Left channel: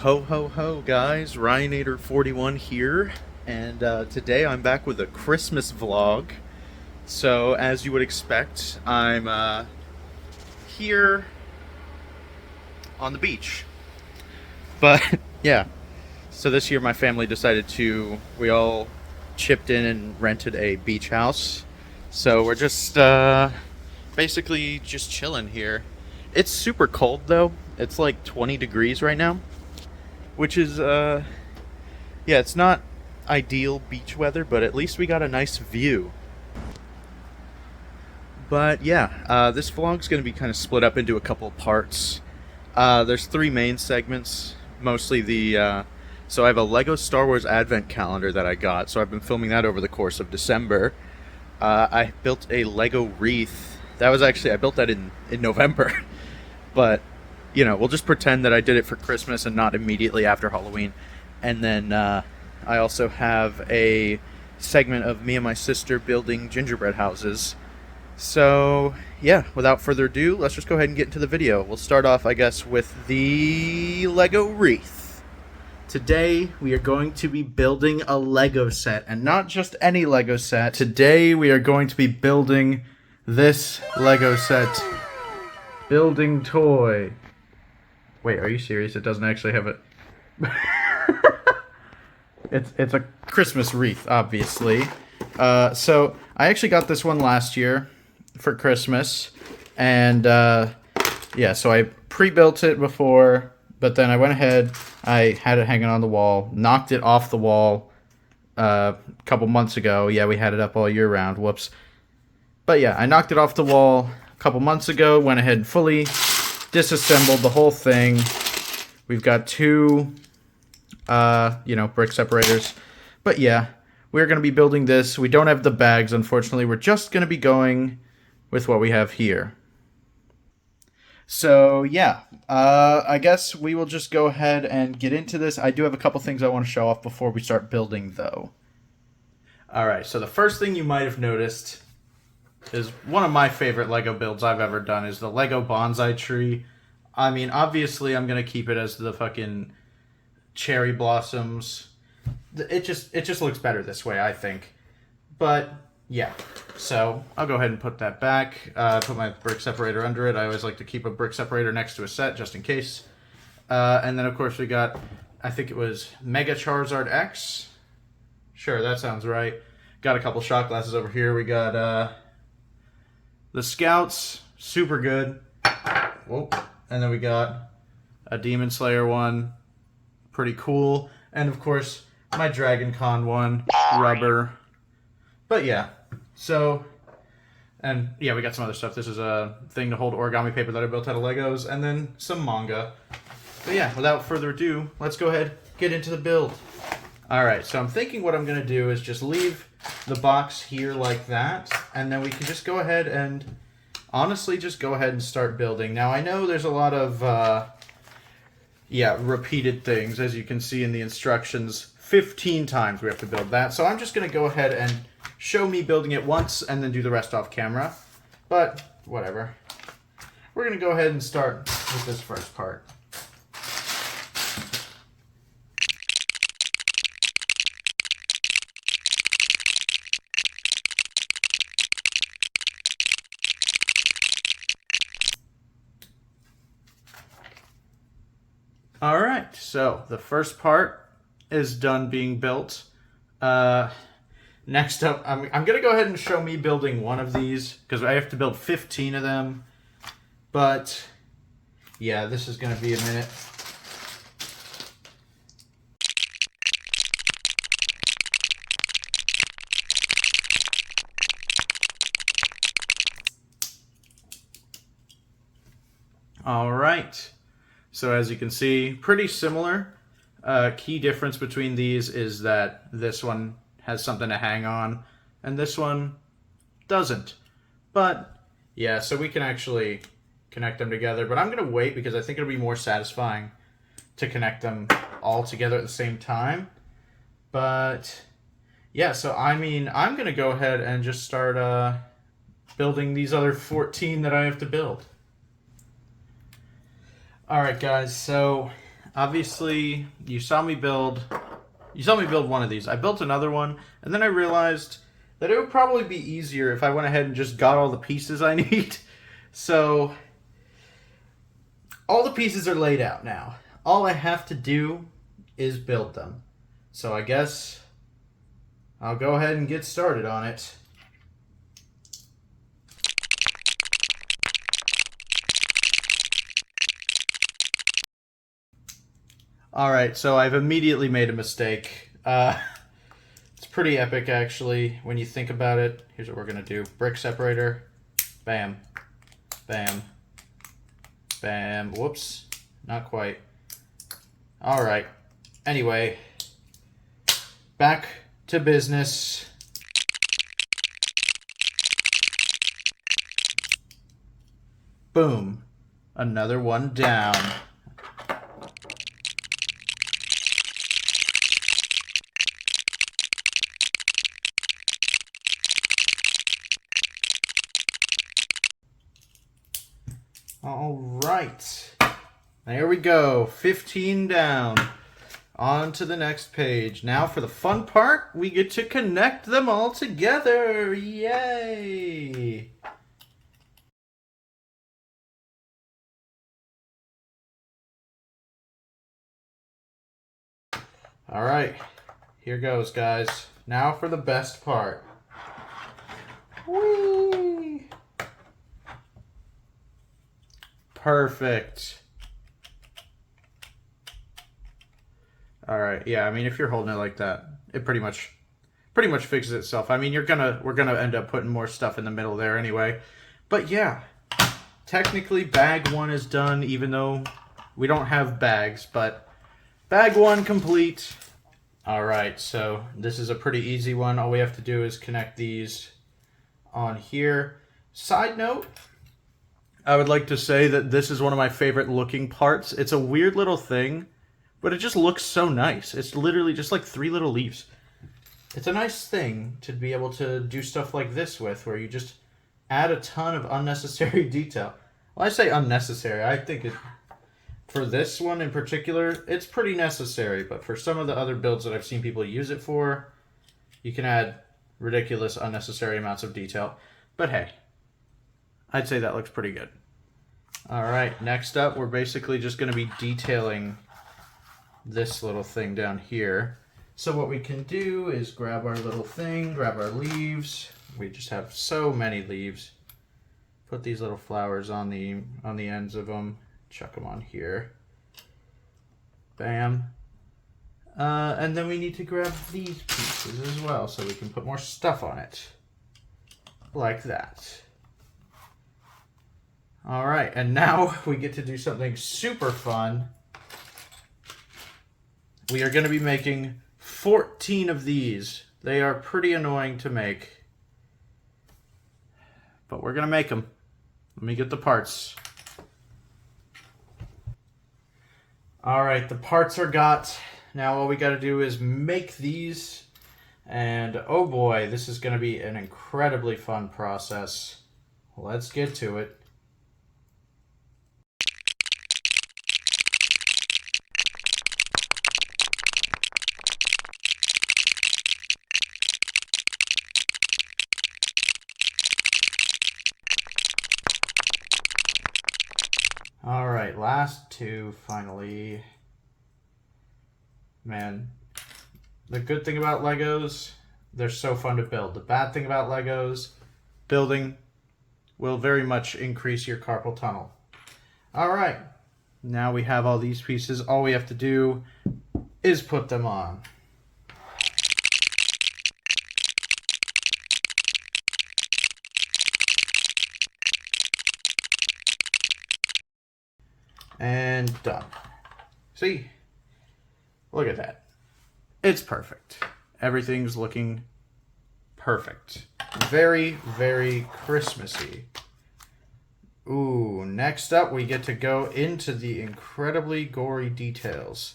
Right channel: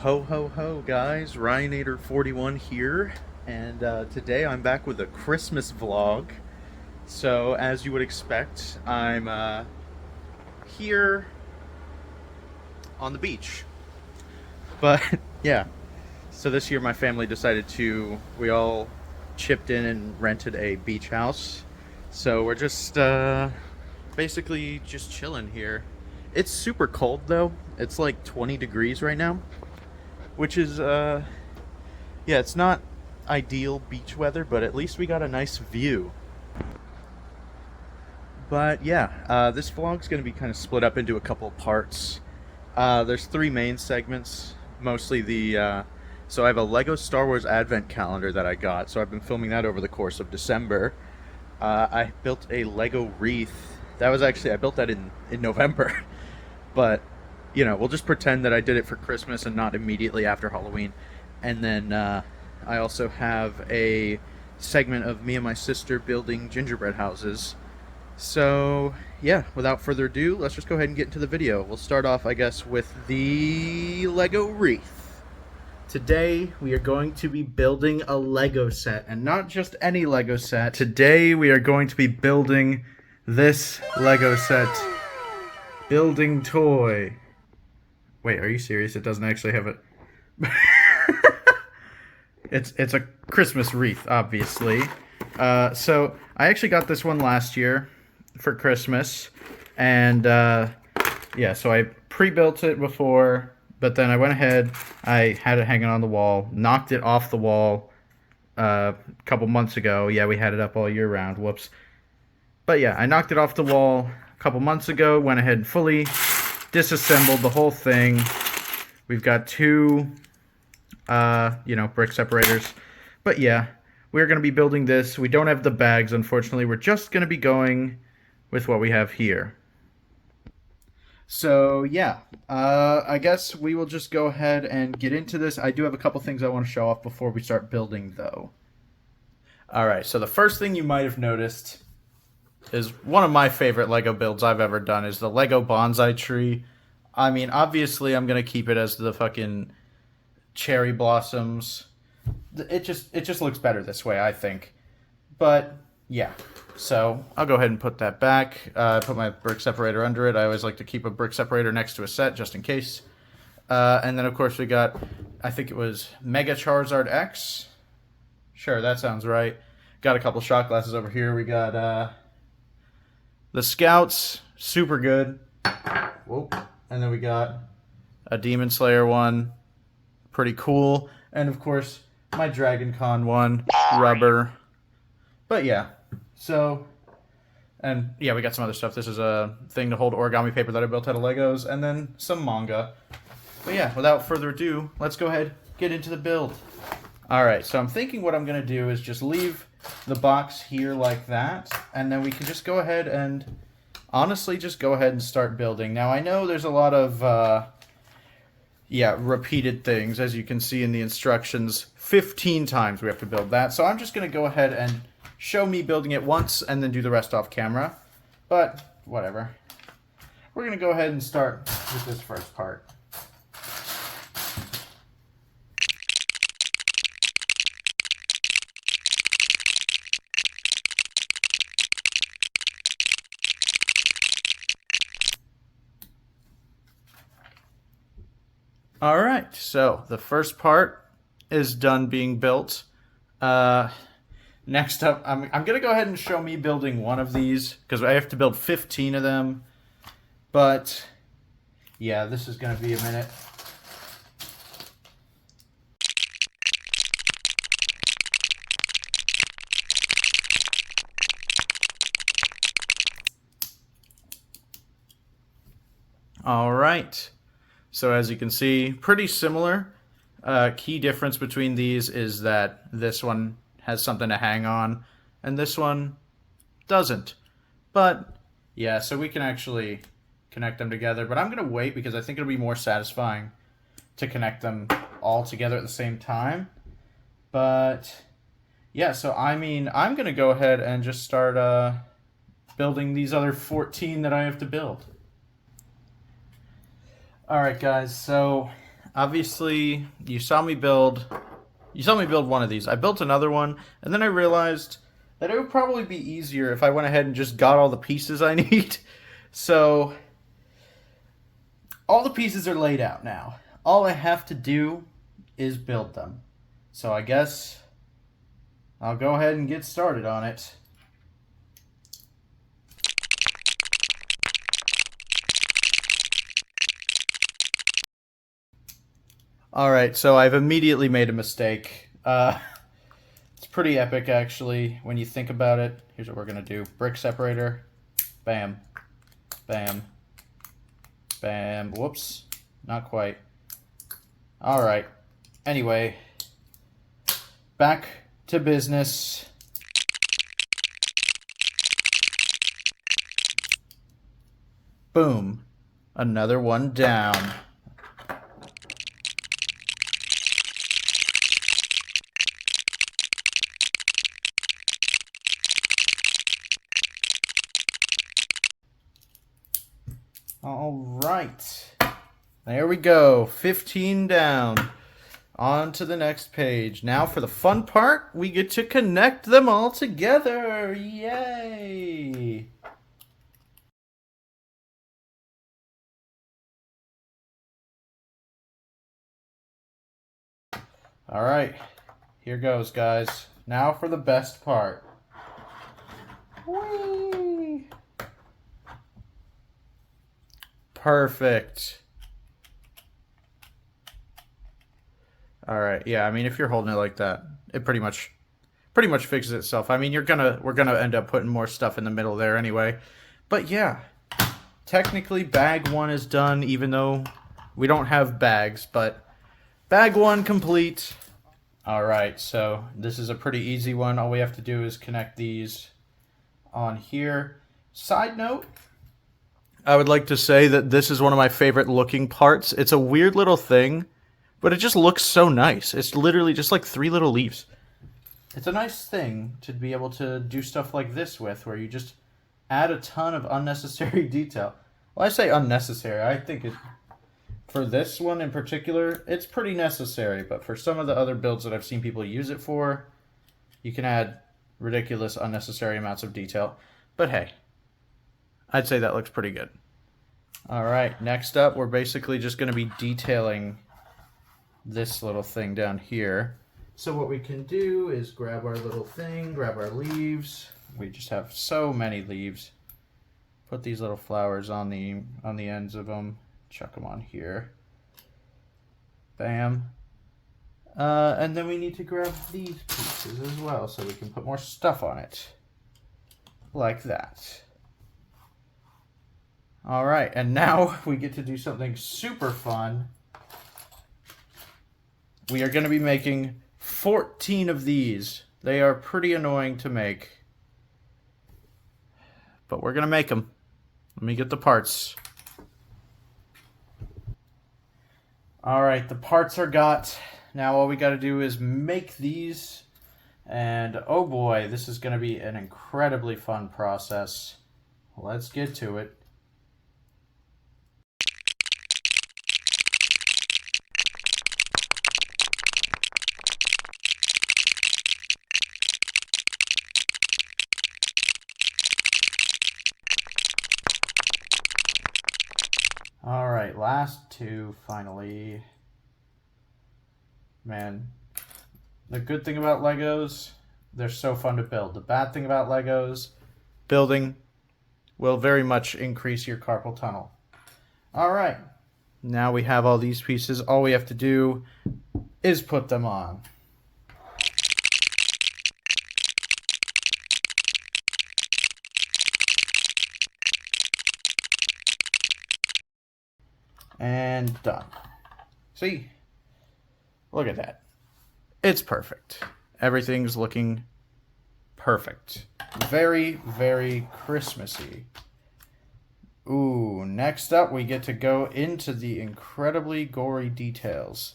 Ho ho ho guys, Ryanator41 here, and today I'm back with a Christmas vlog. So as you would expect, I'm here on the beach. But yeah, so this year my family decided we all chipped in and rented a beach house. So we're just basically just chilling here. It's super cold though. It's like 20 degrees right now, which is yeah, it's not ideal beach weather, but at least we got a nice view. But yeah, this vlog's going to be kind of split up into a couple parts. There's three main segments, mostly so I have a Lego Star Wars Advent calendar that I got, so I've been filming that over the course of December. I built a Lego wreath. I built that in November. But, you know, we'll just pretend that I did it for Christmas and not immediately after Halloween. And then I also have a segment of me and my sister building gingerbread houses. So, yeah, without further ado, let's just go ahead and get into the video. We'll start off, I guess, with the Lego wreath. Today, we are going to be building a Lego set, and not just any Lego set. Today, we are going to be building this Lego set. Building toy. Wait, are you serious? It doesn't actually have a... It's a Christmas wreath, obviously. So I actually got this one last year for Christmas, and yeah, so I pre-built it before, but then I went ahead, I had it hanging on the wall, knocked it off the wall a couple months ago. Yeah, we had it up all year round. Whoops. But yeah, I knocked it off the wall a couple months ago, went ahead and fully disassembled the whole thing. We've got two brick separators. But yeah, we're going to be building this. We don't have the bags, unfortunately. We're just going to be going with what we have here. So yeah, I guess we will just go ahead and get into this. I do have a couple things I want to show off before we start building, though. Alright, so the first thing you might have noticed is one of my favorite Lego builds I've ever done is the Lego bonsai tree. I mean, obviously I'm going to keep it as the fucking cherry blossoms. It just looks better this way, I think. But yeah, so I'll go ahead and put that back. Put my brick separator under it. I always like to keep a brick separator next to a set just in case. And then of course we got, I think it was Mega Charizard X. Sure, that sounds right. Got a couple shot glasses over here. We got the Scouts, super good. Whoa. And then we got a Demon Slayer one, pretty cool. And of course, my Dragon Con one, rubber. But yeah, so, and yeah, we got some other stuff. This is a thing to hold origami paper that I built out of Legos, and then some manga. But yeah, without further ado, let's go ahead, get into the build. Alright, so I'm thinking what I'm going to do is just leave the box here like that, and then we can just go ahead and honestly just go ahead and start building. Now, I know there's a lot of repeated things, as you can see in the instructions. 15 times we have to build that, so I'm just going to go ahead and show me building it once and then do the rest off camera, but whatever. We're going to go ahead and start with this first part. Alright, so the first part is done being built. Next up, I'm going to go ahead and show me building one of these, because I have to build 15 of them. But, yeah, this is going to be a minute. Alright. So as you can see, pretty similar. Key difference between these is that this one has something to hang on, and this one doesn't. But, yeah, so we can actually connect them together. But I'm going to wait because I think it'll be more satisfying to connect them all together at the same time. But, yeah, so I mean, I'm going to go ahead and just start building these other 14 that I have to build. Alright guys, so obviously you saw me build one of these. I built another one, and then I realized that it would probably be easier if I went ahead and just got all the pieces I need. So all the pieces are laid out now. All I have to do is build them. So I guess I'll go ahead and get started on it. All right, so I've immediately made a mistake. It's pretty epic, actually, when you think about it. Here's what we're going to do. Brick separator. Bam. Bam. Bam. Whoops. Not quite. All right. Anyway, back to business. Boom. Another one down. All right. There we go. 15 down. On to the next page. Now for the fun part, we get to connect them all together. Yay! All right. Here goes, guys. Now for the best part. Whee! Perfect. All right. Yeah, I mean, if you're holding it like that, it pretty much fixes itself. I mean, we're gonna end up putting more stuff in the middle there anyway. But yeah, technically bag one is done, even though we don't have bags, but bag one complete. All right, so this is a pretty easy one. All we have to do is connect these on here. Side note, I would like to say that this is one of my favorite looking parts. It's a weird little thing, but it just looks so nice. It's literally just like 3 little leaves. It's a nice thing to be able to do stuff like this with, where you just add a ton of unnecessary detail. Well, I say unnecessary. I think for this one in particular, it's pretty necessary. But for some of the other builds that I've seen people use it for, you can add ridiculous, unnecessary amounts of detail. But hey, I'd say that looks pretty good. All right, next up, we're basically just going to be detailing this little thing down here. So what we can do is grab our little thing, grab our leaves. We just have so many leaves. Put these little flowers on the ends of them. Chuck them on here. Bam. And then we need to grab these pieces as well so we can put more stuff on it. Like that. All right, and now we get to do something super fun. We are going to be making 14 of these. They are pretty annoying to make, but we're going to make them. Let me get the parts. All right, the parts are got. Now all we got to do is make these, and oh boy, this is going to be an incredibly fun process. Let's get to it. All right, last two finally. Man, the good thing about Legos, they're so fun to build. The bad thing about Legos, building will very much increase your carpal tunnel. All right, now we have all these pieces. All we have to do is put them on. And done. See? Look at that. It's perfect. Everything's looking perfect. Very, very Christmassy. Ooh, next up we get to go into the incredibly gory details.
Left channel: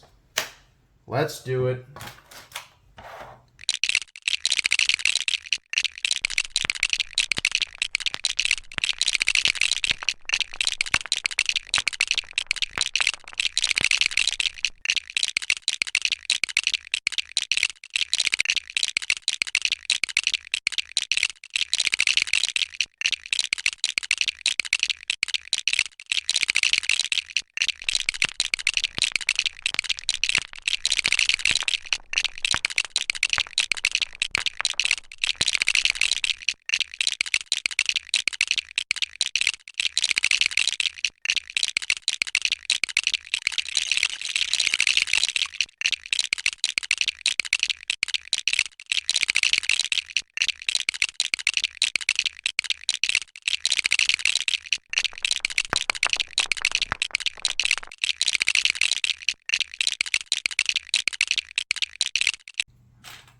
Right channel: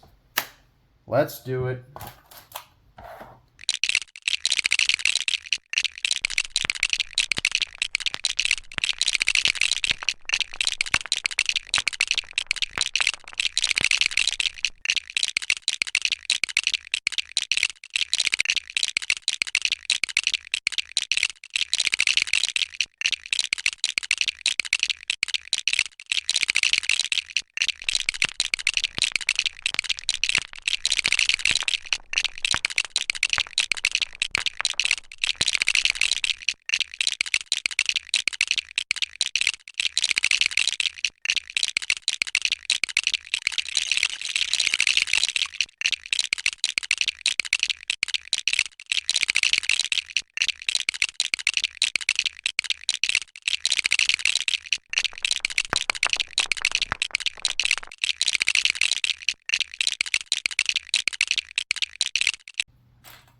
Let's do it.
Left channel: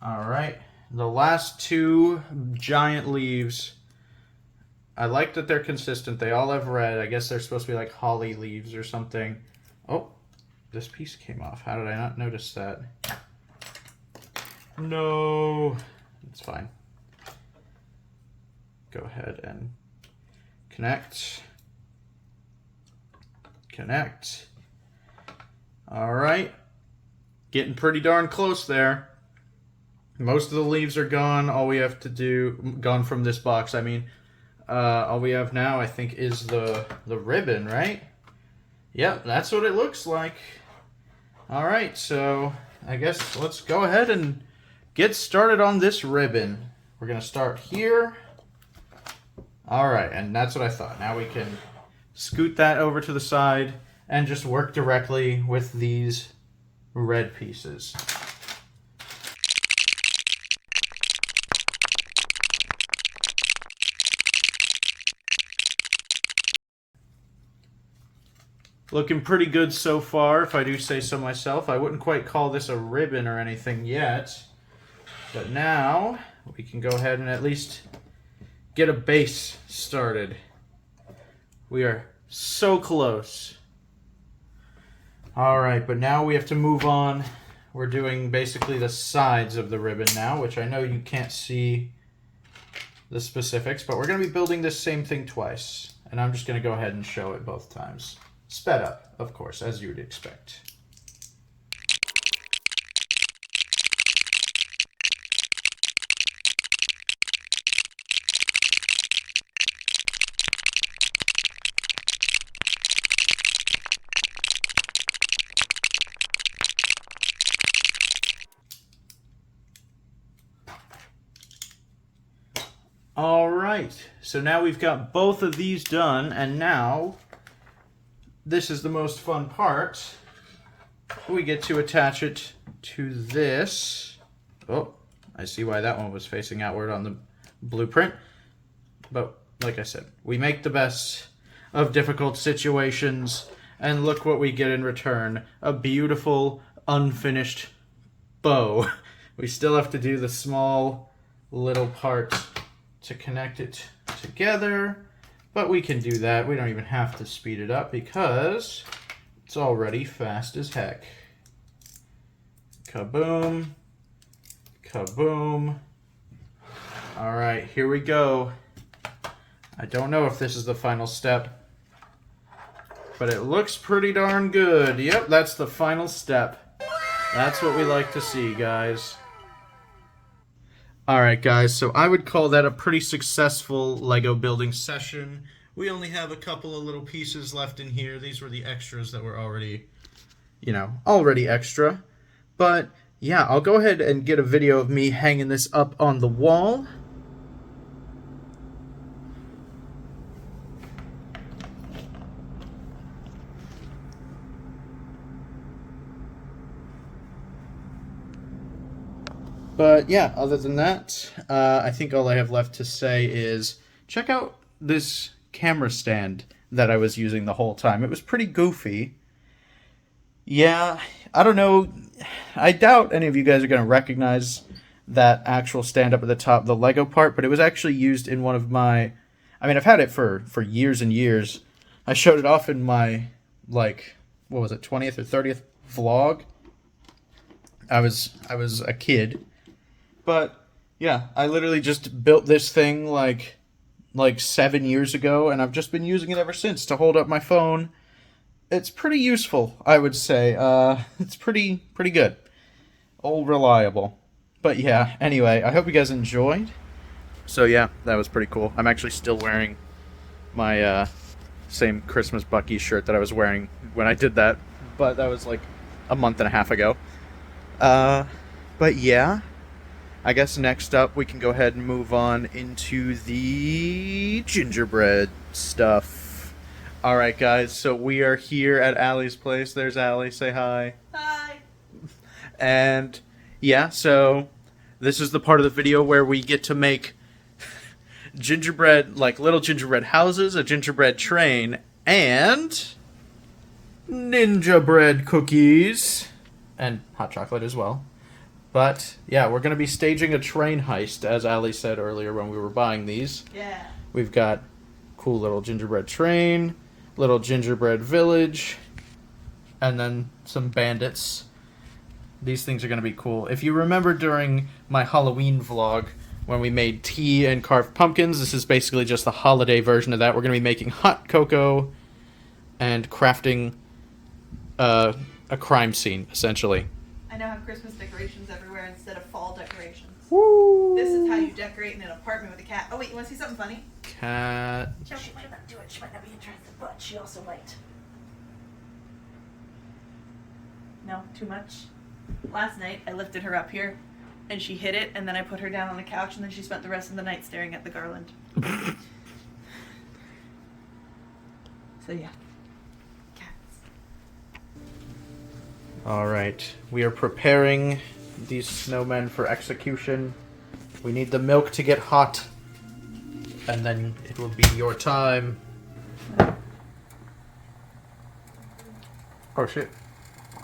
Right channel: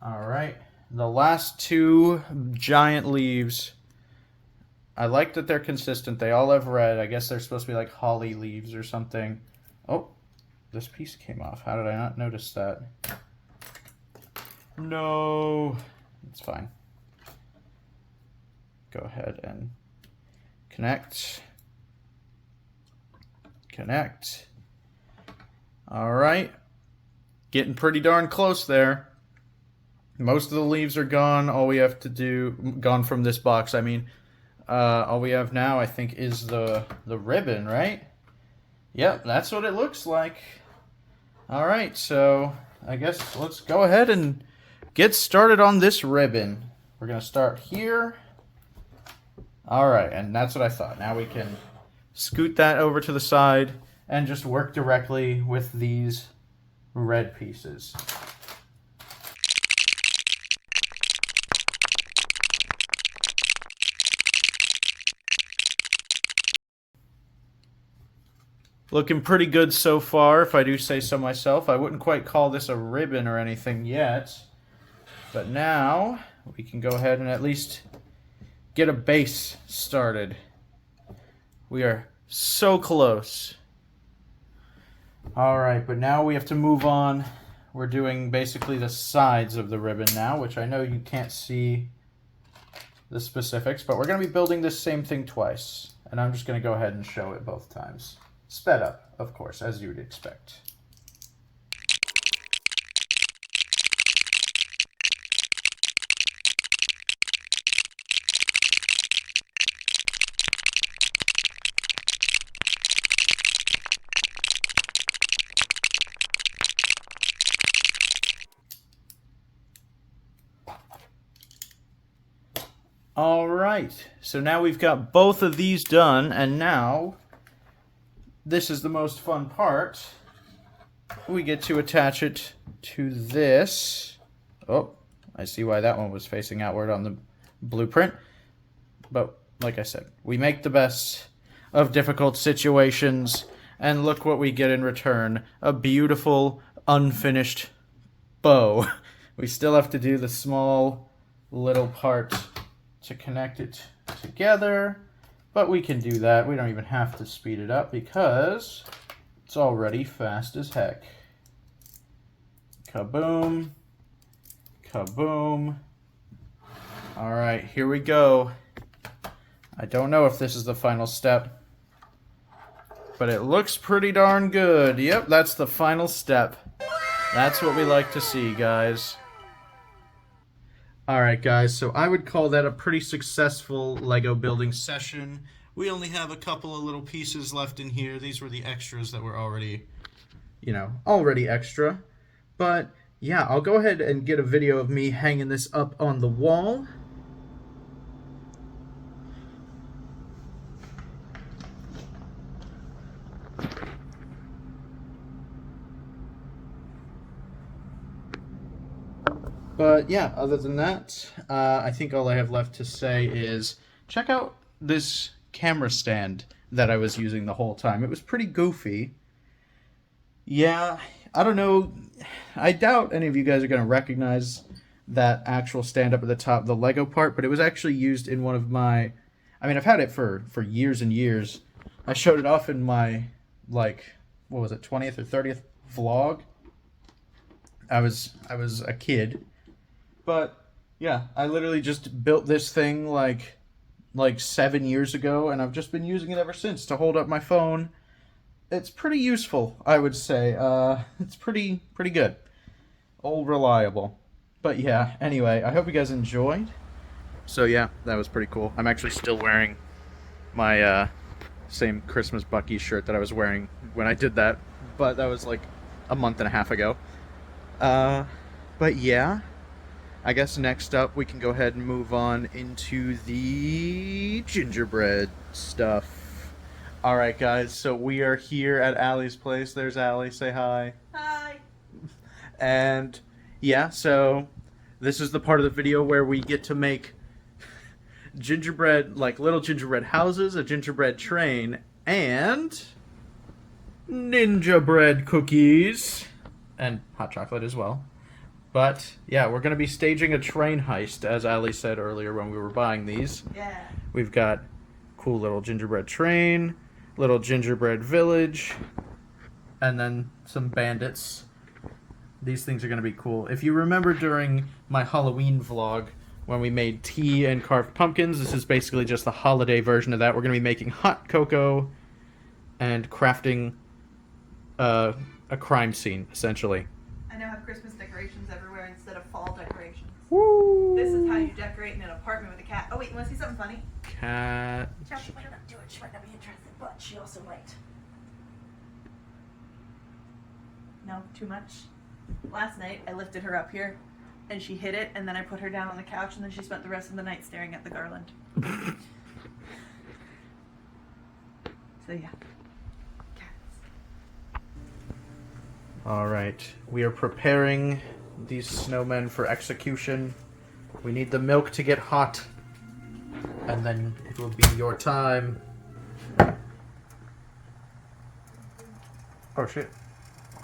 All right. The last two giant leaves. I like that they're consistent. They all have red. I guess they're supposed to be like holly leaves or something. Oh, this piece came off. How did I not notice that? No. It's fine. Go ahead and connect. Connect. All right. Getting pretty darn close there. Most of the leaves are gone. All we have to do, gone from this box, I mean. All we have now, I think, is the ribbon, right? Yep, that's what it looks like. All right, so I guess let's go ahead and get started on this ribbon. We're going to start here. All right, and that's what I thought. Now we can scoot that over to the side and just work directly with these red pieces. Looking pretty good so far, if I do say so myself. I wouldn't quite call this a ribbon or anything yet. But now, we can go ahead and at least get a base started. We are so close. Alright, but now we have to move on. We're doing basically the sides of the ribbon now, which I know you can't see the specifics, but we're going to be building this same thing twice. And I'm just going to go ahead and show it both times. Sped up, of course, as you would expect. All right, so now we've got both of these done, and now this is the most fun part. We get to attach it to this. Oh, I see why that one was facing outward on the blueprint. But like I said, we make the best of difficult situations, and look what we get in return. A beautiful, unfinished bow. We still have to do the small little part to connect it together. But we can do that. We don't even have to speed it up because it's already fast as heck. Kaboom. Kaboom. All right, here we go. I don't know if this is the final step, but it looks pretty darn good. Yep, that's the final step. That's what we like to see, guys. Alright guys, so I would call that a pretty successful Lego building session. We only have a couple of little pieces left in here. These were the extras that were already, already extra. But yeah, I'll go ahead and get a video of me hanging this up on the wall. But yeah, other than that, I think all I have left to say is check out this camera stand that I was using the whole time. It was pretty goofy. Yeah, I don't know. I doubt any of you guys are going to recognize that actual stand up at the top, the Lego part, but it was actually used in one of my... I mean, I've had it for years and years. I showed it off in my, what was it, 20th or 30th vlog. I was a kid. But yeah, I literally just built this thing like 7 years ago, and I've just been using it ever since to hold up my phone. It's pretty useful, I would say. It's pretty good. All reliable. But yeah, anyway, I hope you guys enjoyed. So yeah, that was pretty cool. I'm actually still wearing my same Christmas Bucky shirt that I was wearing when I did that, but that was like a month and a half ago. But yeah, I guess next up we can go ahead and move on into the gingerbread stuff. Alright guys, so we are here at Allie's place. There's Allie, say hi. Hi. And yeah, so this is the part of the video where we get to make gingerbread, like little gingerbread houses, a gingerbread train, and ninja bread cookies. And hot chocolate as well. But yeah, we're gonna be staging a train heist, as Ali said earlier when we were buying these. Yeah. We've got cool little gingerbread train, little gingerbread village, and then some bandits. These things are gonna be cool. If you remember during my Halloween vlog when we made tea and carved pumpkins, this is basically just the holiday version of that. We're gonna be making hot cocoa and crafting a crime scene, essentially. I now have Christmas decorations everywhere instead of fall decorations. Woo! This is how you decorate in an apartment with a cat. Oh wait, you want to see something funny? Cat. She might not do it. She might not be interested, but she also might. No, too much. Last night I lifted her up here, and she hit it, and then I put her down on the couch, and then she spent the rest of the night staring at the garland. So yeah. All right, we are preparing these snowmen for execution. We need the milk to get hot, and then it will be your time. Oh shit.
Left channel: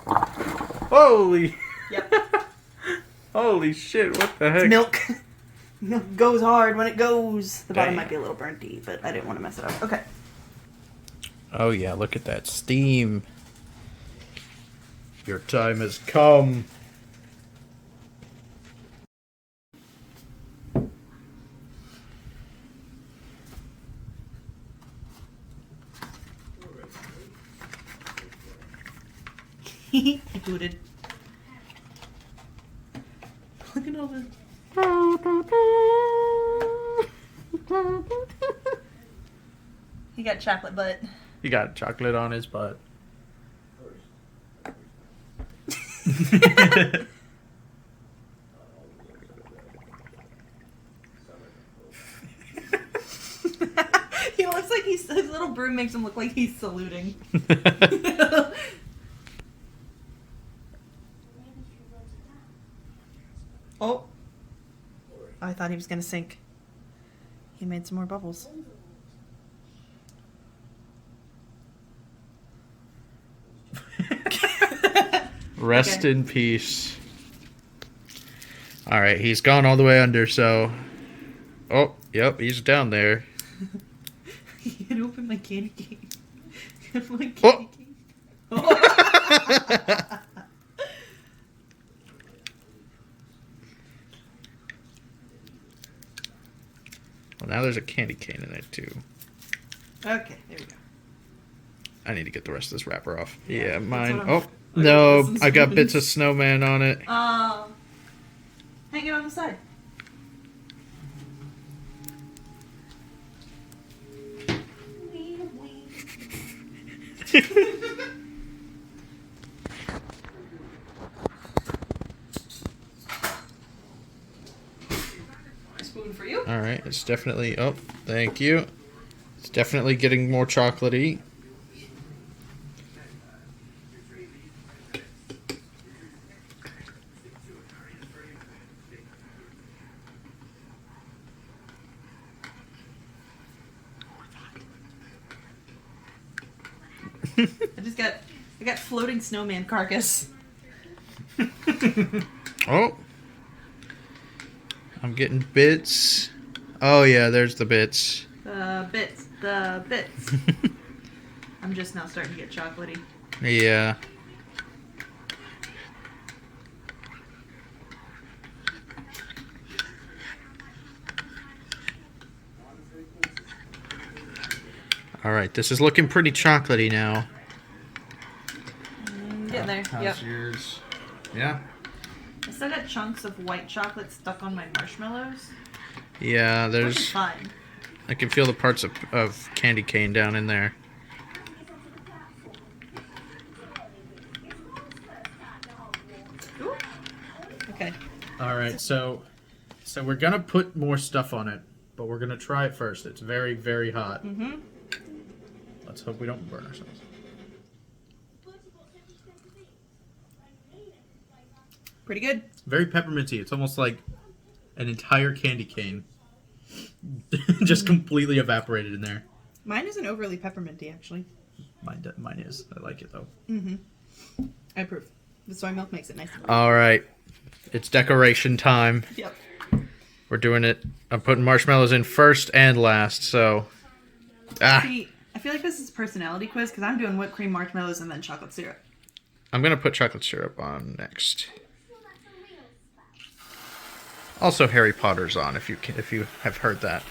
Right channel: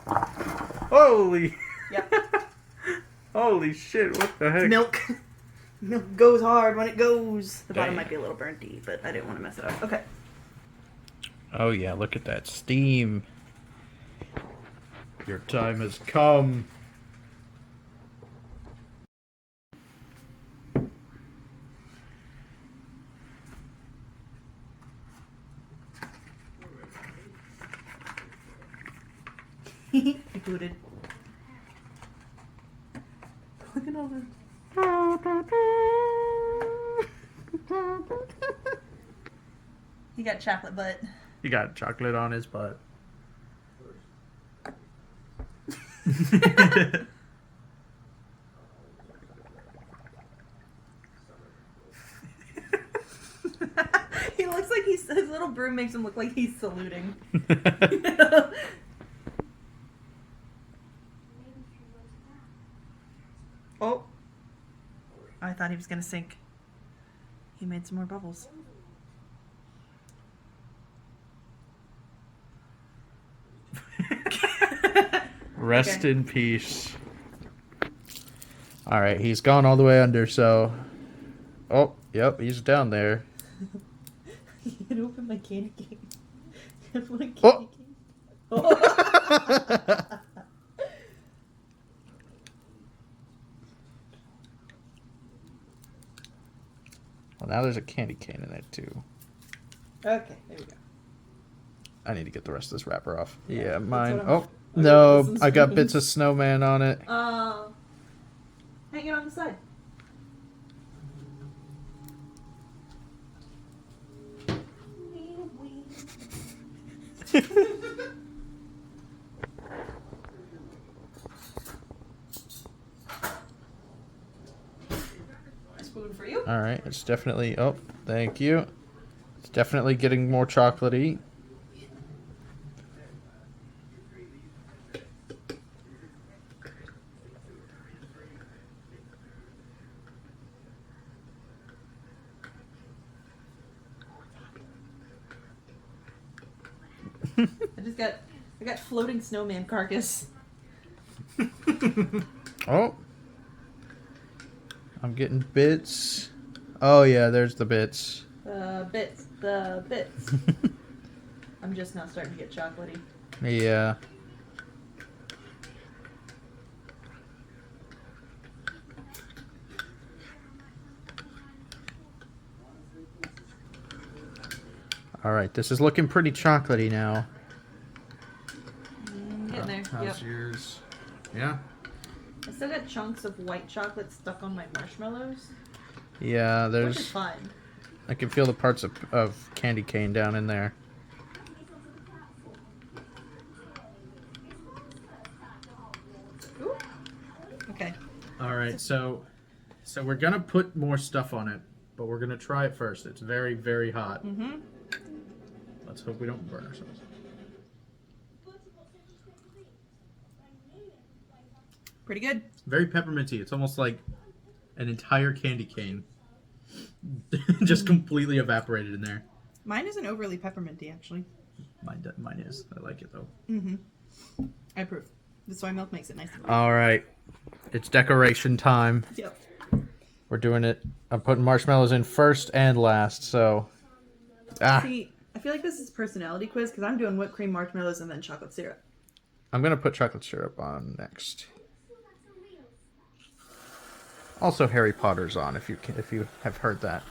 Holy. Yep. Holy shit, what the heck? Milk. Milk goes hard when it goes. The bottom Dang. might be a little burnty, but I didn't want to mess it up. Okay. Oh yeah, look at that steam. Your time has come. I booted. Look at all the... He got chocolate butt. He got chocolate on his butt. He looks like his little broom makes him look like he's saluting. Oh. I thought he was gonna sink. He made some more bubbles. Rest Okay. in peace. Alright, he's gone all the way under, so... Oh, yep, he's down there. You can open my candy cane. My candy Oh. cane. Oh. Well, now there's a candy cane in there, too. Okay, there we go. I need to get the rest of this wrapper off. Yeah, mine... what I'm- Oh, no, Some I got spoons. bits of snowman on it. Hang it on the side. A spoon for you. Alright, it's definitely... Oh, thank you. It's definitely getting more chocolatey. I got floating snowman carcass. Oh. I'm getting bits. Oh, yeah, there's the bits. The bits. I'm just now starting to get chocolatey. Yeah. Alright, this is looking pretty chocolatey now. Getting there. How's Yep. yours? Yeah? I still got chunks of white chocolate stuck on my marshmallows. Yeah, Which there's... is fine. I can feel the parts of candy cane down in there. Ooh. Okay. Alright, so we're gonna put more stuff on it, but we're gonna try it first. It's very, very hot. Mm-hmm. Let's hope we don't burn ourselves. Pretty good. Very pepperminty. It's almost like an entire candy cane. Just completely evaporated in there. Mine isn't overly pepperminty, actually. Mine is. I like it though. Mm-hmm. I approve. The soy milk makes it nice. All right. It's decoration time. Yep. We're doing it. I'm putting marshmallows in first and last, so... See, I feel like this is a personality quiz because I'm doing whipped cream, marshmallows, and then chocolate syrup. I'm going to put chocolate syrup on next. Also, Harry Potter's on, if you have heard that.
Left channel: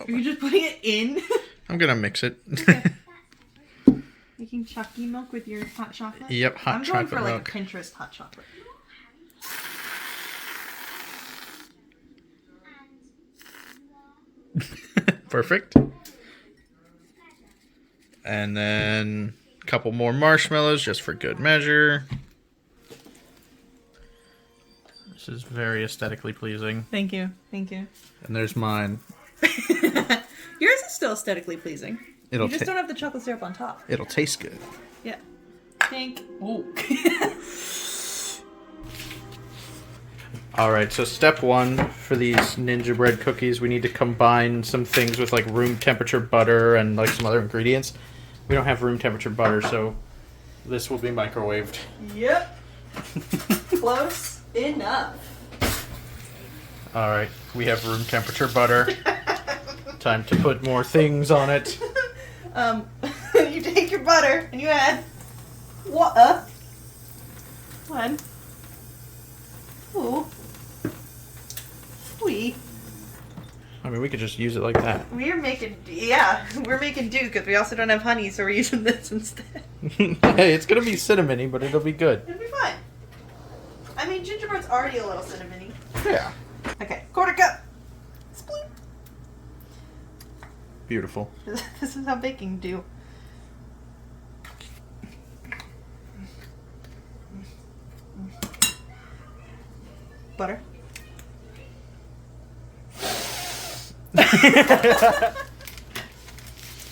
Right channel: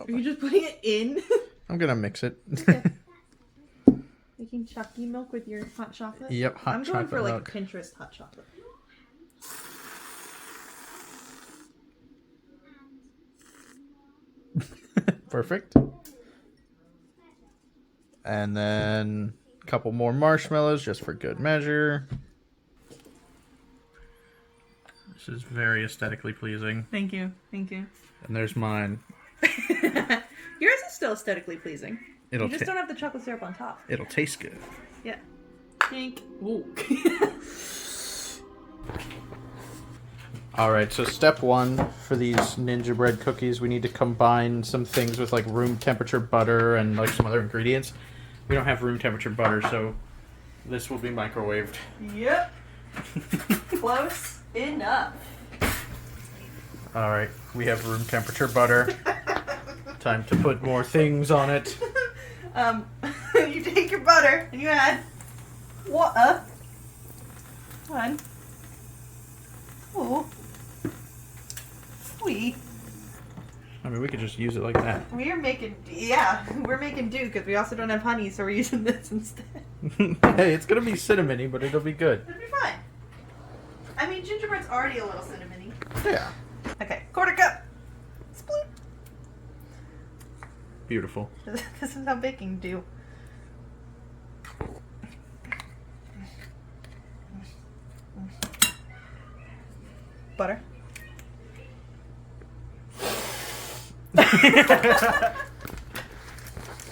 Are you just putting it in? I'm going to mix it. Making Chucky milk with your hot chocolate? Yep, hot I'm chocolate going for milk. like a Pinterest hot chocolate. Perfect. And then a couple more marshmallows just for good measure. This is very aesthetically pleasing. Thank you. Thank you. And there's mine. Yours is still aesthetically pleasing. It'll You just don't have the chocolate syrup on top. It'll taste good. Yeah. Pink. Ooh. All right, so step one for these gingerbread cookies, we need to combine some things with like room temperature butter and like some other ingredients. We don't have room temperature butter, so this will be microwaved. Yep. Close enough. All right, we have room temperature butter. Time to put more things on it. You take your butter and you add water. One. Ooh. Sweet. I mean, we could just use it like that. We're making do because we also don't have honey, so we're using this instead. Hey, it's gonna be cinnamony, but it'll be good. It'll be fine. I mean, gingerbread's already a little cinnamony. Yeah. Okay, quarter cup. Sploop. Beautiful. This is how baking do. Butter.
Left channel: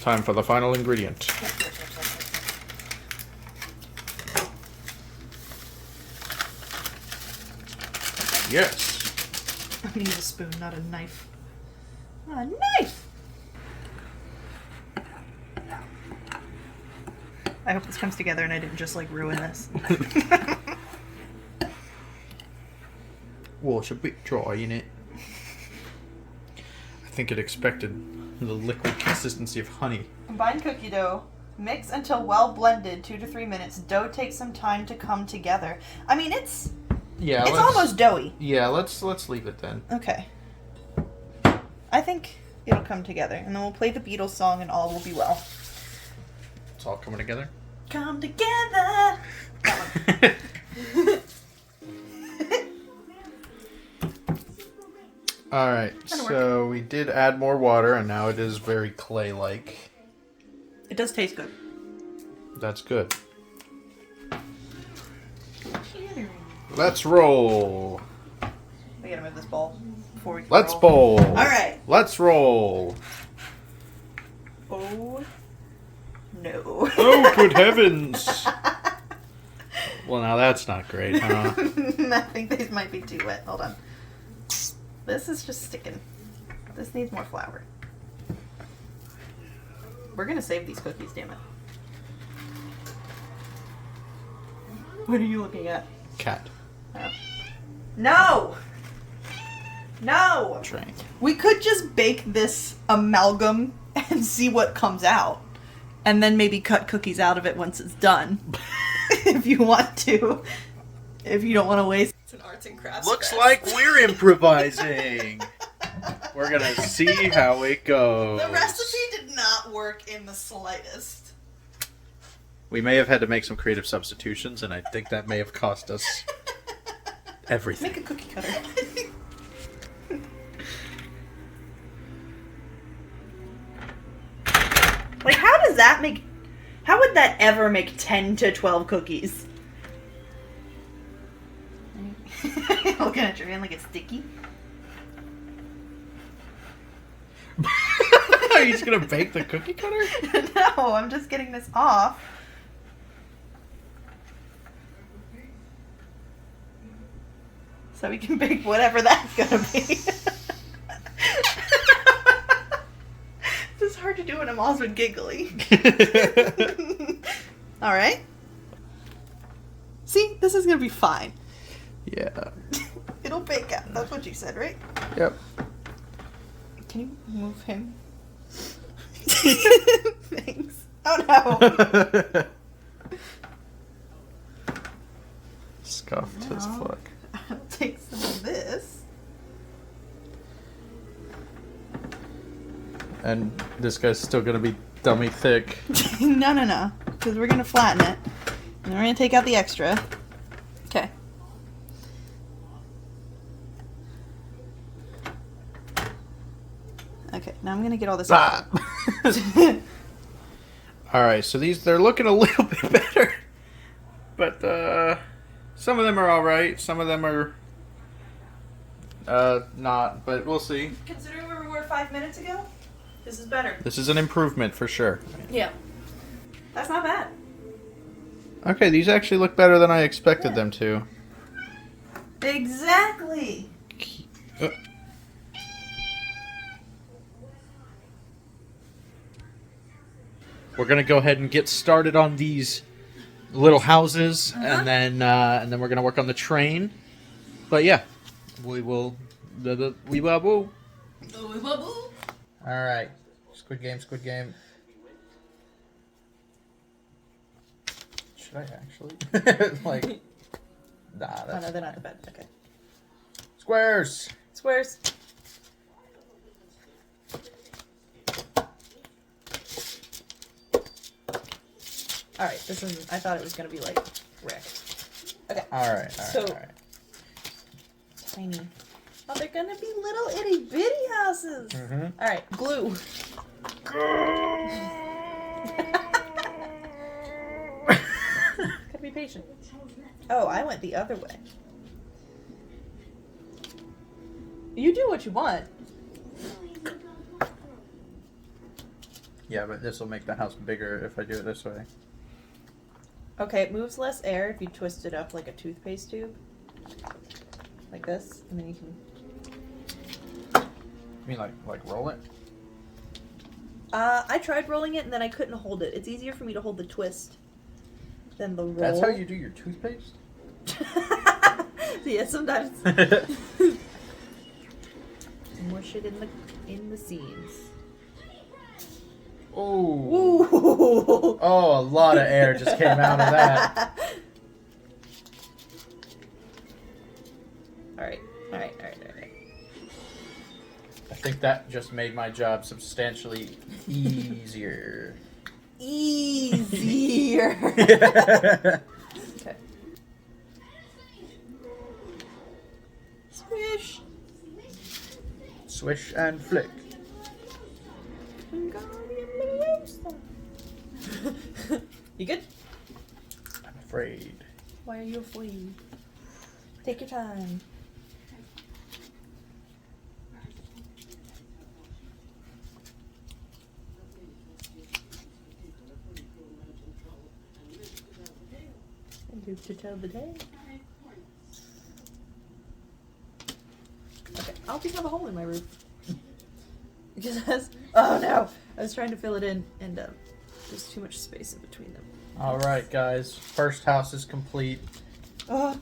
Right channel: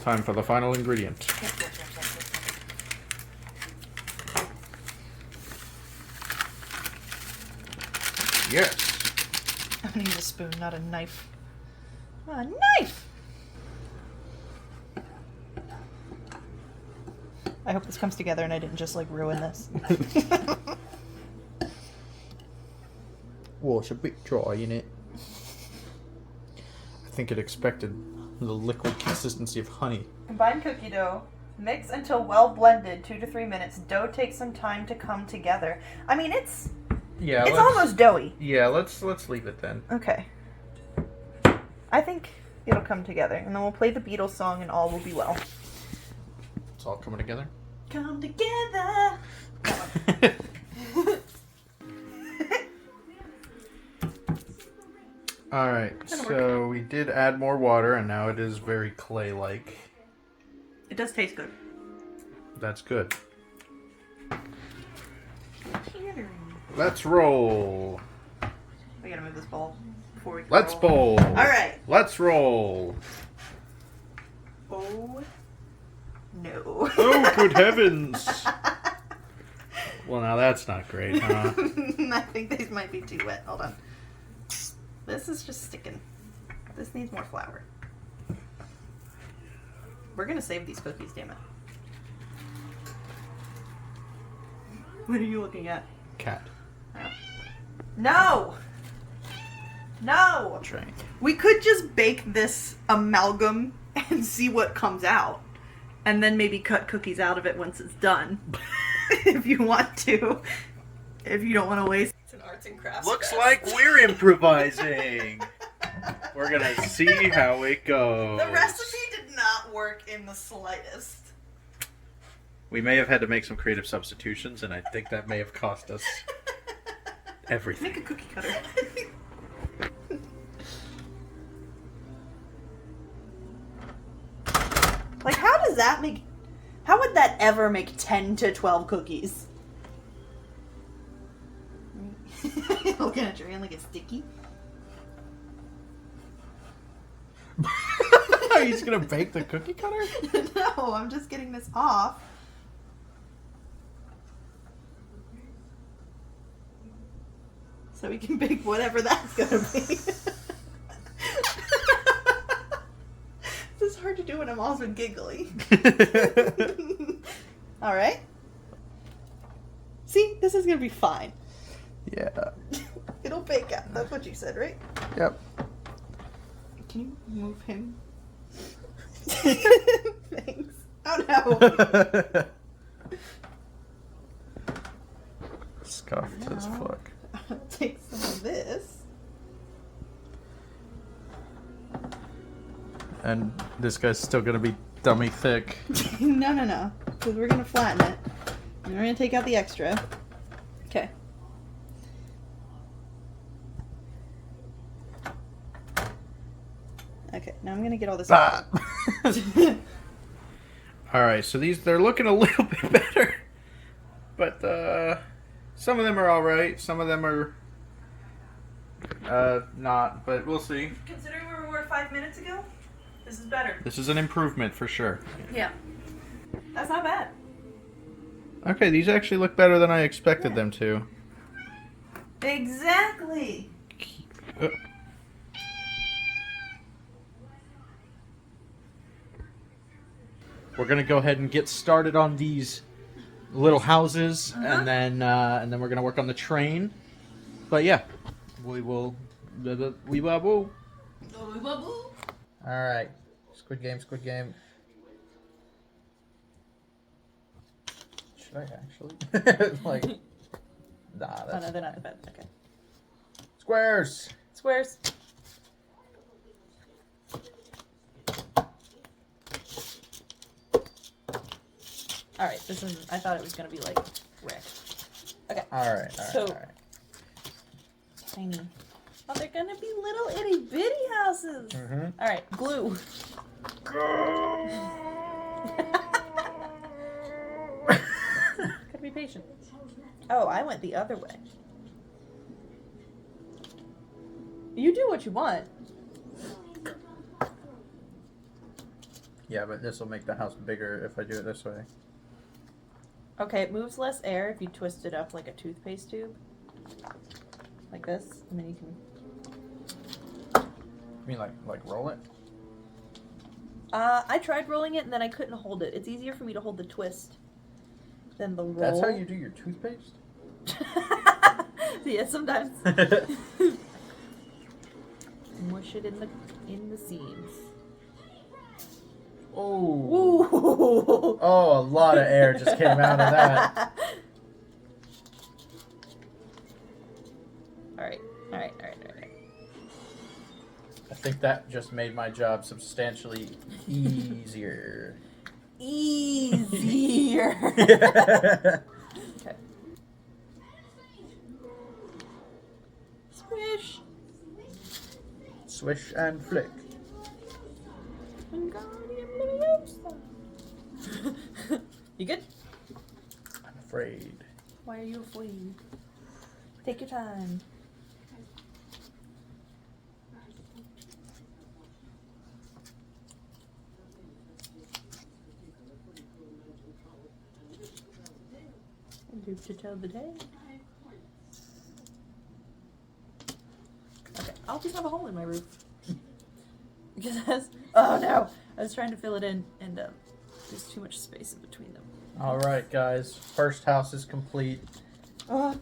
Time for the final ingredient. Yes. I'm gonna use a spoon, not a knife. A knife! I hope this comes together and I didn't just like ruin this. Well, it's a bit dry, isn't it? I think it expected the liquid consistency of honey. Combine cookie dough. Mix until well blended, 2 to 3 minutes. Dough takes some time to come together. I mean, it's almost doughy. Yeah, let's leave it then. Okay. I think it'll come together, and then we'll play the Beatles song, and all will be well. It's all coming together. Come together. All right, so we did add more water, and now it is very clay-like. It does taste good. That's good. Let's roll. We gotta move this bowl before we can Let's roll. bowl. All right. Let's roll. Oh no. Oh, good heavens. Well, now that's not great, huh? I think these might be too wet. Hold on. This is just sticking. This needs more flour. We're gonna save these cookies, damn it. What are you looking at? Cat. No! No! Train. We could just bake this amalgam and see what comes out. And then maybe cut cookies out of it once it's done. If you want to. If you don't want to waste. It's an arts and crafts. Looks like we're improvising. We're gonna see how it goes. The recipe did not work in the slightest. We may have had to make some creative substitutions, and I think that may have cost us everything. Make a cookie cutter. Like, how does that make... How would that ever make 10 to 12 cookies? Looking at your hand like it's sticky. Are you just gonna bake the cookie cutter? No, I'm just getting this off. so we can bake whatever that's gonna be. This is hard to do when I'm also giggly. All right. See, this is gonna be fine. Yeah. It'll bake out. That's what you said, right? Yep. Can you move him? Thanks. Oh no. Scuffed as fuck. I'll take some of this. And this guy's still gonna be dummy thick. No. Because we're gonna flatten it. And we're gonna take out the extra. Okay. Okay, now I'm gonna get all this out. Alright, so they're looking a little bit better. But some of them are alright, some of them are not, but we'll see. Considering where we were 5 minutes ago, this is better. This is an improvement for sure. Yeah. That's not bad. Okay, these actually look better than I expected them to. Exactly. We're gonna go ahead and get started on these little houses, and then we're gonna work on the train. But yeah, we will. All right, Squid Game. Should I actually? Like, nah. Oh That's no, they're not in bed. Okay. Squares. Squares. Alright, this is. I thought it was gonna be like wrecked. Okay. All right. Tiny. Oh, they're gonna be little itty bitty houses. Mm-hmm. Alright, glue. Gotta be patient. Oh, I went the other way. You do what you want. Yeah, but this will make the house bigger if I do it this way. Okay, it moves less air if you twist it up like a toothpaste tube. Like this, and then you can... You mean like roll it? I tried rolling it and then I couldn't hold it. It's easier for me to hold the twist than the roll. That's how you do your toothpaste? Yeah, sometimes. Mush it in the seams. Oh. Ooh. Oh, a lot of air just came out of that. Alright. I think that just made my job substantially easier. Easier. Okay. Swish. Swish and flick. You good? I'm afraid. Why are you afraid? Take your time. Live to tell the day. Okay, I'll just have a hole in my roof. Because oh no, I was trying to fill it in, and there's too much space in between them. All right, guys. First house is complete. I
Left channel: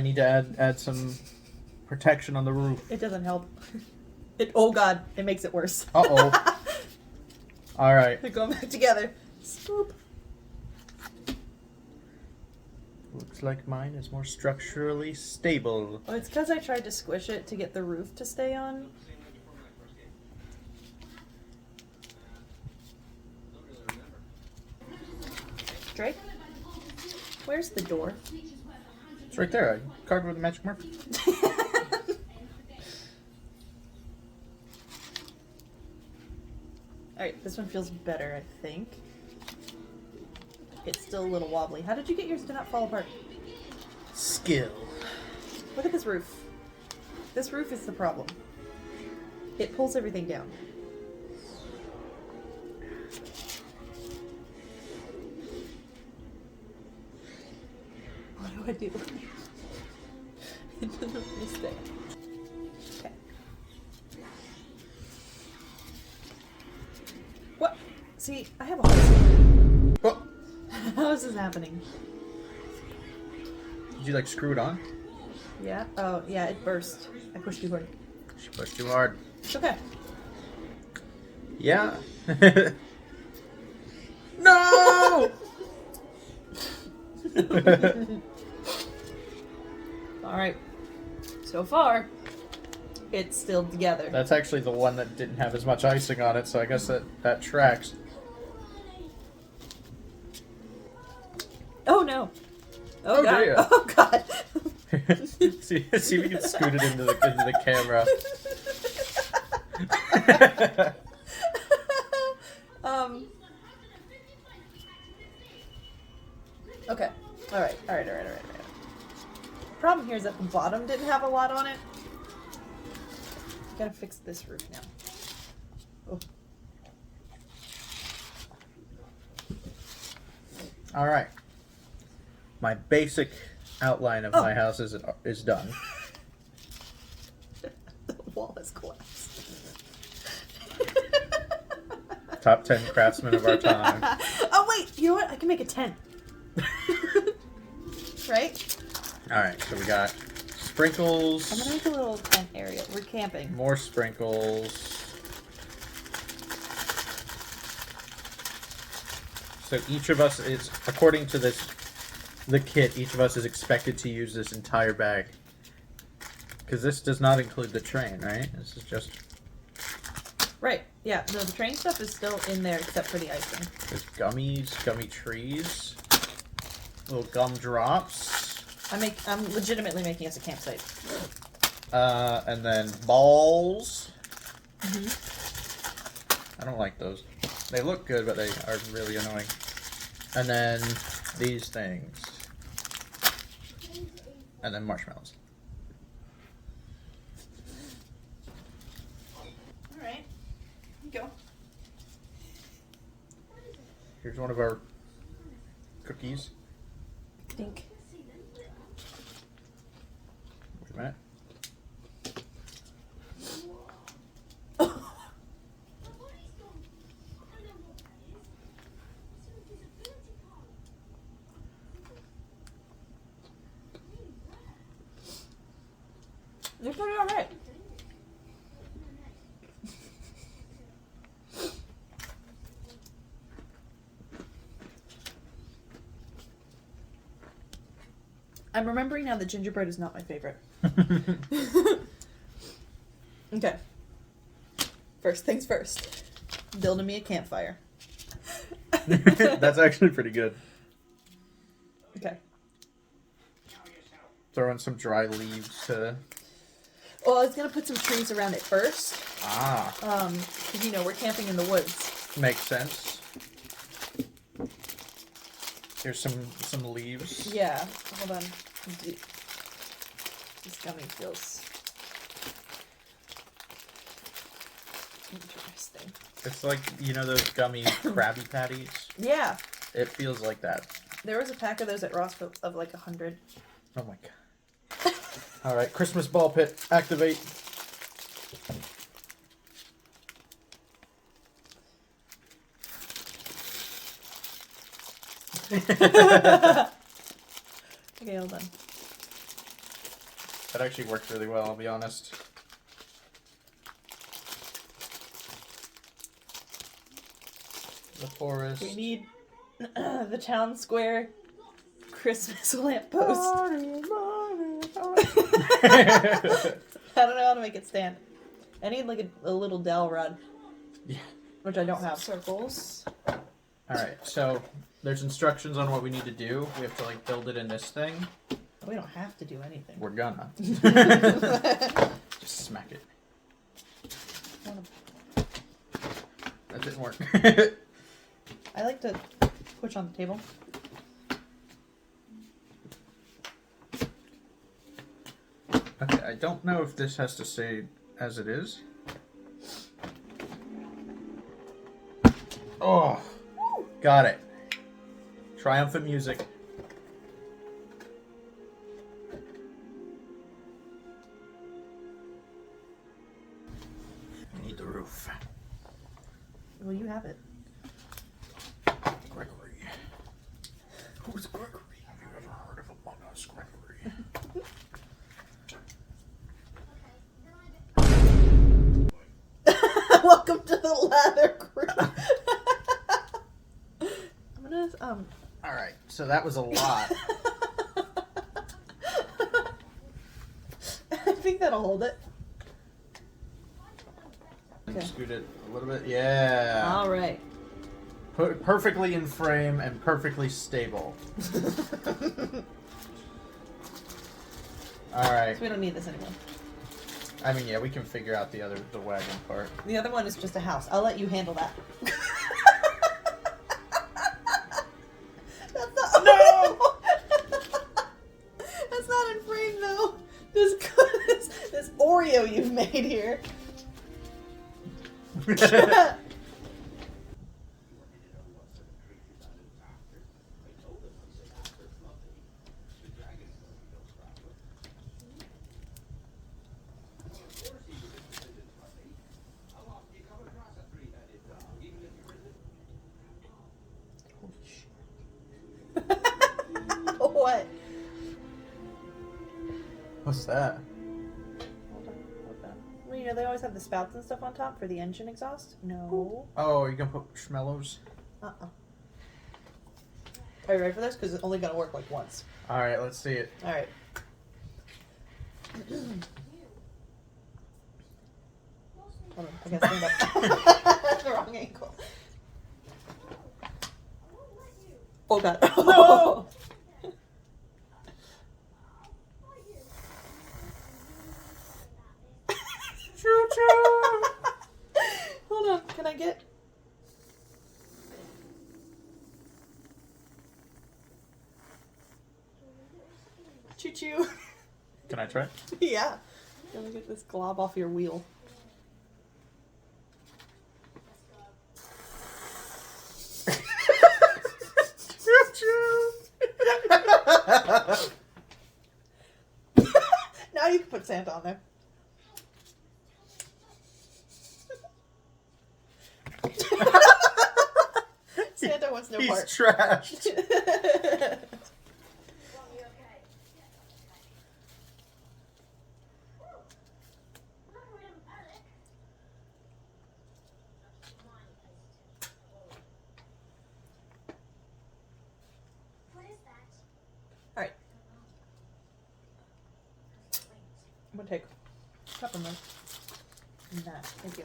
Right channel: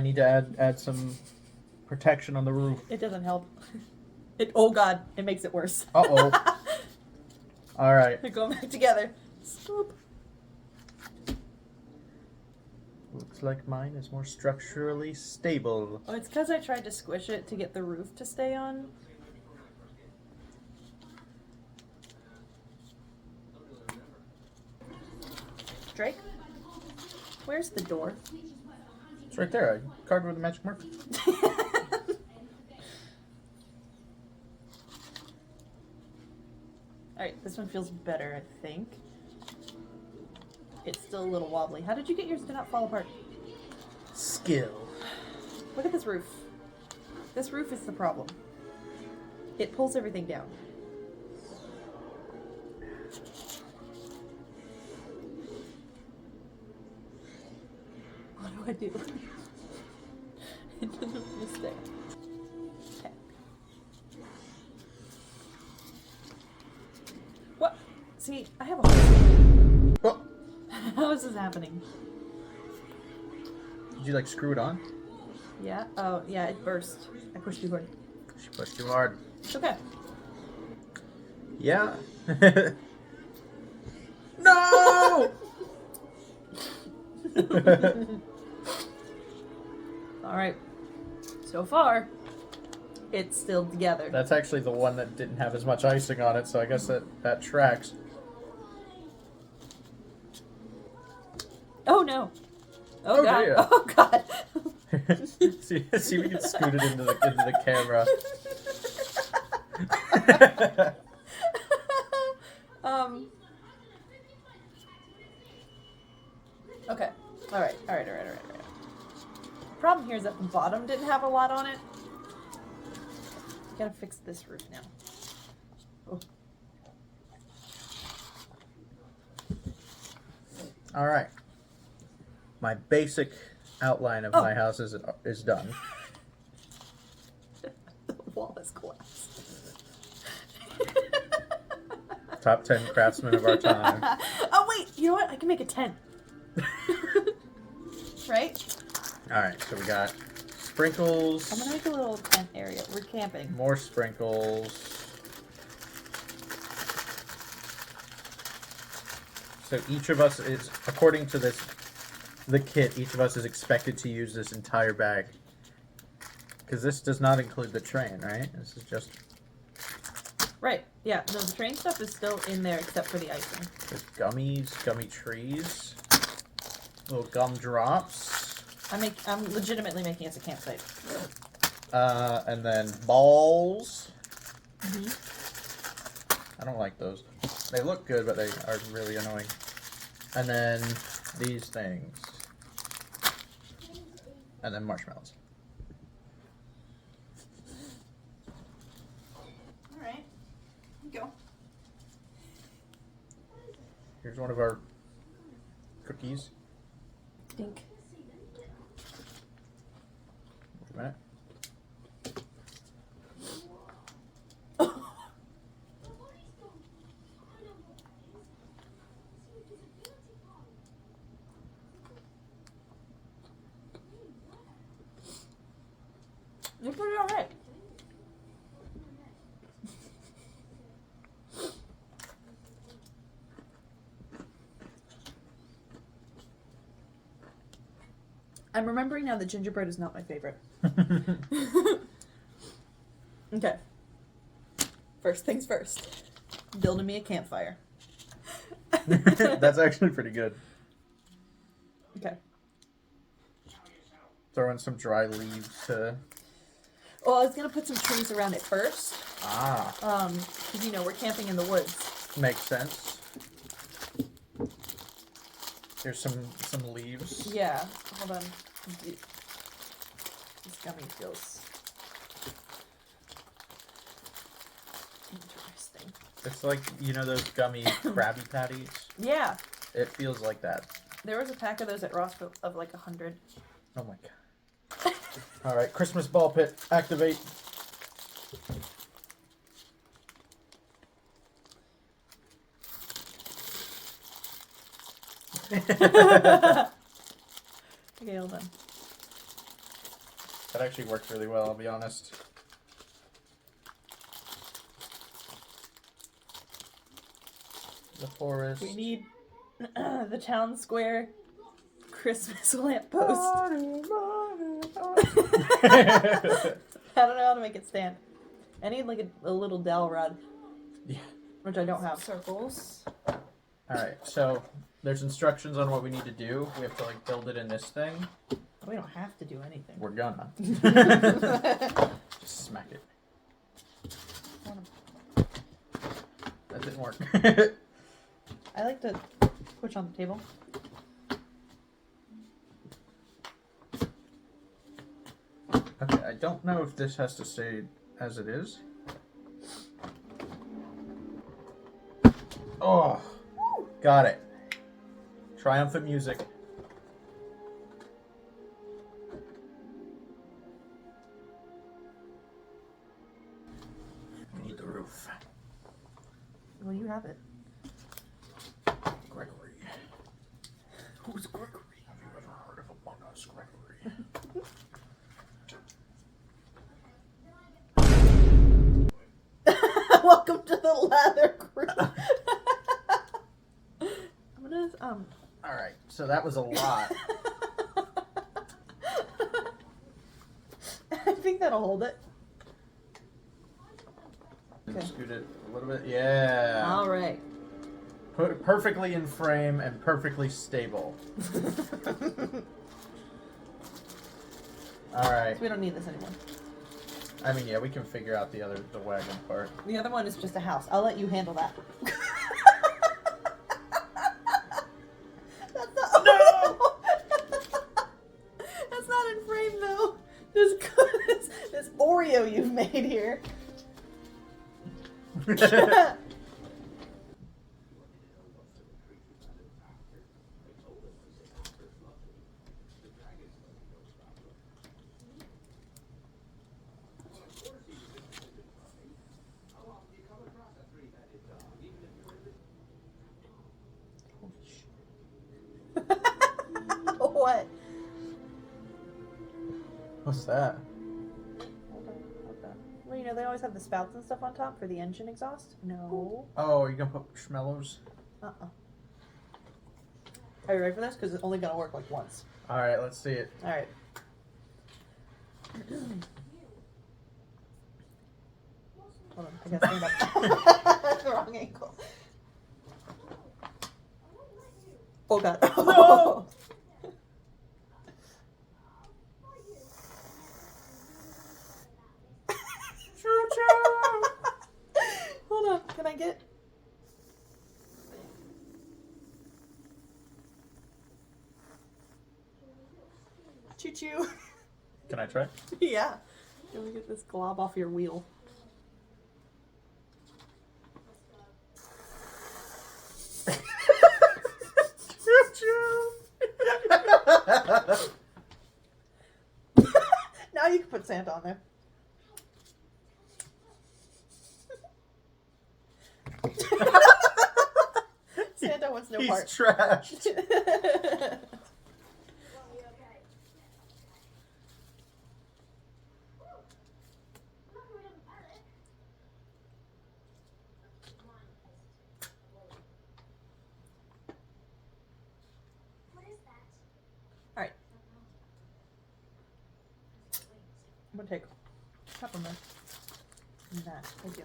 need to add some protection on the roof. It doesn't help. Oh god, it makes it worse. Uh-oh. All right. They're going back together. Scoop. Looks like mine is more structurally stable. Oh, it's because I tried to squish it to get the roof to stay on. Drake? Where's the door? It's right there. I carved it with a magic marker. Alright, this one feels better, I think. It's still a little wobbly. How did you get yours to not fall apart? Skill. Look at this roof. This roof is the problem. It pulls everything down. What do I do? Just there. Okay. What? See, I have a Oh, How is this happening? did you like screw it on? Yeah? Oh, yeah, it burst. I pushed too hard. She pushed too hard. It's okay. Yeah. No! Alright. So far, it's still together. That's actually the one that didn't have as much icing on it, so I guess that tracks. Oh no! Oh, god! dear. Oh god! see if you can scoot it into the camera. Okay. Alright. Problem here is that the bottom didn't have a lot on it. Gotta fix this roof now. Oh. Alright. My basic outline of my house is done. The wall has collapsed. Top 10 craftsmen of our time. Oh wait, you know what? I can make a tent. Right? Alright, so we got sprinkles. I'm gonna make a little tent area. We're camping. More sprinkles. So each of us is, according to the kit, each of us is expected to use this entire bag. Because this does not include the train, right? This is just... Right. Yeah. No, the train stuff is still in there except for the icing. There's gummies, gummy trees, little gum drops. I'm legitimately making us a campsite. And then balls. Mm-hmm. I don't like those. They look good, but they are really annoying. And then these things. And then marshmallows. Alright. Go. Here's one of our cookies. Think. Wait a minute. You're pretty alright. I'm remembering now that gingerbread is not my favorite. Okay. First things first. Building me a campfire. That's actually pretty good. Okay. Throw in some dry leaves to... Well, I was gonna put some trees around it first. Ah. Because you know we're camping in the woods. Makes sense. Here's some leaves. Yeah. Hold on. This gummy feels interesting. It's like, you know those gummy Krabby Patties? Yeah. It feels like that. There was a pack of those at Ross of like 100. Oh my god. Alright, Christmas ball pit, activate. Okay, hold on. That actually worked really well, I'll be honest. The forest. We need the town square Christmas lamp post. I don't know how to make it stand. I need like a little dowel rod. Yeah. Which I don't have. Circles. Alright, so there's instructions on what we need to do. We have to like build it in this thing. We don't have to do anything. We're gonna. Just smack it. That didn't work. I like to push on the table. Okay, I don't know if this has to stay as it is. Oh, got it. Triumphant music. need the roof. Well, you have it. Gregory. Who's Gregory? Have you ever heard of Among Us, Gregory? Welcome to the ladder group. I'm gonna, All right, so that was a lot. I think that'll hold it. Okay. Scoot it a little bit. Yeah. All right. Put perfectly in frame and perfectly stable. All right. So we don't need this anymore. I mean, yeah, we can figure out the wagon part. The other one is just a house. I'll let you handle that. That's not... No! That's not in frame though. This Oreo you've made here. What? What's that? Well, you know, they always have the spouts and stuff on top for the engine exhaust. No. Oh, are you gonna put schmellows? Uh-uh. Are you ready for this? Because it's only gonna work like once. All right, let's see it. All right. Hold on, I gotta stand up. That's the wrong angle. Oh god. No! Hold on, can I get... Choo-choo. Can I try? Yeah. Let me get this glob off your wheel. Now you can put Santa on there. Santa wants no He's part. trashed. Alright. I'm gonna take peppermint. Nah, thank you.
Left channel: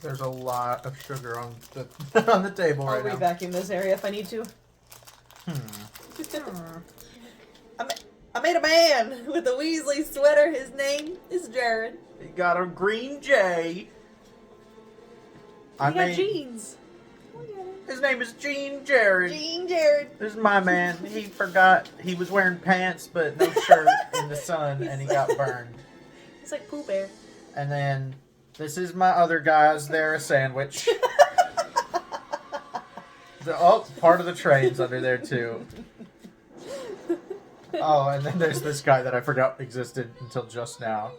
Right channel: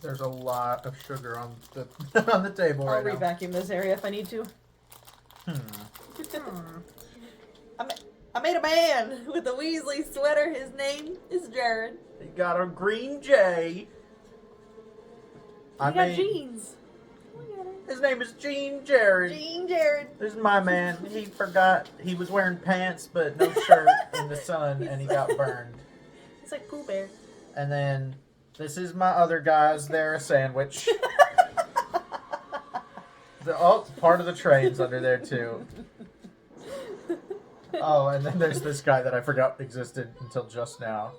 There's a lot of sugar on the on the table I'll right now. re-vacuum this area if I need to. Hmm. I made a man with a Weasley sweater. His name is Jared. He got a green J. He got jeans. His name is Gene Jared. Gene Jared. This is my man. He forgot he was wearing pants but no shirt in the sun and he got burned. It's like Pooh Bear. And then this is my other guys. They're a sandwich. Part of the train's under there too. Oh, and then there's this guy that I forgot existed until just now.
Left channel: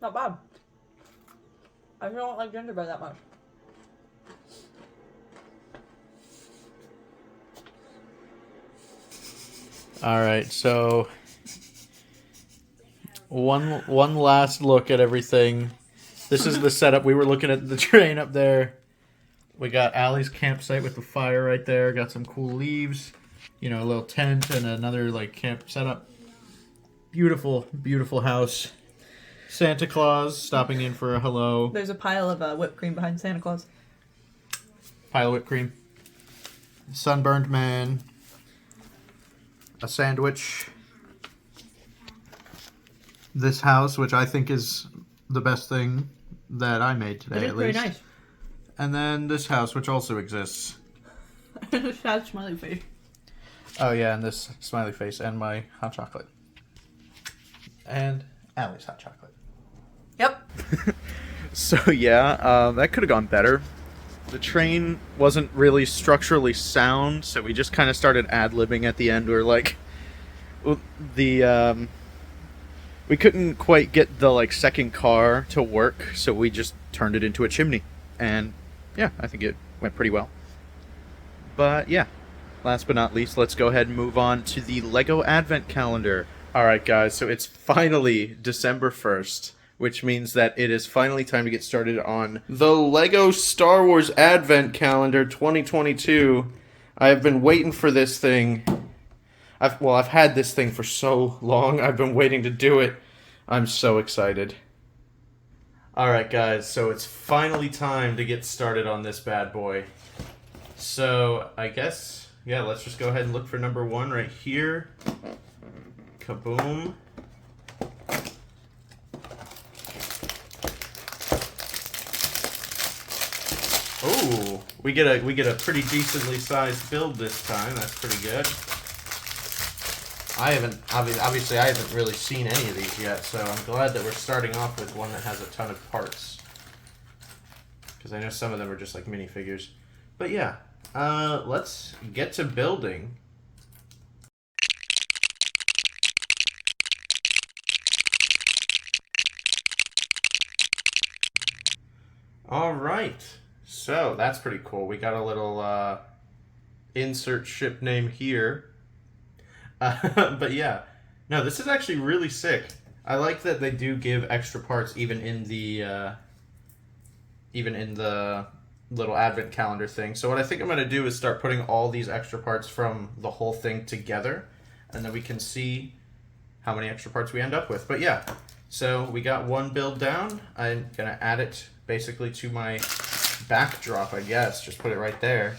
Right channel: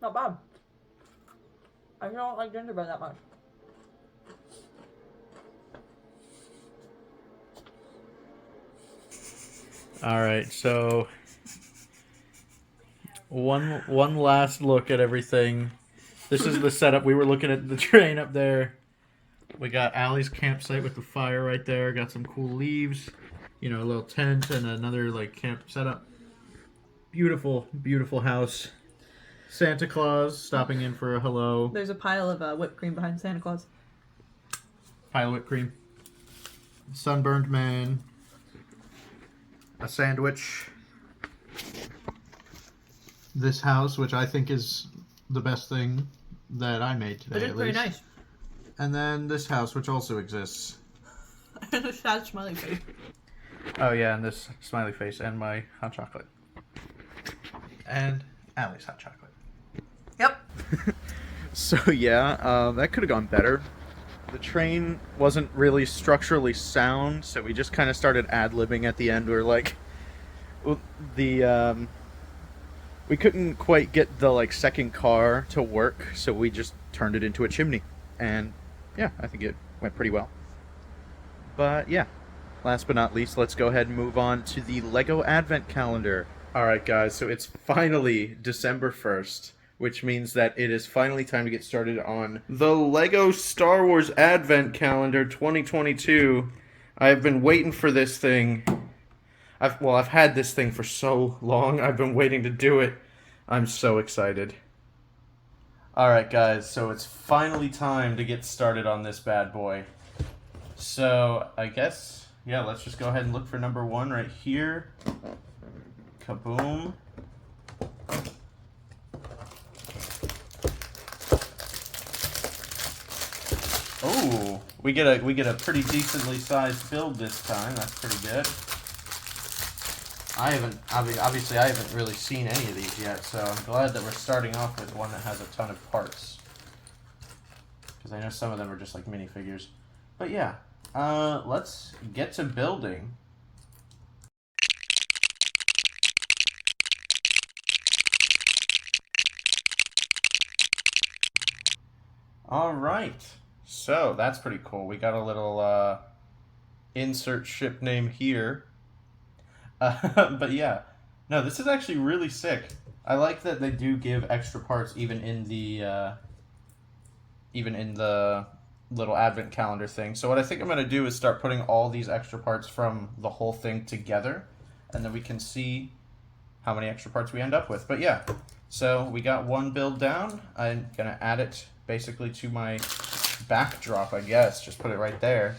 Not bad. I don't like gingerbread that much. All right, so one last look at everything. This is the setup. We were looking at the train up there. We got Allie's campsite with the fire right there. Got some cool leaves, you know, a little tent and another like camp setup. Beautiful, beautiful house. Santa Claus stopping in for a hello. There's a pile of whipped cream behind Santa Claus. Pile of whipped cream. Sunburned man. A sandwich. This house, which I think is the best thing that I made today, It is at pretty least. nice. And then this house, which also exists. And a sad smiley face. Oh yeah, and this smiley face and my hot chocolate. And Allie's hot chocolate. Yep. So yeah, that could have gone better. the train wasn't really structurally sound, so we just kind of started ad-libbing at the end. We were like, the we couldn't quite get the like second car to work, so we just turned it into a chimney, and yeah, I think it went pretty well. But yeah, last but not least, let's go ahead and move on to the Lego Advent Calendar. All right, guys, so it's finally December 1st, which means that it is finally time to get started on the Lego Star Wars Advent Calendar 2022. I've been waiting for this thing. I've had this thing for so long. I've been waiting to do it. I'm so excited. All right, guys, so it's finally time to get started on this bad boy. So, I guess, yeah, let's just go ahead and look for number 1 right here. Kaboom. Oh, we get a pretty decently sized build this time. That's pretty good. Obviously I haven't really seen any of these yet, so I'm glad that we're starting off with one that has a ton of parts. Because I know some of them are just like minifigures. But yeah, let's get to building. Alright, so that's pretty cool. We got a little insert ship name here. But yeah, no, this is actually really sick. I like that they do give extra parts even in the little advent calendar thing. So what I think I'm going to do is start putting all these extra parts from the whole thing together, and then we can see how many extra parts we end up with. But yeah, so we got one build down. I'm going to add it basically to my backdrop, I guess. Just put it right there.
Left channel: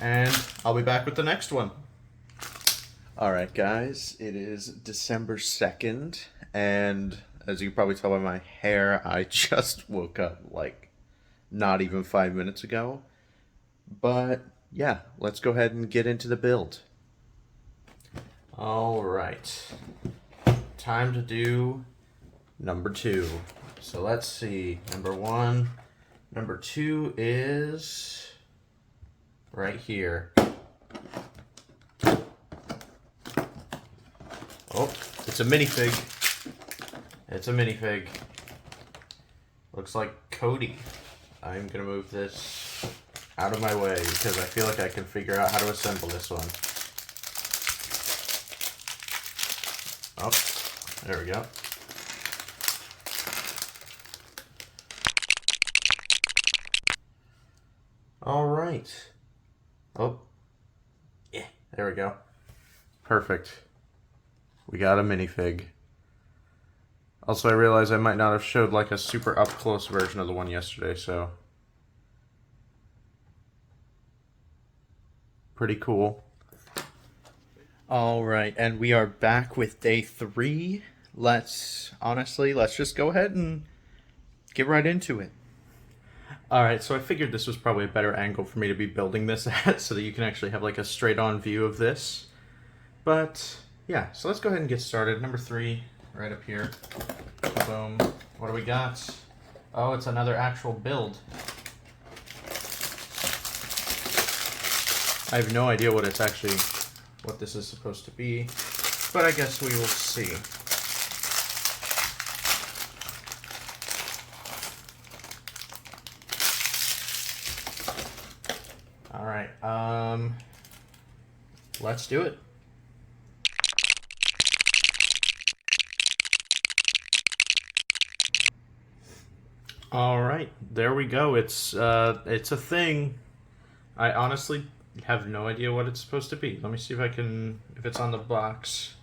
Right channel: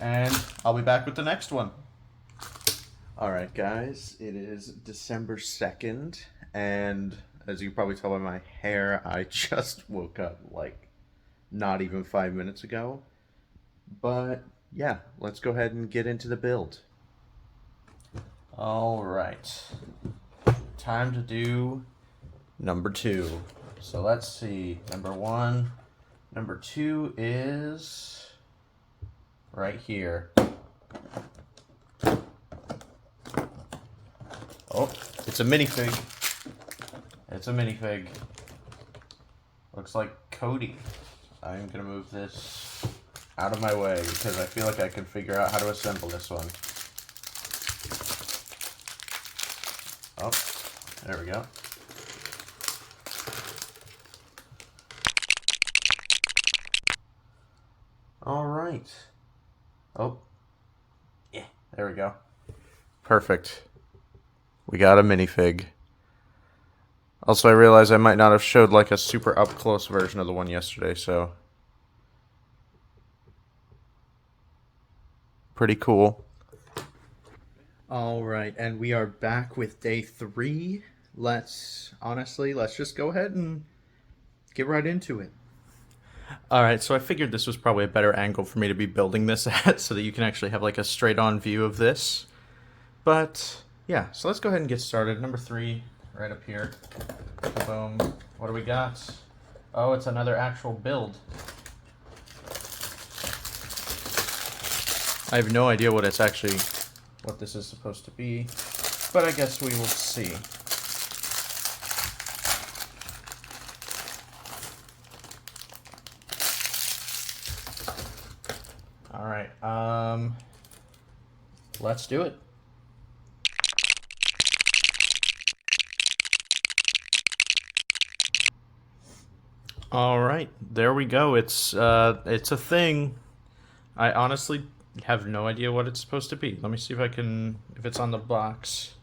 And I'll be back with the next one. Alright guys, it is December 2nd, and as you can probably tell by my hair, I just woke up like not even 5 minutes ago. But yeah, let's go ahead and get into the build. Alright, time to do number 2. So let's see, number 1, number 2 is right here. Oh, it's a minifig. It's a minifig. Looks like Cody. I'm gonna move this out of my way because I feel like I can figure out how to assemble this one. Oh, there we go. All right. Oh, yeah, there we go. Perfect. We got a minifig. Also, I realized I might not have showed like a super up-close version of the one yesterday, so pretty cool. All right, and we are back with day 3. Let's just go ahead and get right into it. All right, so I figured this was probably a better angle for me to be building this at so that you can actually have like a straight-on view of this. But yeah, so let's go ahead and get started. Number 3, right up here. Boom. What do we got? Oh, it's another actual build. I have no idea what this is supposed to be, but I guess we will see. All right, let's do it. All right, there we go. It's a thing. I honestly have no idea what it's supposed to be. Let me see if it's on the box.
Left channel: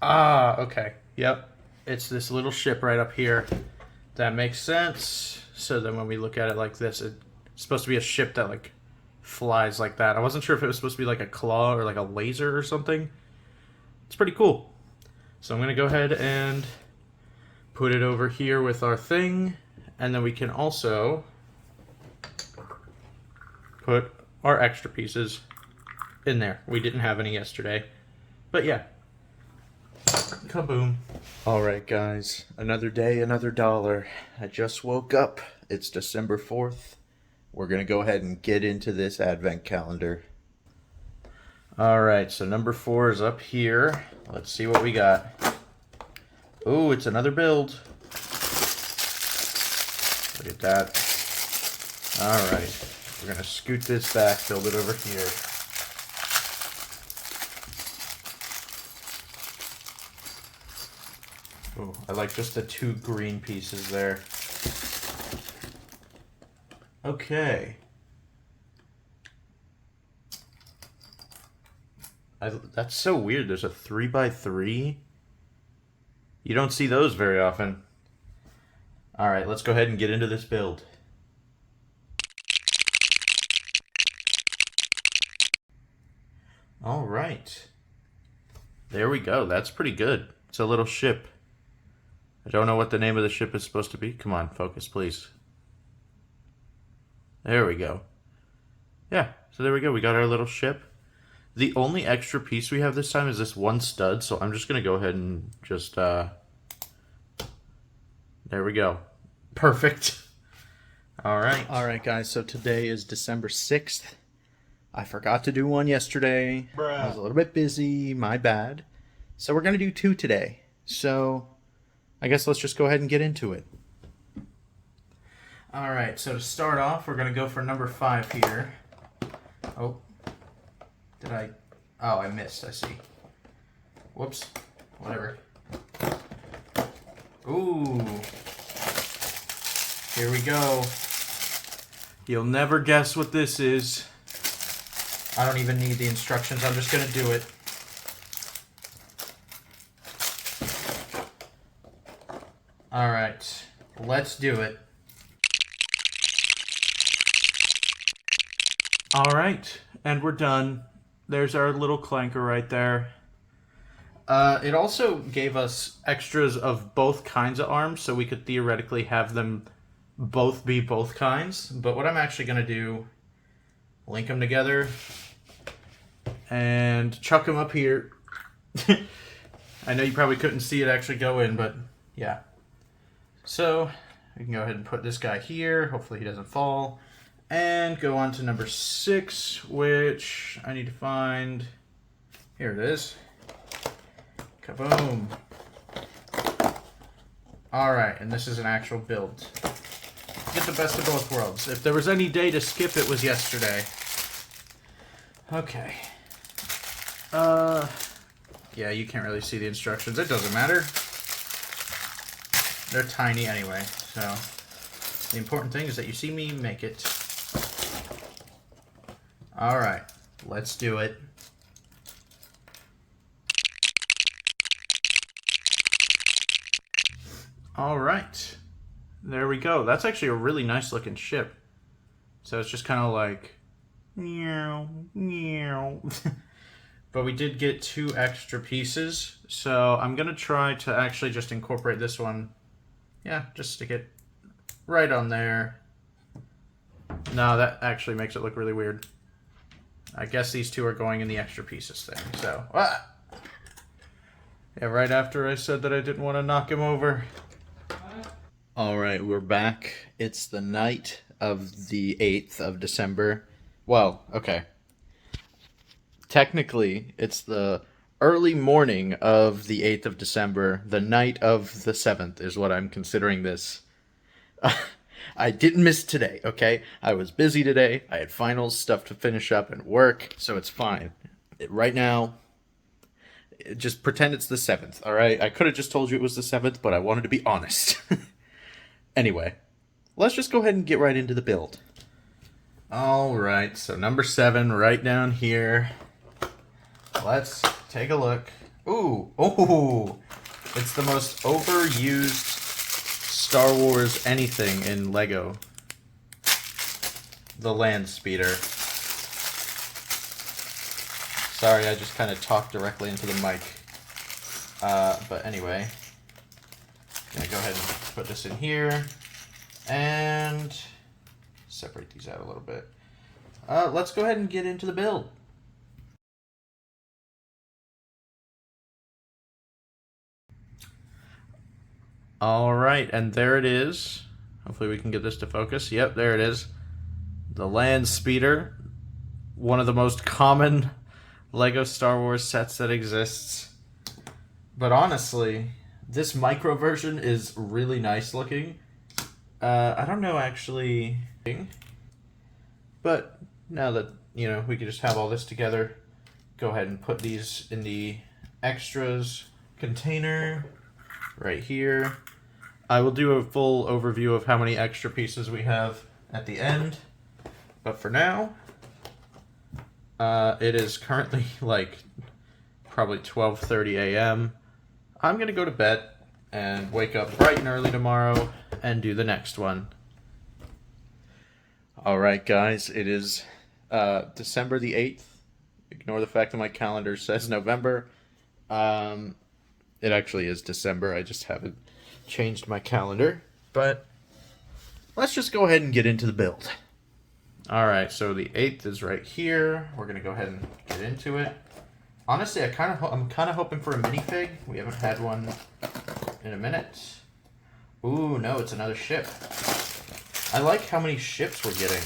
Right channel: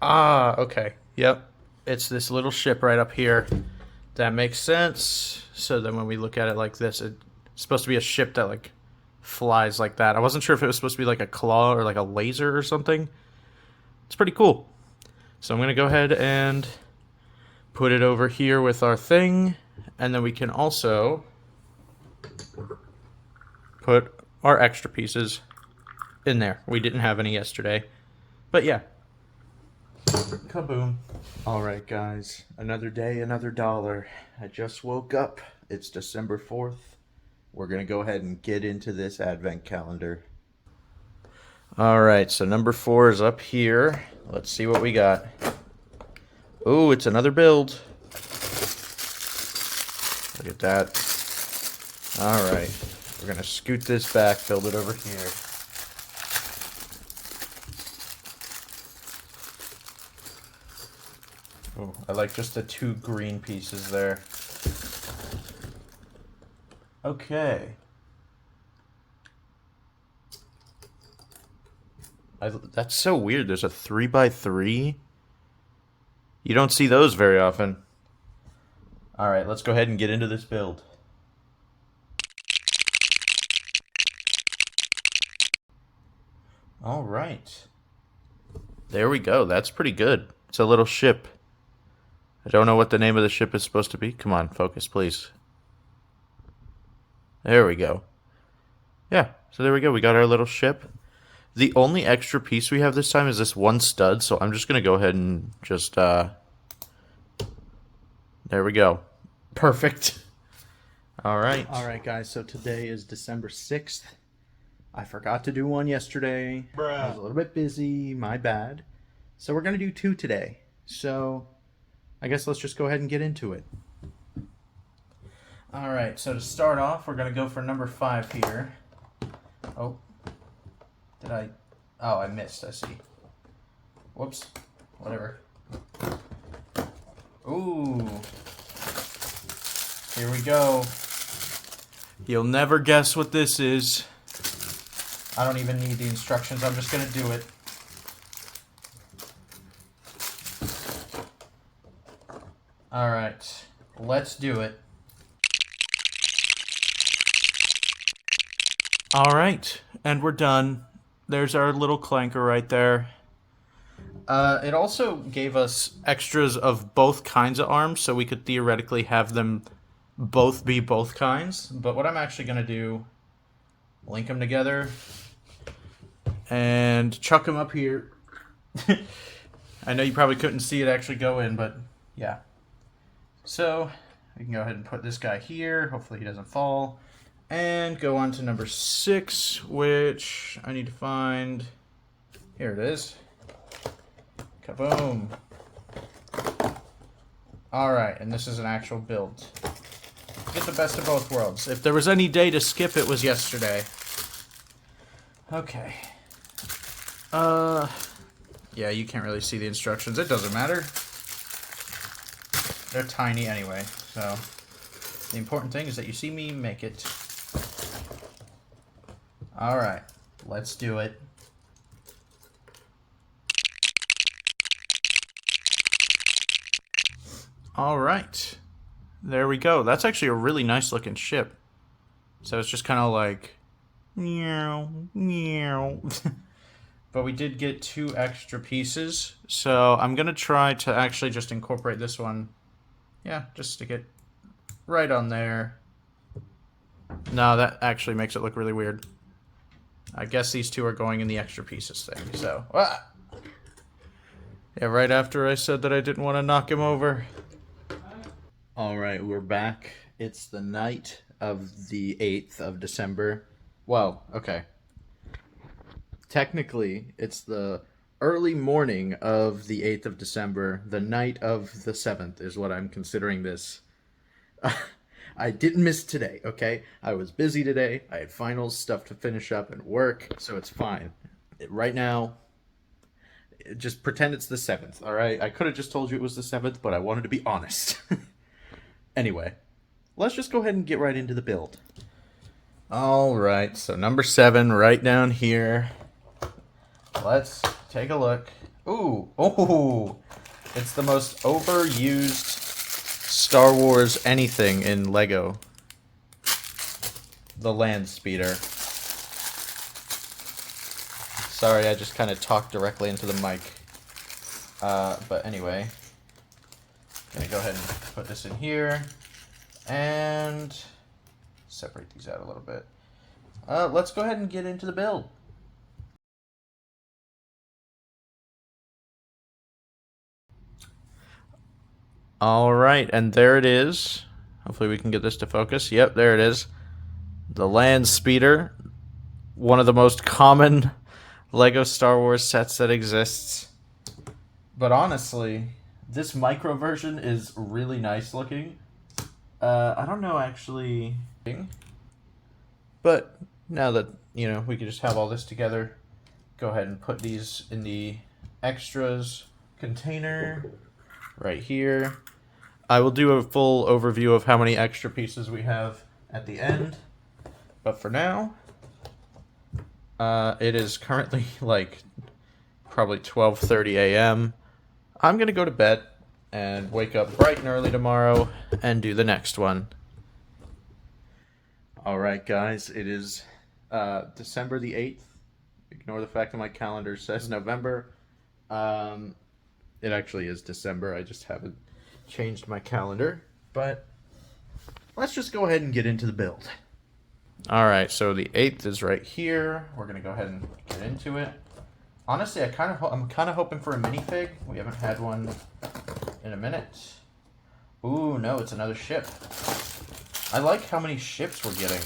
Ah, okay. Yep. It's this little ship right up here. That makes sense. So then when we look at it like this, it's supposed to be a ship that like flies like that. I wasn't sure if it was supposed to be like a claw or like a laser or something. It's pretty cool. So I'm going to go ahead and put it over here with our thing, and then we can also put our extra pieces in there. We didn't have any yesterday, but yeah. Kaboom. Alright guys, another day, another dollar. I just woke up. It's December 4th. We're gonna go ahead and get into this advent calendar. Alright, so number 4 is up here. Let's see what we got. Ooh, it's another build. Look at that. Alright, we're gonna scoot this back, build it over here. Ooh, I like just the 2 green pieces there. Okay. That's so weird. There's a 3x3. You don't see those very often. Alright, let's go ahead and get into this build. Alright. There we go. That's pretty good. It's a little ship. I don't know what the name of the ship is supposed to be. Come on, focus, please. There we go. Yeah, so there we go. We got our little ship. The only extra piece we have this time is this one stud, so I'm just going to go ahead and just, there we go. Perfect. All right. All right, guys, so today is December 6th. I forgot to do one yesterday. I was a little bit busy, my bad. So we're going to do 2 today. So I guess let's just go ahead and get into it. All right, so to start off, we're going to go for number 5 here. Oh. Did I? Oh, I missed. I see. Whoops. Whatever. Ooh. Here we go. You'll never guess what this is. I don't even need the instructions. I'm just going to do it. All right. Let's do it. All right. And we're done. There's our little clanker right there. It also gave us extras of both kinds of arms, so we could theoretically have them both be both kinds. But what I'm actually going to do, link them together and chuck them up here. I know you probably couldn't see it actually go in, but yeah. So we can go ahead and put this guy here. Hopefully he doesn't fall. And go on to number 6, which I need to find. Here it is. Kaboom. Alright, and this is an actual build. Get the best of both worlds. If there was any day to skip, it was yesterday. Okay. Yeah, you can't really see the instructions. It doesn't matter. They're tiny anyway, so the important thing is that you see me make it. All right, let's do it. All right, there we go. That's actually a really nice looking ship. So it's just kind of like, meow, meow. But we did get 2 extra pieces. So I'm going to try to actually just incorporate this one. Yeah, just stick it right on there. No, that actually makes it look really weird. I guess these 2 are going in the extra pieces thing, so. Ah! Yeah, right after I said that I didn't want to knock him over. Alright, we're back. It's the night of the 8th of December. Well, okay. Technically, it's the early morning of the 8th of December. The night of the 7th is what I'm considering this. I didn't miss today, okay? I was busy today. I had finals, stuff to finish up, and work, so it's fine. Right now, just pretend it's the 7th, all right? I could have just told you it was the 7th, but I wanted to be honest. Anyway, let's just go ahead and get right into the build. All right, so number 7, right down here. Let's take a look. Ooh, oh, it's the most overused Star Wars anything in Lego. The land speeder. Sorry, I just kind of talked directly into the mic. But anyway, gonna go ahead and put this in here and separate these out a little bit. Let's go ahead and get into the build. All right, and there it is. Hopefully we can get this to focus. Yep, there it is. The land speeder, one of the most common Lego Star Wars sets that exists. But honestly, this micro version is really nice looking. I don't know actually, but now that, you know, we can just have all this together, go ahead and put these in the extras container right here. I will do a full overview of how many extra pieces we have at the end, but for now, it is currently like probably 12:30 a.m. I'm gonna go to bed and wake up bright and early tomorrow and do the next one. All right, guys, it is December the 8th. Ignore the fact that my calendar says November. It actually is December. I just haven't changed my calendar. But let's just go ahead and get into the build. All right, so the 8th is right here. We're gonna go ahead and get into it. Honestly, I'm kind of hoping for a minifig. We haven't had one in a minute. Ooh, no, it's another ship. I like how many ships we're getting.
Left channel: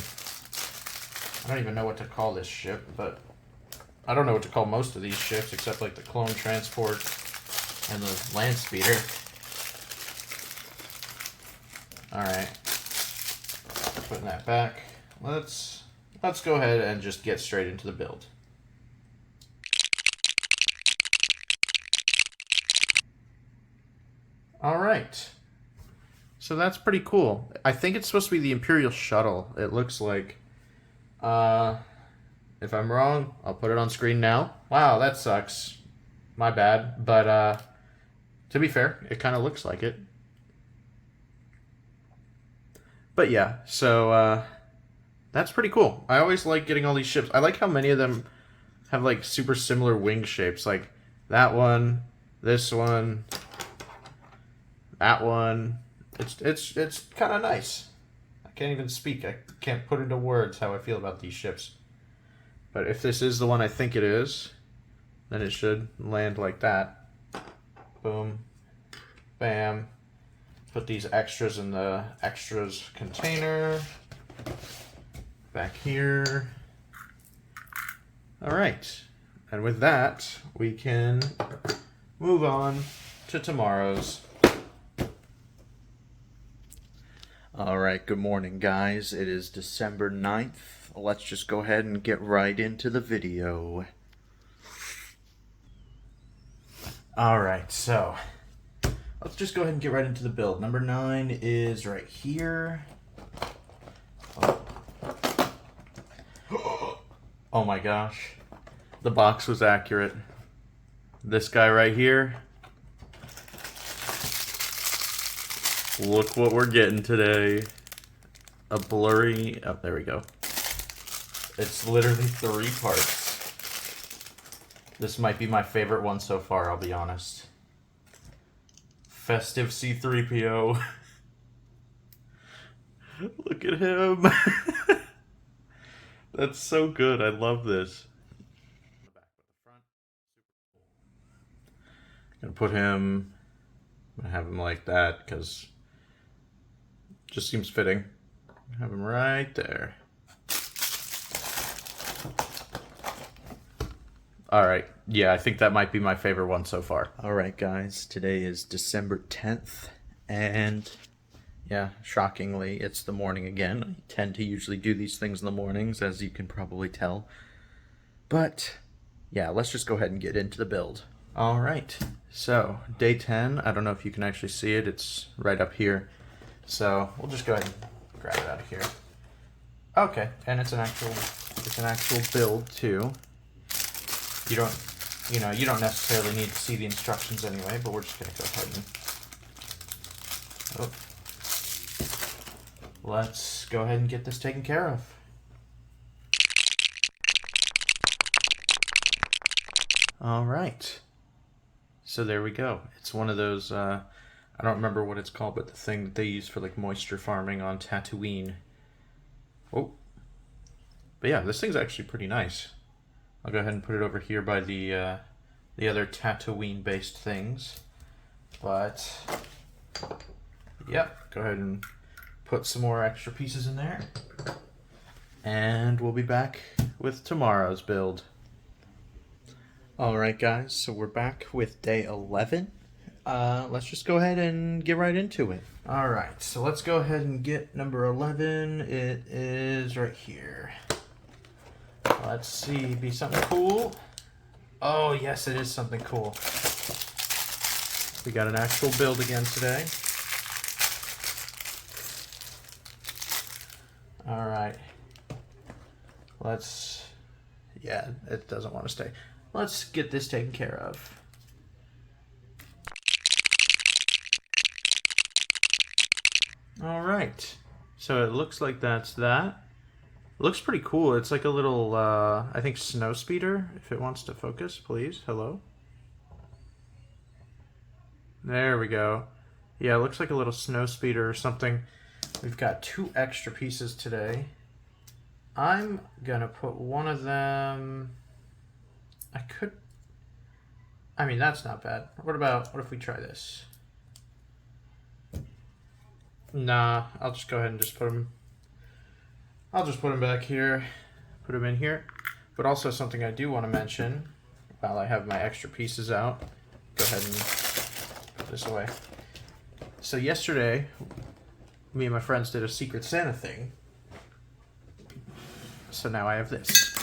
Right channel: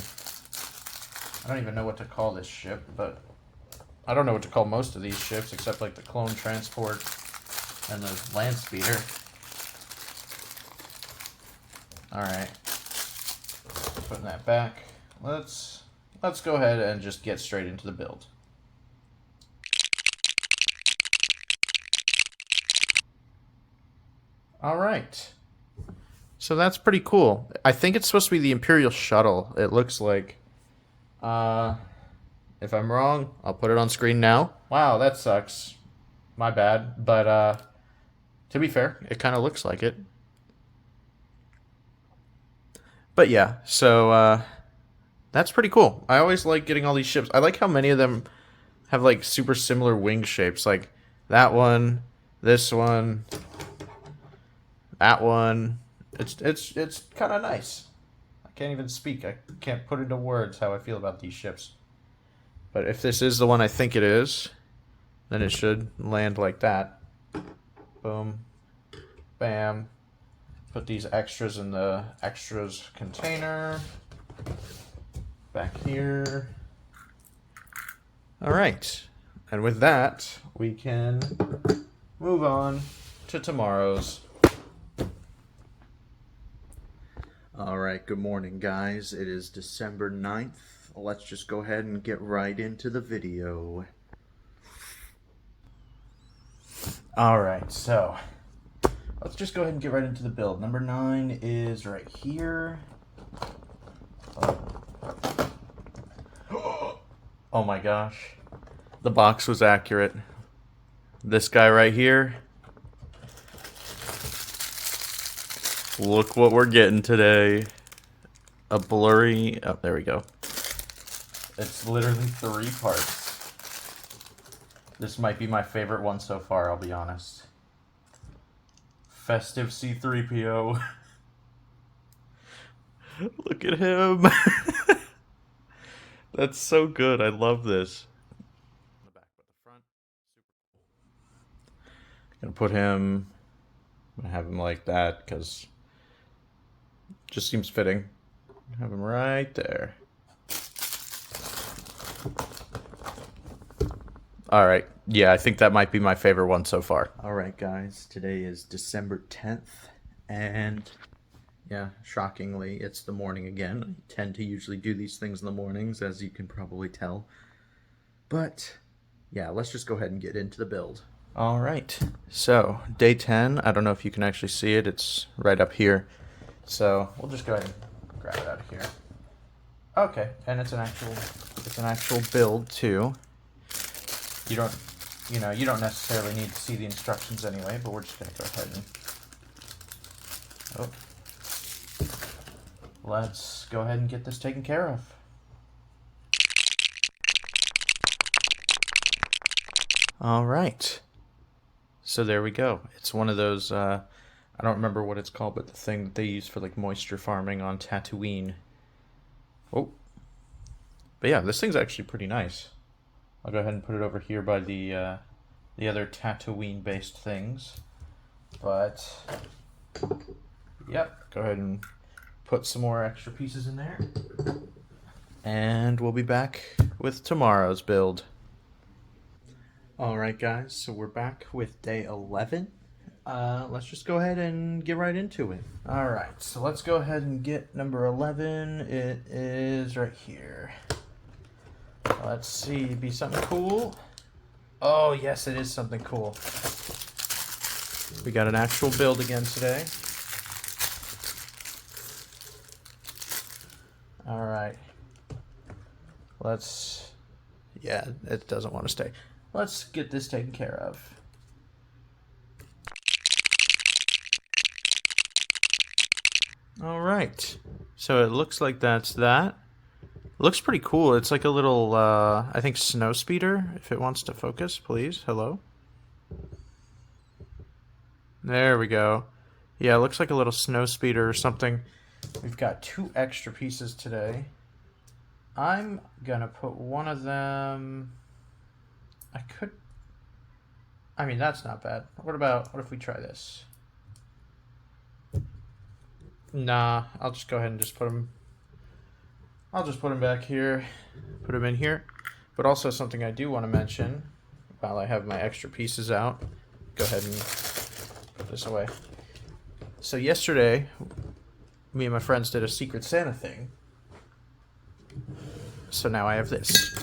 I don't even know what to call this ship, but I don't know what to call most of these ships except like the clone transport and the land speeder. All right, putting that back. Let's go ahead and just get straight into the build. All right. So that's pretty cool. I think it's supposed to be the Imperial Shuttle, it looks like. If I'm wrong, I'll put it on screen now. Wow, that sucks. My bad. But to be fair, it kind of looks like it. But yeah, so that's pretty cool. I always like getting all these ships. I like how many of them have like super similar wing shapes. Like that one, this one, that one. It's kind of nice. I can't even speak. I can't put into words how I feel about these ships. But if this is the one I think it is, then it should land like that. Boom. Bam. Put these extras in the extras container. Back here. All right. And with that, we can move on to tomorrow's. All right, good morning, guys. It is December 9th. Let's just go ahead and get right into the video. All right, so let's just go ahead and get right into the build. Number 9 is right here. Oh my gosh. The box was accurate. This guy right here. Look what we're getting today. A blurry... Oh, there we go. It's literally 3 parts. This might be my favorite one so far, I'll be honest. Festive C-3PO. Look at him. That's so good. I love this. Gonna put him... I'm gonna have him like that, because... just seems fitting. Have him right there. Alright, yeah, I think that might be my favorite one so far. Alright guys, today is December 10th, and yeah, shockingly, it's the morning again. I tend to usually do these things in the mornings, as you can probably tell. But, yeah, let's just go ahead and get into the build. Alright, so, day 10, I don't know if you can actually see it, it's right up here. So we'll just go ahead and grab it out of here. Okay, and it's an actual build too. You don't necessarily need to see the instructions anyway, but we're just gonna go ahead and let's go ahead and get this taken care of. All right. So there we go. It's one of those I don't remember what it's called, but the thing that they use for like moisture farming on Tatooine. Oh. But yeah, this thing's actually pretty nice. I'll go ahead and put it over here by the other Tatooine-based things. But Yep, go ahead and put some more extra pieces in there. And we'll be back with tomorrow's build. Alright guys, so we're back with day 11. Let's just go ahead and get right into it. Alright, so let's go ahead and get number 11. It is right here. Let's see, be something cool. Oh yes, it is something cool. We got an actual build again today. Alright. Yeah, it doesn't want to stay. Let's get this taken care of. Alright. So it looks like that's that. Looks pretty cool. It's like a little, I think, snow speeder. If it wants to focus, please. Hello? There we go. Yeah, it looks like a little snow speeder or something. We've got 2 extra pieces today. I'm gonna put one of them... I mean, that's not bad. What if we try this? Nah, I'll just go ahead and just put them... I'll just put them back here. Put them in here. But also something I do want to mention, while I have my extra pieces out, go ahead and put this away. So yesterday, me and my friends did a Secret Santa thing. So now I have this.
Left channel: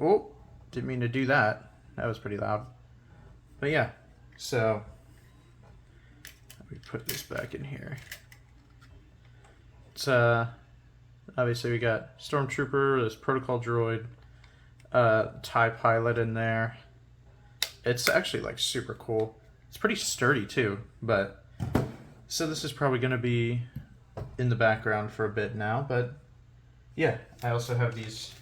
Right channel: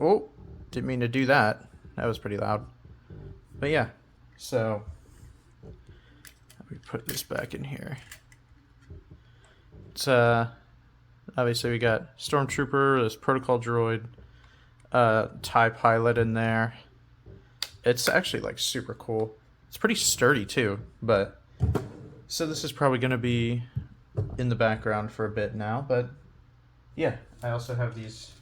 Oh, didn't mean to do that. That was pretty loud. But yeah, so let me put this back in here. It's obviously we got Stormtrooper, this Protocol Droid, TIE Pilot in there. It's actually like super cool. It's pretty sturdy too, but so this is probably gonna be in the background for a bit now, but yeah, I also have these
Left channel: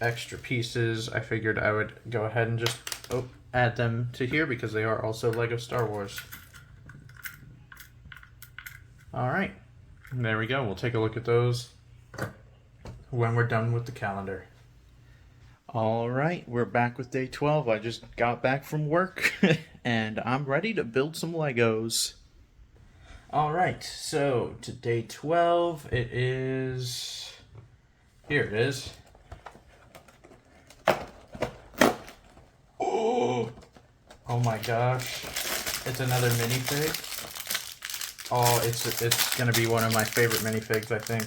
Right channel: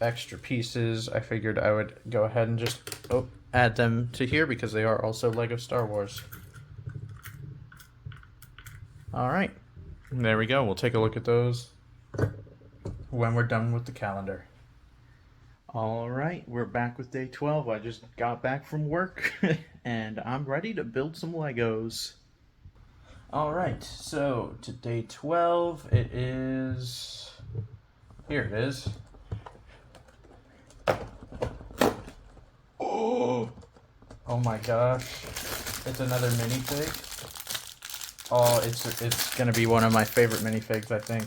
extra pieces. I figured I would go ahead and just add them to here because they are also Lego Star Wars. Alright, there we go. We'll take a look at those when we're done with the calendar. Alright, we're back with day 12. I just got back from work and I'm ready to build some Legos. Alright, so to day 12, it is... Here it is. Oh my gosh. It's another minifig. Oh, it's gonna be one of my favorite minifigs, I think.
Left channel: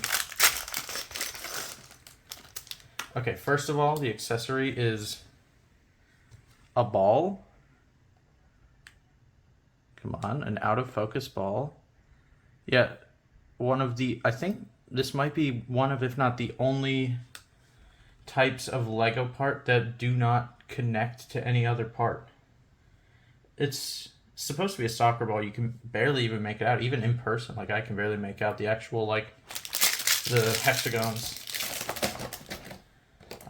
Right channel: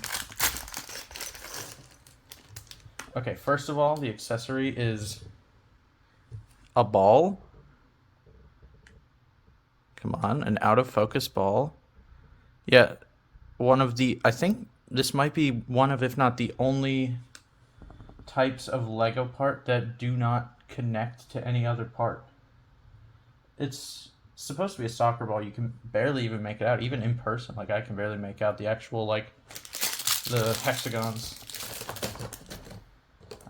Okay, first of all, the accessory is a ball. Come on, an out of focus ball. Yeah, I think this might be one of, if not the only types of Lego part that do not connect to any other part. It's supposed to be a soccer ball. You can barely even make it out, even in person. Like, I can barely make out the actual, like, the hexagons.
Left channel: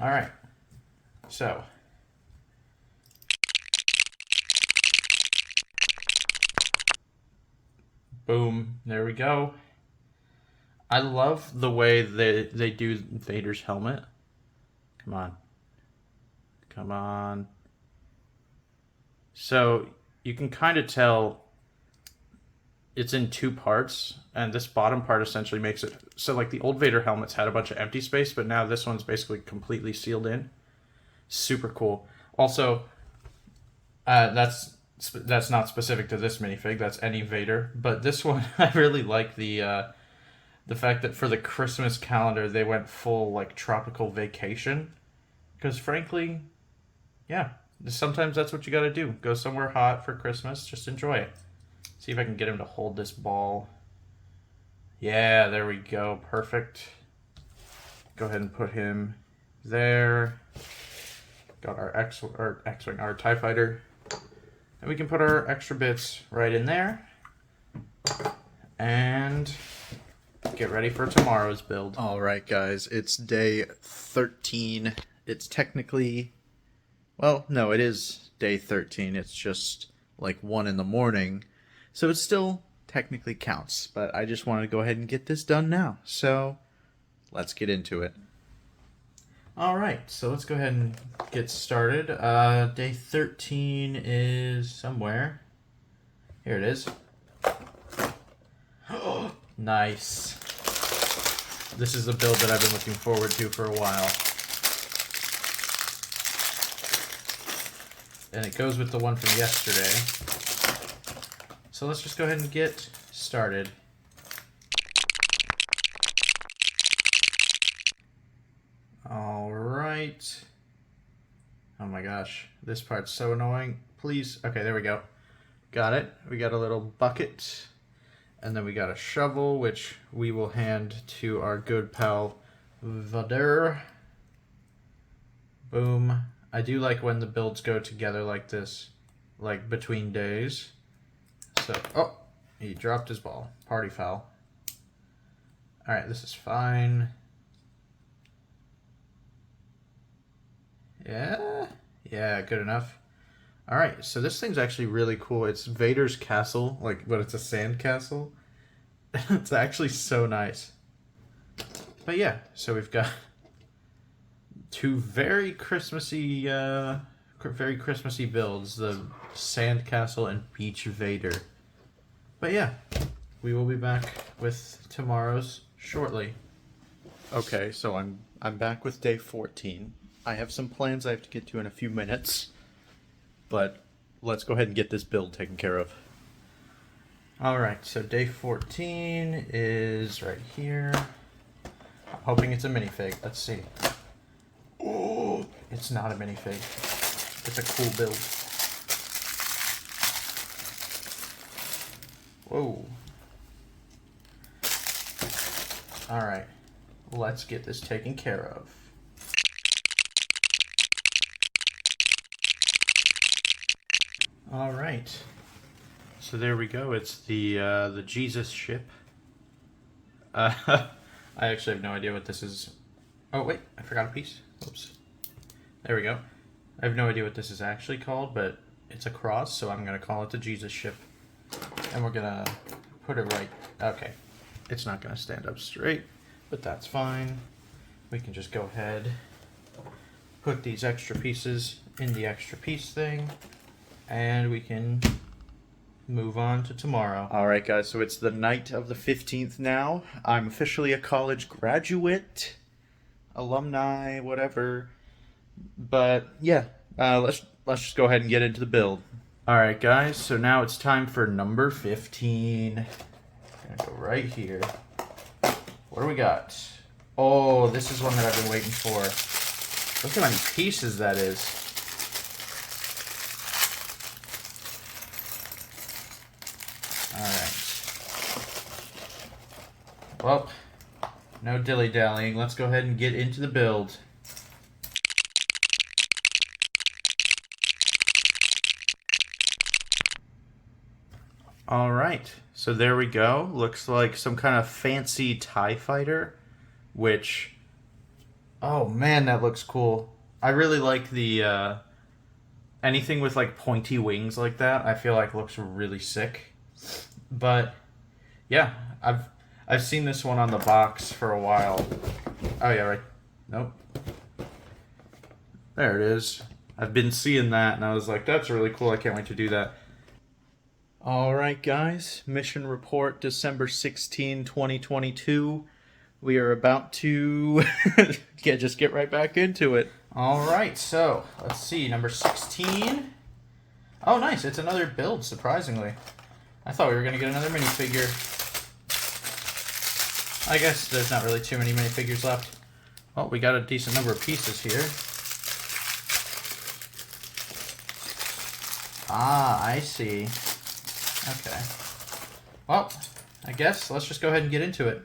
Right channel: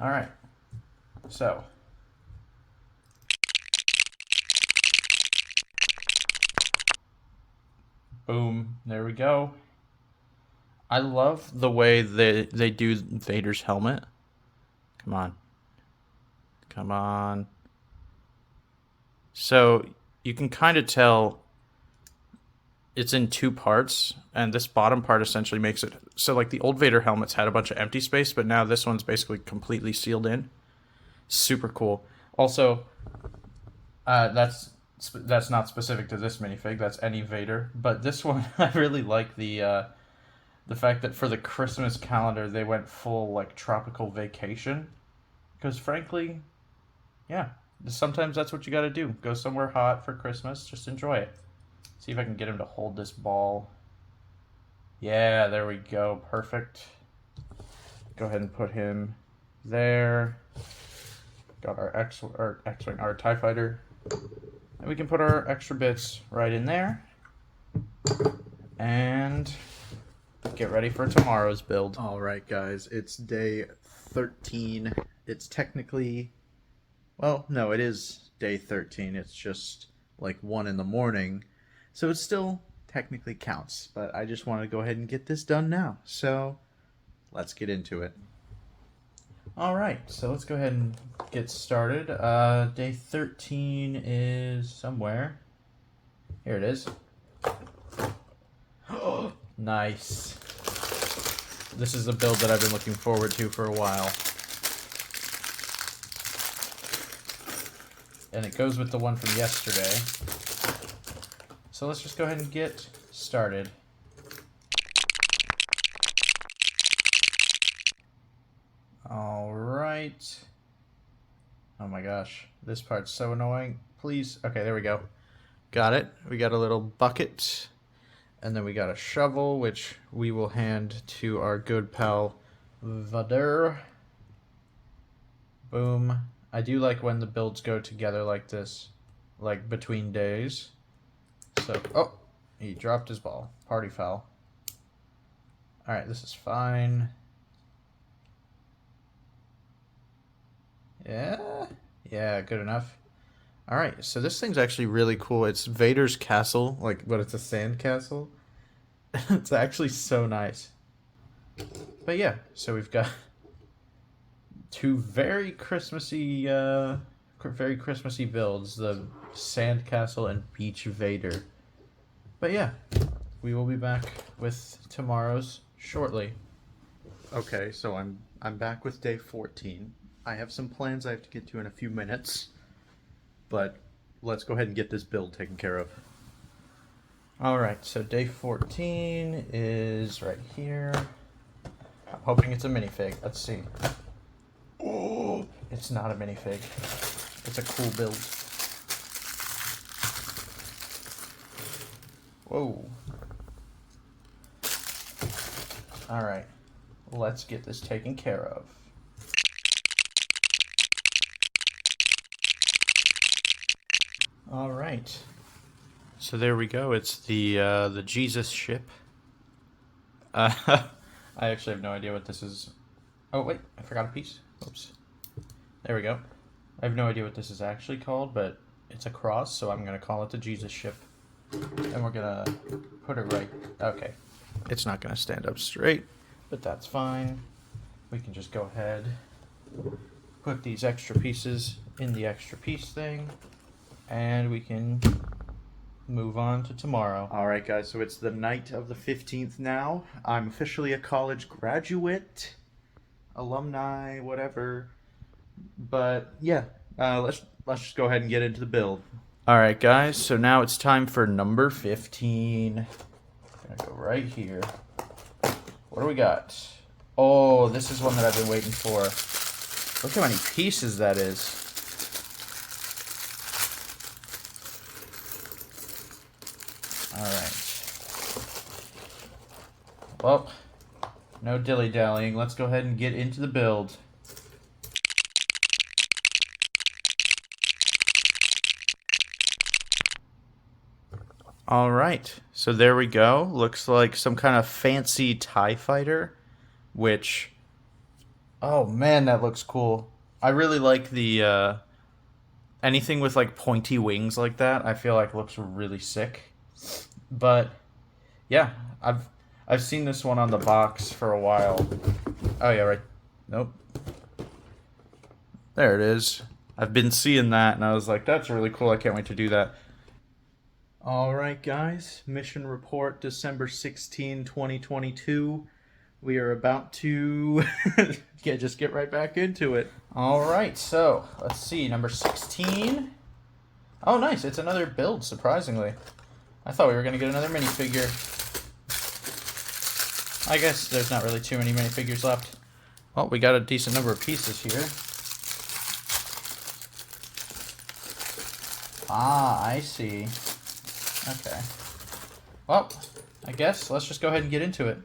Alright. So. Boom. There we go. I love the way they do Vader's helmet. Come on. Come on. So you can kind of tell it's in 2 parts, and this bottom part essentially makes it so, like, the old Vader helmets had a bunch of empty space, but now this one's basically completely sealed in. Super cool. Also, that's not specific to this minifig. That's any Vader, but this one I really like the fact that for the Christmas calendar they went full, like, tropical vacation, because frankly, yeah, sometimes that's what you got to do. Go somewhere hot for Christmas. Just enjoy it. See if I can get him to hold this ball. Yeah, there we go. Perfect. Go ahead and put him there. Got our X-Wing, our TIE Fighter. And we can put our extra bits right in there. And get ready for tomorrow's build. Alright guys, it's day 13. It's technically... Well, no, it is day 13. It's just like 1 in the morning. So it still technically counts. But I just want to go ahead and get this done now. So let's get into it. Alright, so let's go ahead and get started. Day 13 is somewhere. Here it is. Nice. This is the build that I've been looking forward to for a while. And it goes with the one from yesterday. So let's just go ahead and get started. All right. Oh my gosh, this part's so annoying. Please, okay, there we go. Got it. We got a little bucket, and then we got a shovel, which we will hand to our good pal Vader. Boom. I do like when the builds go together like this, like between days. So, oh, he dropped his ball. Party foul. All right, this is fine. Yeah, good enough. All right, so this thing's actually really cool. It's Vader's castle, but it's a sand castle. It's actually so nice. But yeah, so we've got two very Christmassy builds: the sand castle and beach Vader. But yeah, we will be back with tomorrow's shortly. Okay, so I'm back with day 14. I have some plans I have to get to in a few minutes, but let's go ahead and get this build taken care of. Alright, so day 14 is right here. I'm hoping it's a minifig. Let's see. Oh, it's not a minifig. It's a cool build. Whoa. Alright, let's get this taken care of. All right, so there we go. It's the Jesus ship. I actually have no idea what this is. Oh wait, I forgot a piece. Oops. There we go. I have no idea what this is actually called, but it's a cross, so I'm gonna call it the Jesus ship. And we're gonna put it right. Okay, it's not gonna stand up straight, but that's fine. We can just go ahead, put these extra pieces in the extra piece thing, and we can move on to tomorrow. All right, guys, so it's the night of the 15th now. I'm officially a college graduate, alumni, whatever. But yeah, let's just go ahead and get into the build. All right, guys, so now it's time for number 15. I'm gonna go right here. What do we got? Oh, this is one that I've been waiting for. Look how many pieces that is. Well, no dilly-dallying. Let's go ahead and get into the build. All right, so there we go. Looks like some kind of fancy TIE fighter, which, oh man, that looks cool. I really like the, anything with like pointy wings like that, I feel like looks really sick. But yeah, I've seen this one on the box for a while. Oh yeah, right. Nope. There it is. I've been seeing that and I was like, that's really cool. I can't wait to do that. All right, guys. Mission report December 16, 2022. We are about to just get right back into it. All right, so let's see. Number 16. Oh, nice. It's another build, surprisingly. I thought we were going to get another minifigure. I guess there's not really too many minifigures left. Well, we got a decent number of pieces here. Ah, I see. Okay. Well, I guess let's just go ahead and get into it.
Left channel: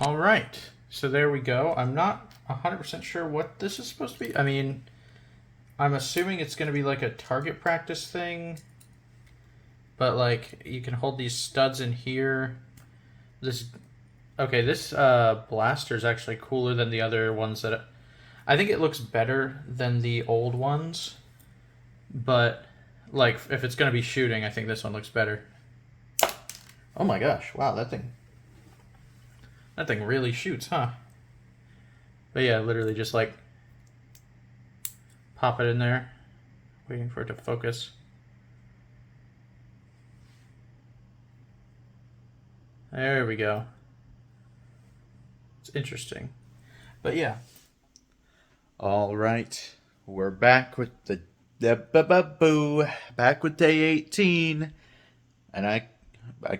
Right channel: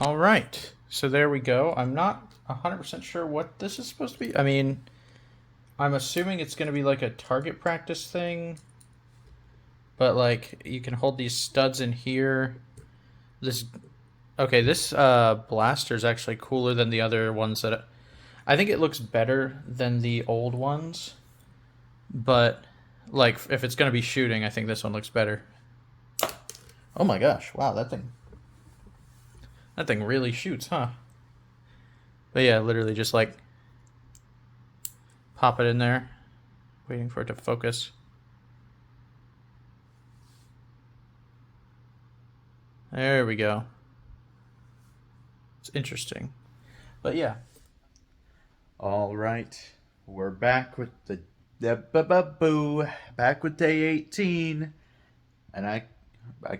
All right. So there we go. I'm not 100% sure what this is supposed to be. I mean, I'm assuming it's going to be like a target practice thing. But like, you can hold these studs in here. This blaster is actually cooler than the other ones that I think it looks better than the old ones. But like, if it's going to be shooting, I think this one looks better. Oh my gosh! Wow, that thing really shoots, huh? But yeah, literally just like pop it in there, waiting for it to focus. There we go. It's interesting. But yeah. All right. We're back with the boo. Back with day 18. And I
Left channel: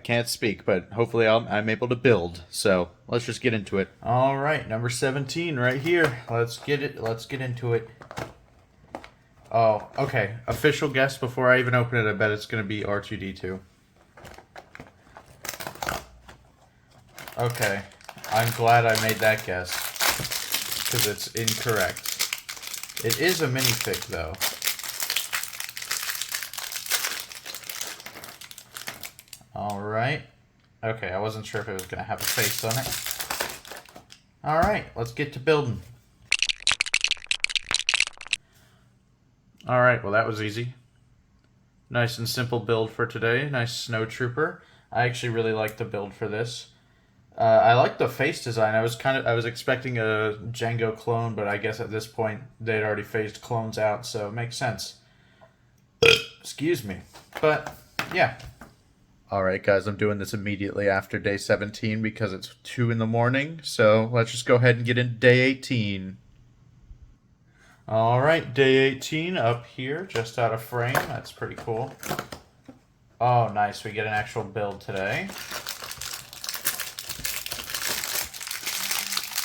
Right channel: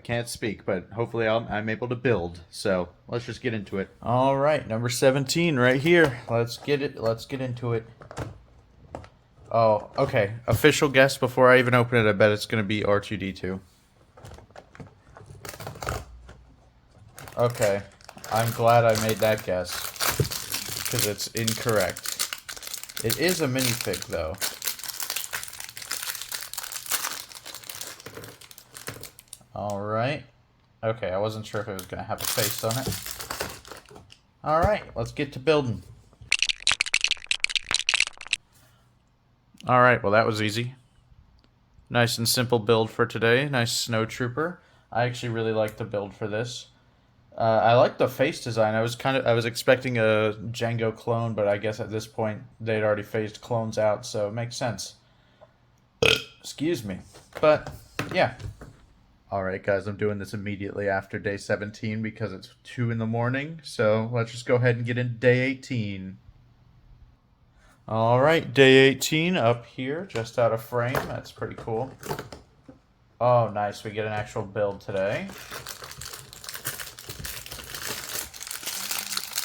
can't speak, but hopefully I'm able to build. So let's just get into it. All right, number 17 right here. Let's get it. Let's get into it. Oh, okay. Official guess before I even open it. I bet it's gonna be R2D2. Okay, I'm glad I made that guess because it's incorrect. It is a minifig though. All right. Okay, I wasn't sure if it was gonna have a face on it. All right, let's get to building. All right, well that was easy. Nice and simple build for today. Nice snow trooper. I actually really like the build for this. I like the face design. I was expecting a Django clone, but I guess at this point they'd already phased clones out, so it makes sense. Excuse me. But yeah. Alright guys, I'm doing this immediately after day 17 because it's 2 in the morning, so let's just go ahead and get into day 18. Alright, day 18 up here, just out of frame. That's pretty cool. Oh, nice. We get an actual build today.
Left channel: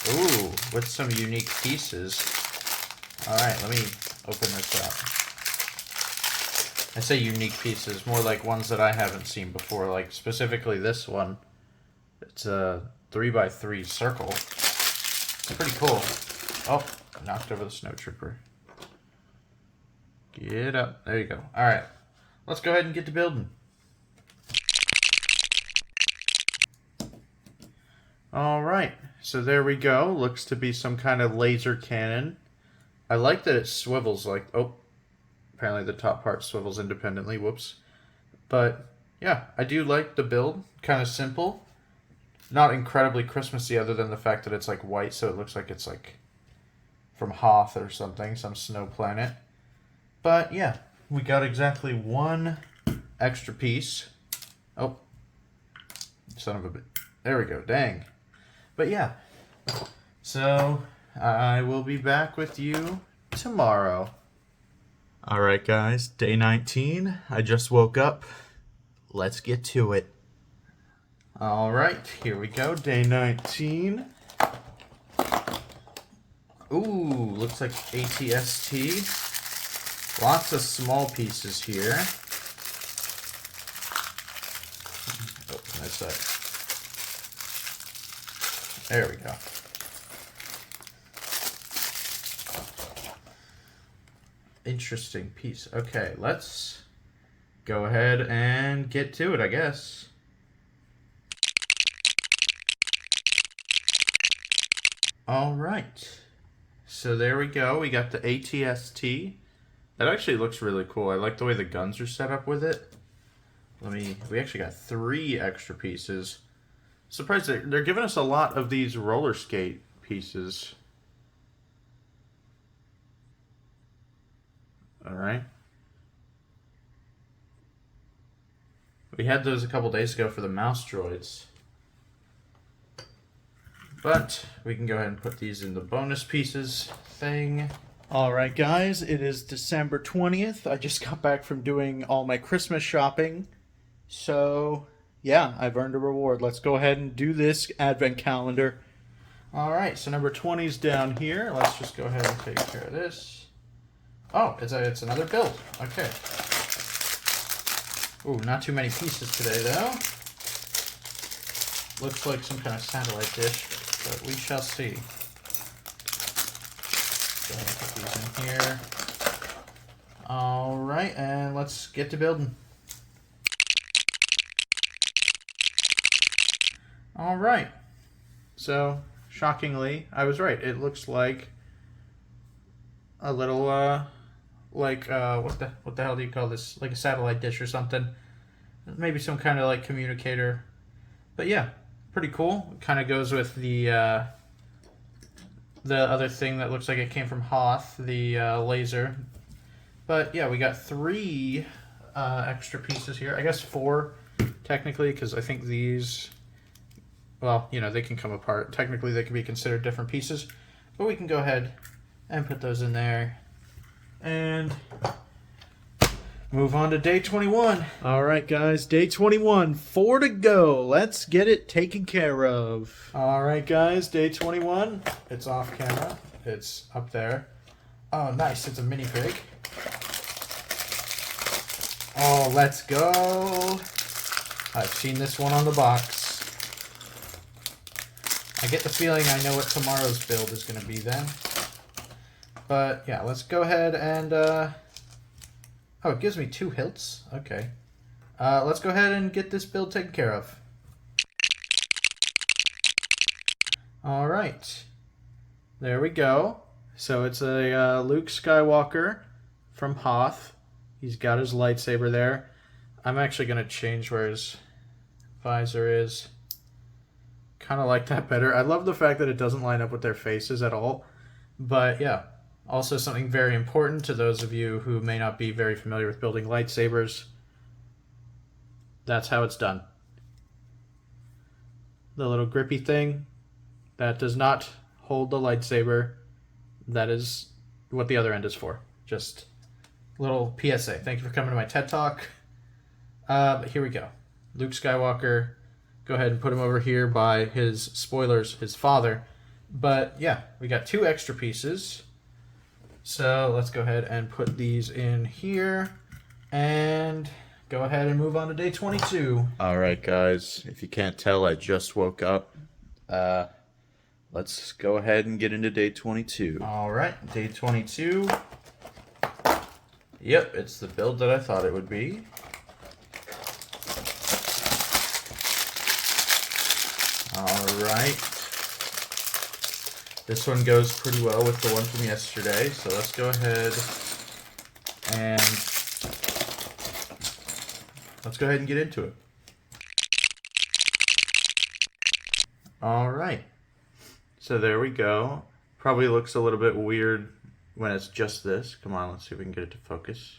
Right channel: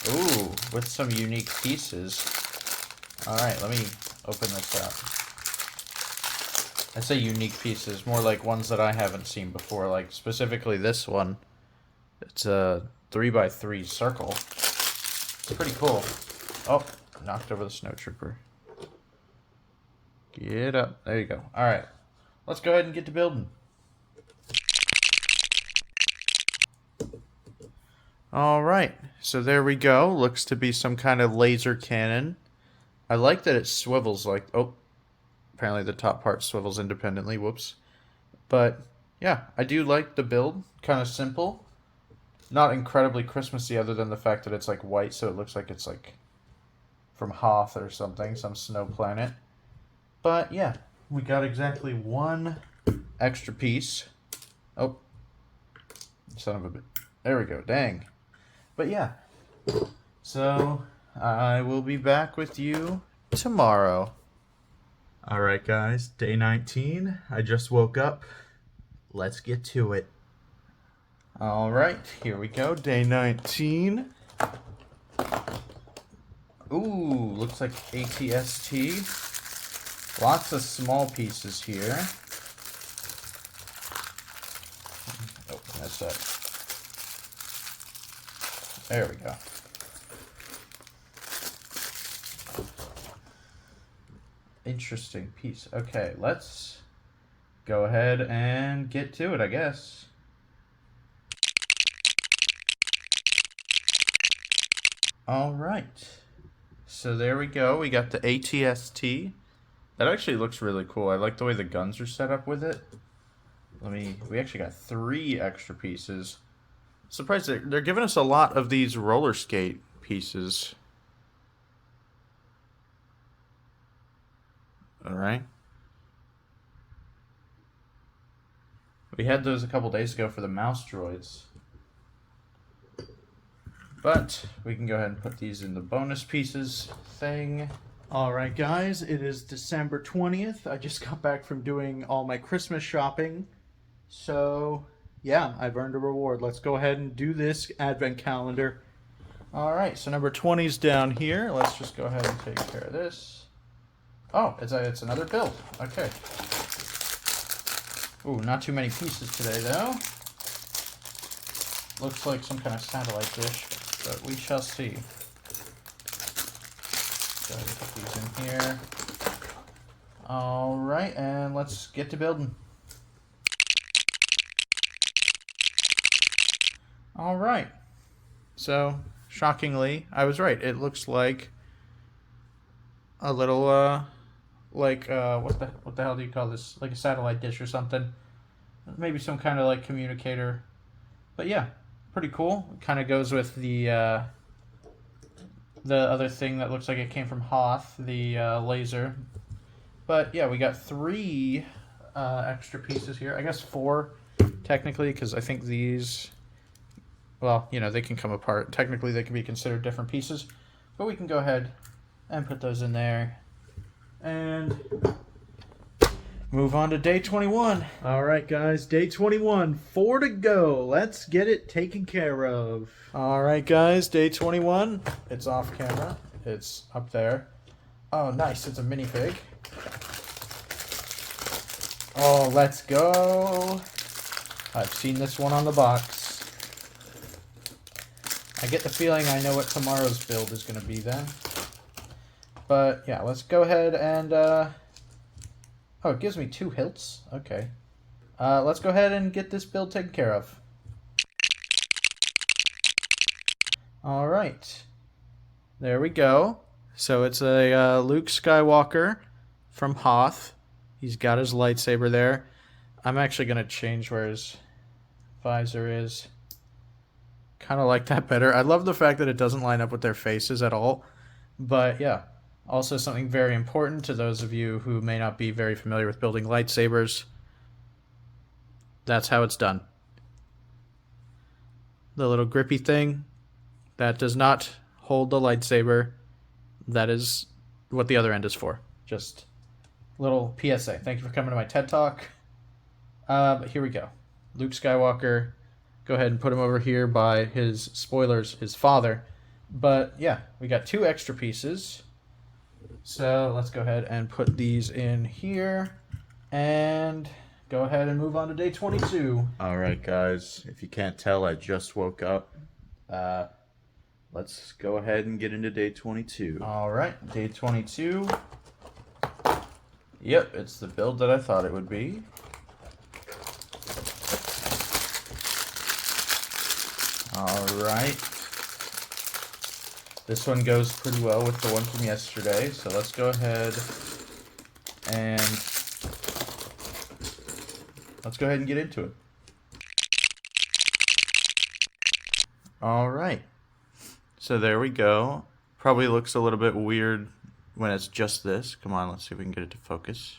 Ooh, with some unique pieces. Alright, let me open this up. I say unique pieces, more like ones that I haven't seen before, like specifically this one. It's a 3x3 circle. It's pretty cool. Oh, knocked over the snow trooper. Get up. There you go. Alright, let's go ahead and get to building. Alright, so there we go. Looks to be some kind of laser cannon. I like that it swivels like... Oh, apparently the top part swivels independently. Whoops. But, yeah, I do like the build. Kind of simple. Not incredibly Christmassy other than the fact that it's like white, so it looks like it's like from Hoth or something, some snow planet. But, yeah, we got exactly one extra piece. Oh, son of a bit. There we go. Dang. But yeah, so I will be back with you tomorrow. Alright guys, day 19. I just woke up. Let's get to it. Alright, here we go, day 19. Ooh, looks like ATST. Lots of small pieces here. Oh, that's that. There we go. Interesting piece. Okay, let's go ahead and get to it, I guess. All right. So there we go. We got the ATST. That actually looks really cool. I like the way the guns are set up with it. We actually got 3 extra pieces. Surprised they're giving us a lot of these roller skate pieces. Alright. We had those a couple days ago for the mouse droids. But we can go ahead and put these in the bonus pieces thing. Alright guys, it is December 20th. I just got back from doing all my Christmas shopping. So... yeah, I've earned a reward. Let's go ahead and do this advent calendar. Alright, so number 20's down here. Let's just go ahead and take care of this. Oh, it's another build. Okay. Ooh, not too many pieces today, though. Looks like some kind of satellite dish, but we shall see. Go ahead and put these in here. Alright, and let's get to building. Alright, so shockingly, I was right. It looks like a little, what the hell do you call this? Like a satellite dish or something. Maybe some kind of like communicator. But yeah, pretty cool. It kind of goes with the other thing that looks like it came from Hoth, the laser. But yeah, we got 3 extra pieces here. I guess 4 technically, because I think these well, you know, they can come apart. Technically, they can be considered different pieces, but we can go ahead and put those in there and move on to day 21. All right, guys, day 21, 4 to go. Let's get it taken care of. All right, guys, day 21. It's off camera. It's up there. Oh, nice. It's a minifig. Oh, let's go. I've seen this one on the box. I get the feeling I know what tomorrow's build is going to be then. But, yeah, let's go ahead and... Oh, it gives me 2 hilts. Okay. Let's go ahead and get this build taken care of. All right. There we go. So it's a Luke Skywalker from Hoth. He's got his lightsaber there. I'm actually going to change where his visor is. Kind of like that better. I love the fact that it doesn't line up with their faces at all. But yeah, also something very important to those of you who may not be very familiar with building lightsabers. That's how it's done. The little grippy thing, that does not hold the lightsaber. That is what the other end is for. Just little PSA. Thank you for coming to my TED Talk. Here we go. Luke Skywalker. Go ahead and put him over here by his, spoilers, his father. But yeah, we got 2 extra pieces. So let's go ahead and put these in here. And go ahead and move on to day 22. All right, guys, if you can't tell, I just woke up. Let's go ahead and get into day 22. All right, day 22. Yep, it's the build that I thought it would be. All right. This one goes pretty well with the one from yesterday, so let's go ahead and get into it. All right. So there we go. Probably looks a little bit weird when it's just this. Come on, let's see if we can get it to focus.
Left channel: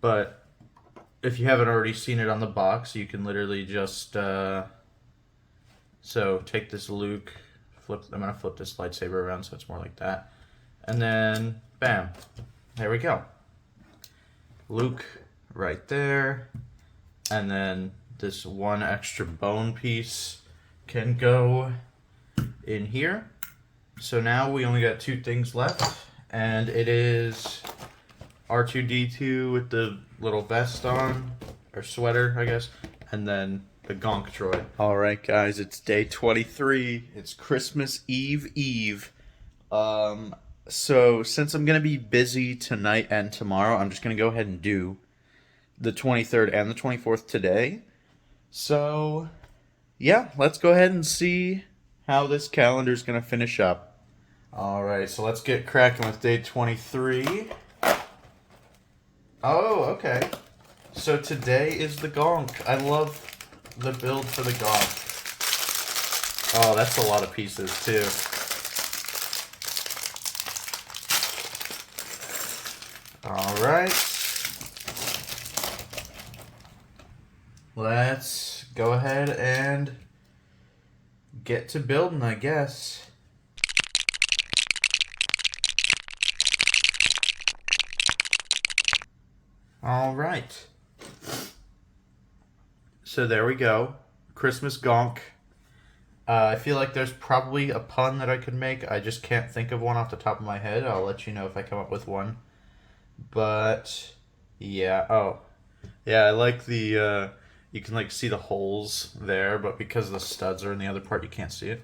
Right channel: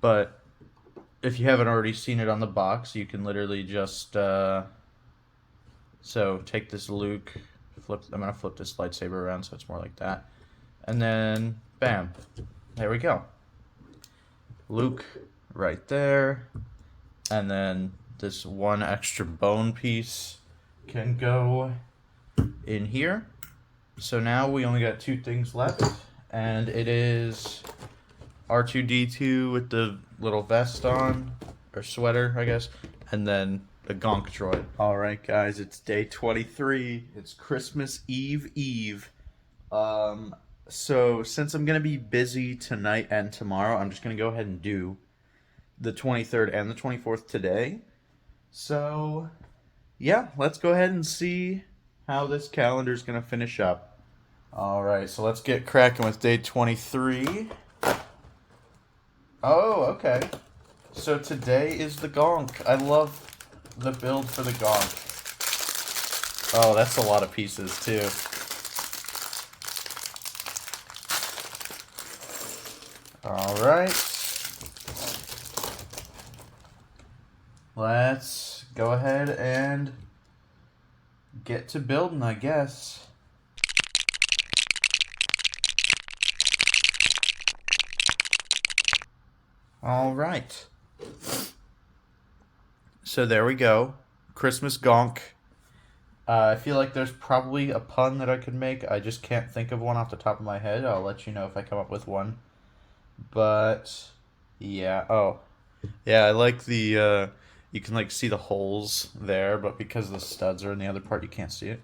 But if you haven't already seen it on the box, you can literally just so take this Luke, I'm gonna flip this lightsaber around so it's more like that, and then bam, there we go. Luke right there, and then this one extra bone piece can go in here. So now we only got 2 things left, and it is R2-D2 with the little vest on, or sweater, I guess, and then the Gonk droid. All right, guys, it's day 23. It's Christmas Eve. So since I'm going to be busy tonight and tomorrow, I'm just going to go ahead and do the 23rd and the 24th today. So, yeah, let's go ahead and see how this calendar is going to finish up. All right, so let's get cracking with day 23. Oh, okay. So today is the Gonk. I love the build for the Gonk. Oh, that's a lot of pieces, too. All right. Let's go ahead and get to building, I guess. All right. So there we go. Christmas Gonk. I feel like there's probably a pun that I could make. I just can't think of one off the top of my head. I'll let you know if I come up with one. But, yeah. Oh. Yeah, I like the, you can, like, see the holes there, but because the studs are in the other part, you can't see it.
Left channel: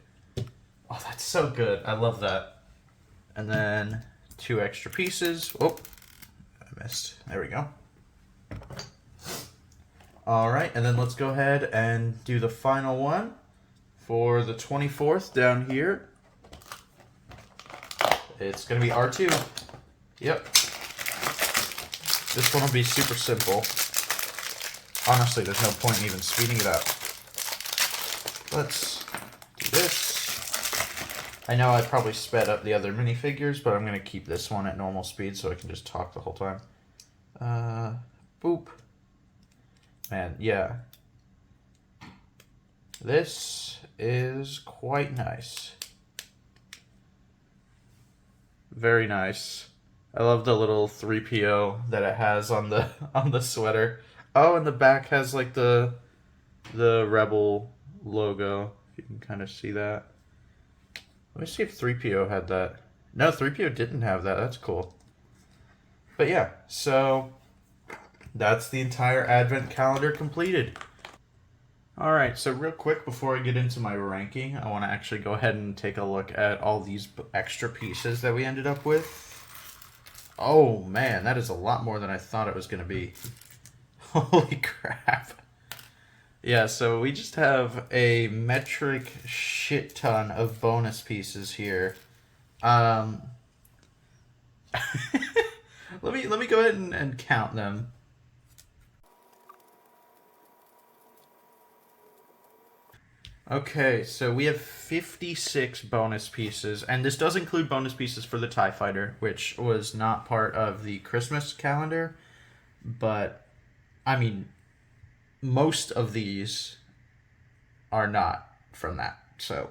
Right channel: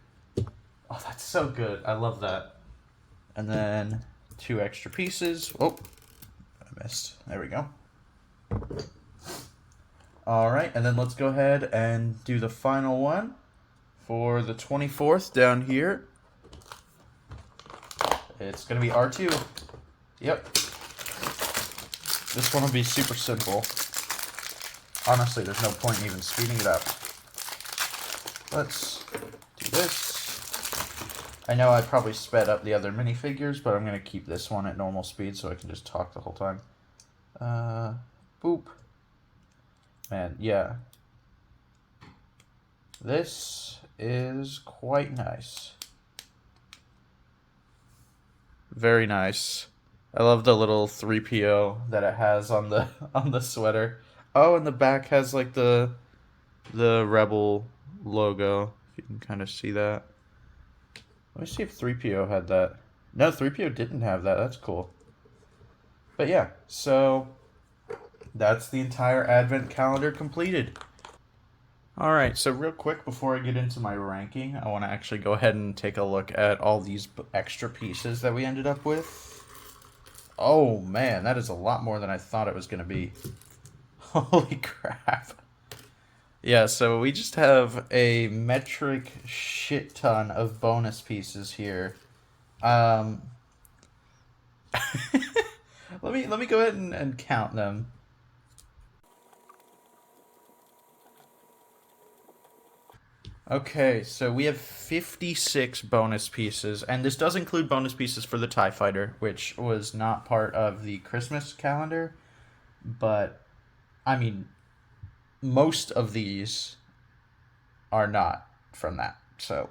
Oh, that's so good. I love that. And then 2 extra pieces. Oh, I missed. There we go. All right, and then let's go ahead and do the final one for the 24th down here. It's going to be R2. Yep. This one will be super simple. Honestly, there's no point in even speeding it up. Let's do this. I know I probably sped up the other minifigures, but I'm going to keep this one at normal speed so I can just talk the whole time. Boop. Man, yeah. This is quite nice. Very nice. I love the little 3PO that it has on the sweater. Oh, and the back has like the Rebel logo. If you can kind of see that. Let me see if 3PO had that. No, 3PO didn't have that. That's cool. But yeah, so that's the entire advent calendar completed. All right, so real quick before I get into my ranking, I want to actually go ahead and take a look at all these extra pieces that we ended up with. Oh man, that is a lot more than I thought it was going to be. Holy crap. Yeah, so we just have a metric shit ton of bonus pieces here. Let me go ahead and count them. Okay, so we have 56 bonus pieces, and this does include bonus pieces for the TIE Fighter, which was not part of the Christmas calendar, but, I mean, most of these are not from that, so...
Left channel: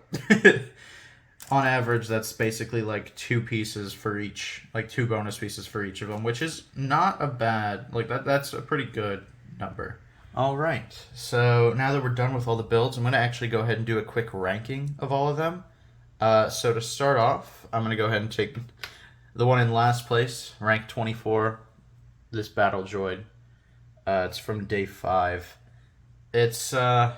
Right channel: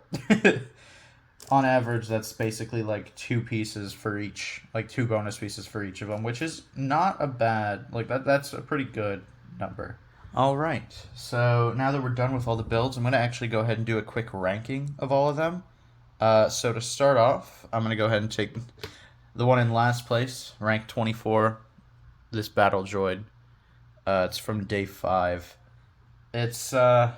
On average, that's basically like 2 pieces for each, like 2 bonus pieces for each of them, which is not a bad, like that's a pretty good number. All right, so now that we're done with all the builds, I'm going to actually go ahead and do a quick ranking of all of them. So to start off, I'm going to go ahead and take the one in last place, rank 24, this Battle Droid. It's from day 5. It's, I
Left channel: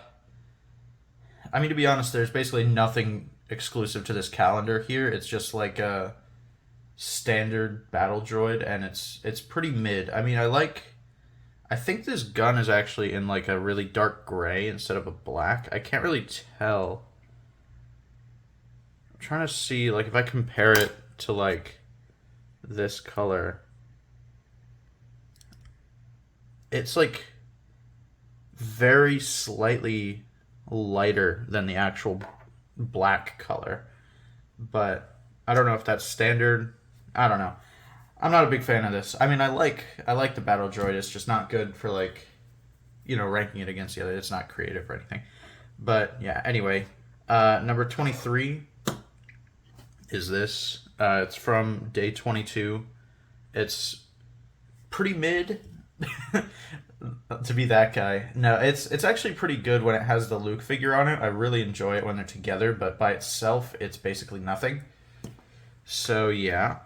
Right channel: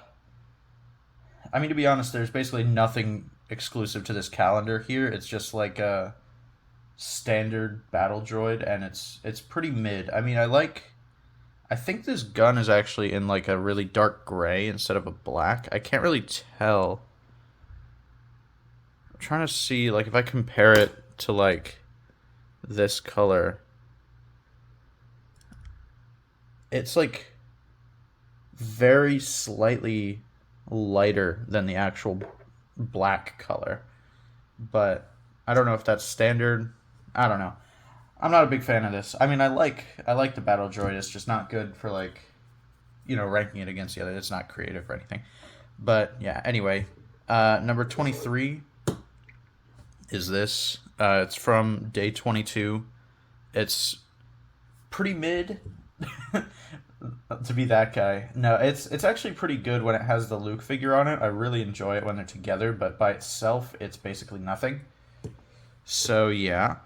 mean, to be honest, there's basically nothing exclusive to this calendar here. It's just like a standard battle droid, and it's pretty mid. I mean, I think this gun is actually in like a really dark gray instead of a black. I can't really tell. I'm trying to see like if I compare it to like this color. It's like very slightly lighter than the actual black color, but I don't know if that's standard. I don't know. I'm not a big fan of this. I mean, I like the battle droid. It's just not good for like, ranking it against the other. It's not creative or anything. But yeah. Anyway, number 23 is this. It's from day 22. It's pretty mid. To be that guy. No, it's actually pretty good when it has the Luke figure on it. I really enjoy it when they're together, but by itself, it's basically nothing. So yeah.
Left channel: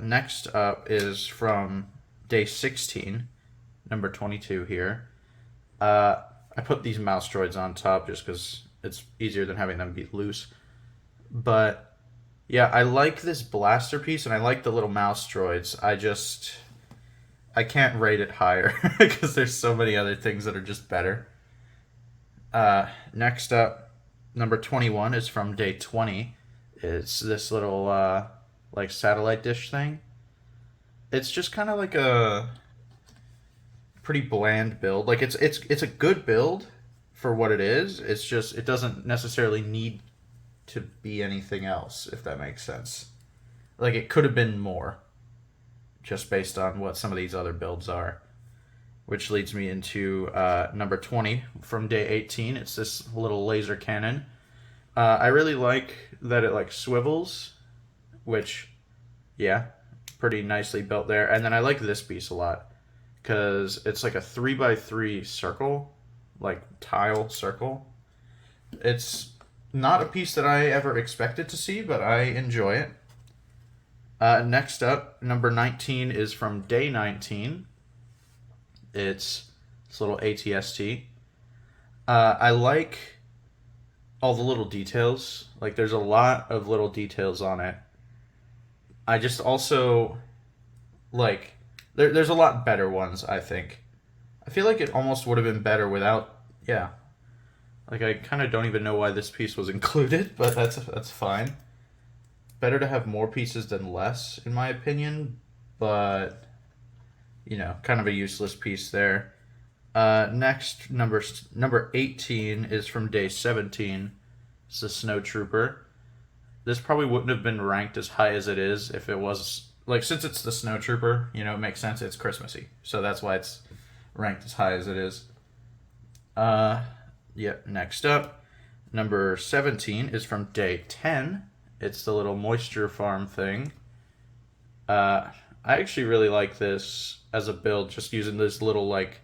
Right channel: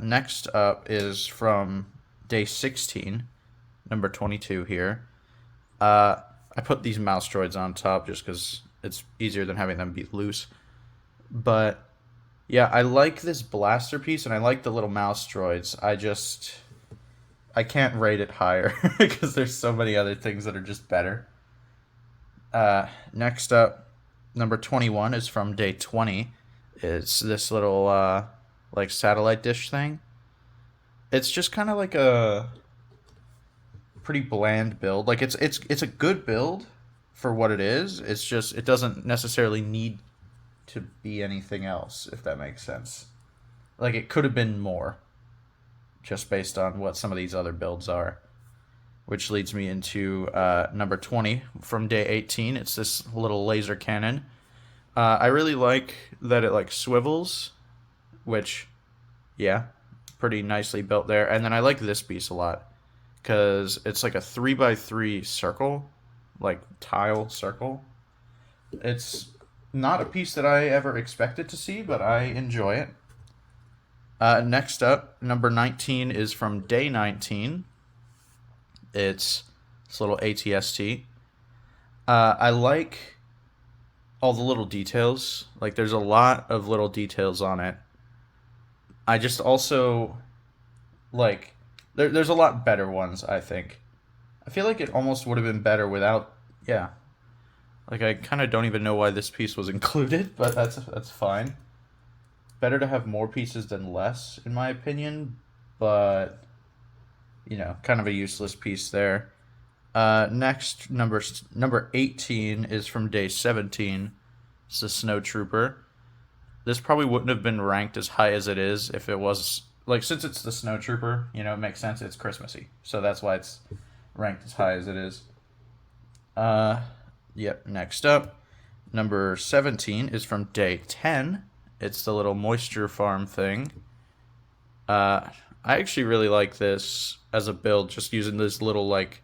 Next up is from day 16, number 22 here. I put these mouse droids on top just because it's easier than having them be loose. But yeah, I like this blaster piece and I like the little mouse droids. I can't rate it higher because there's so many other things that are just better. Next up, number 21 is from day 20. It's this little like satellite dish thing. It's just kind of like a pretty bland build. Like it's a good build for what it is. It's just it doesn't necessarily need to be anything else, if that makes sense. Like it could have been more, just based on what some of these other builds are. Which leads me into number 20 from day 18. It's this little laser cannon. I really like that it like swivels, which, yeah, pretty nicely built there. And then I like this piece a lot because it's like a 3x3 circle, like tile circle. It's not a piece that I ever expected to see, but I enjoy it. Next up, number 19 is from day 19. It's this little ATST. I like all the little details. Like, there's a lot of little details on it. I just also, like, there's a lot better ones, I think. I feel like it almost would have been better without, yeah. Like, I kind of don't even know why this piece was included, but that's fine. Better to have more pieces than less, in my opinion, but, kind of a useless piece there. Next, number 18 is from day 17. It's the Snow Trooper. This probably wouldn't have been ranked as high as it is if it was, like, since it's the Snow Trooper, it makes sense, it's Christmassy. So that's why it's ranked as high as it is. Yep, next up, number 17 is from day 10. It's the little moisture farm thing. I actually really like this as a build, just using this little, like,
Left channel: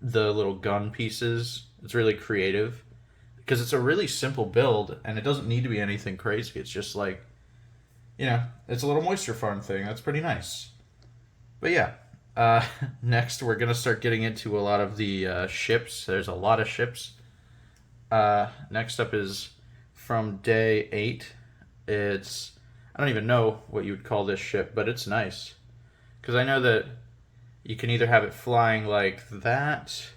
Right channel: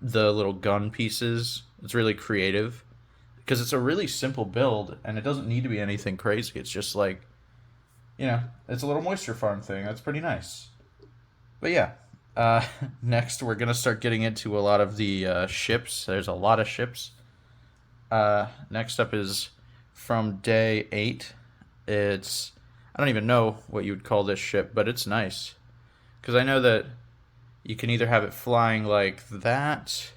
the little gun pieces. It's really creative because it's a really simple build and it doesn't need to be anything crazy. It's just like, it's a little moisture farm thing. That's pretty nice. But yeah, uh, next we're gonna start getting into a lot of the ships. There's a lot of ships. Next up is from day 8. It's I don't even know what you would call this ship, but it's nice because I know that you can either have it flying like that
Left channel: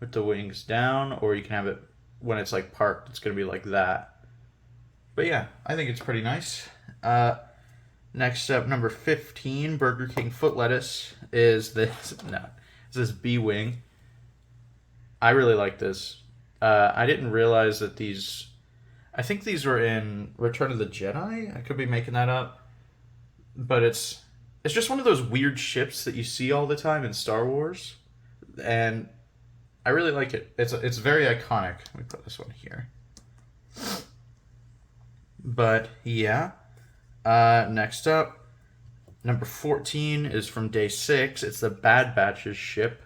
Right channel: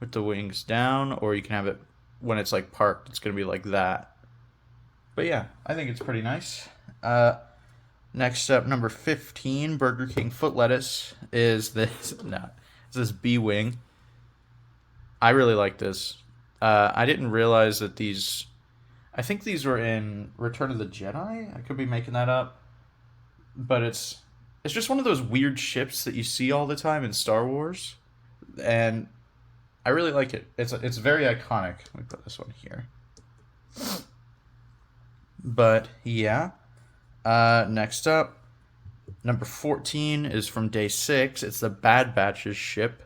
with the wings down, or you can have it when it's like parked. It's gonna be like that. But yeah, I think it's pretty nice. Next up, number 15, Burger King foot lettuce is this. No, it's this B wing. I really like this. I didn't realize that these. I think these were in Return of the Jedi. I could be making that up, but it's just one of those weird ships that you see all the time in Star Wars, and I really like it. It's very iconic. Let me put this one here. But yeah. Next up, number 14 is from day 6. It's the Bad Batch's ship,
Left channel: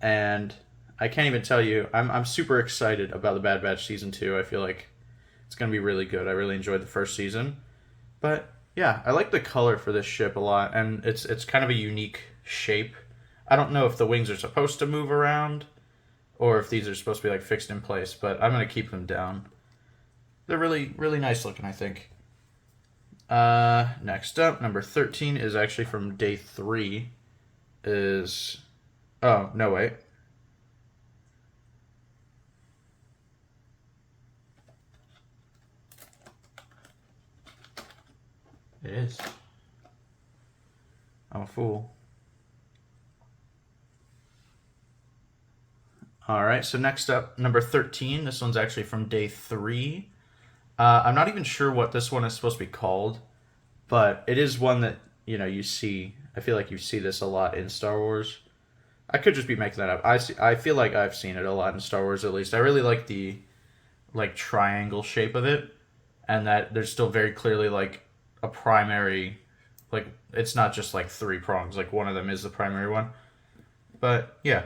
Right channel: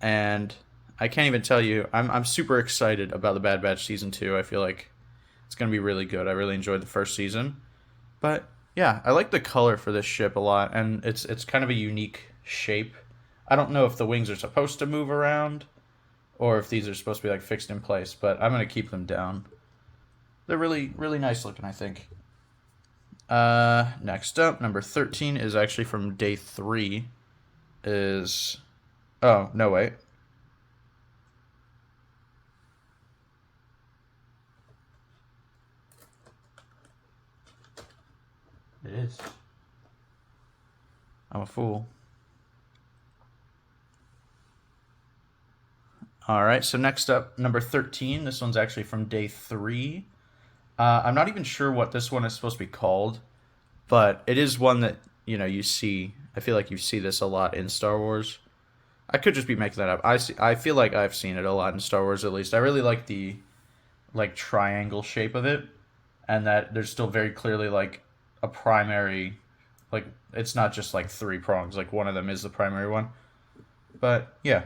and I can't even tell you. I'm super excited about the Bad Batch season 2. I feel like it's gonna be really good. I really enjoyed the first season, but yeah, I like the color for this ship a lot, and it's kind of a unique shape. I don't know if the wings are supposed to move around, or if these are supposed to be like fixed in place, but I'm gonna keep them down. They're really really nice looking, I think. Next up, number 13 is actually from day 3. Oh, no, wait. It is. I'm a fool. All right, so next up, number 13. This one's actually from day 3. I'm not even sure what this one is supposed to be called, but it is one that, you see. I feel like you see this a lot in Star Wars. I could just be making that up. I feel like I've seen it a lot in Star Wars, at least. I really like the triangle shape of it, and that there's still very clearly like a primary, like it's not just like 3 prongs, like one of them is the primary one. But yeah.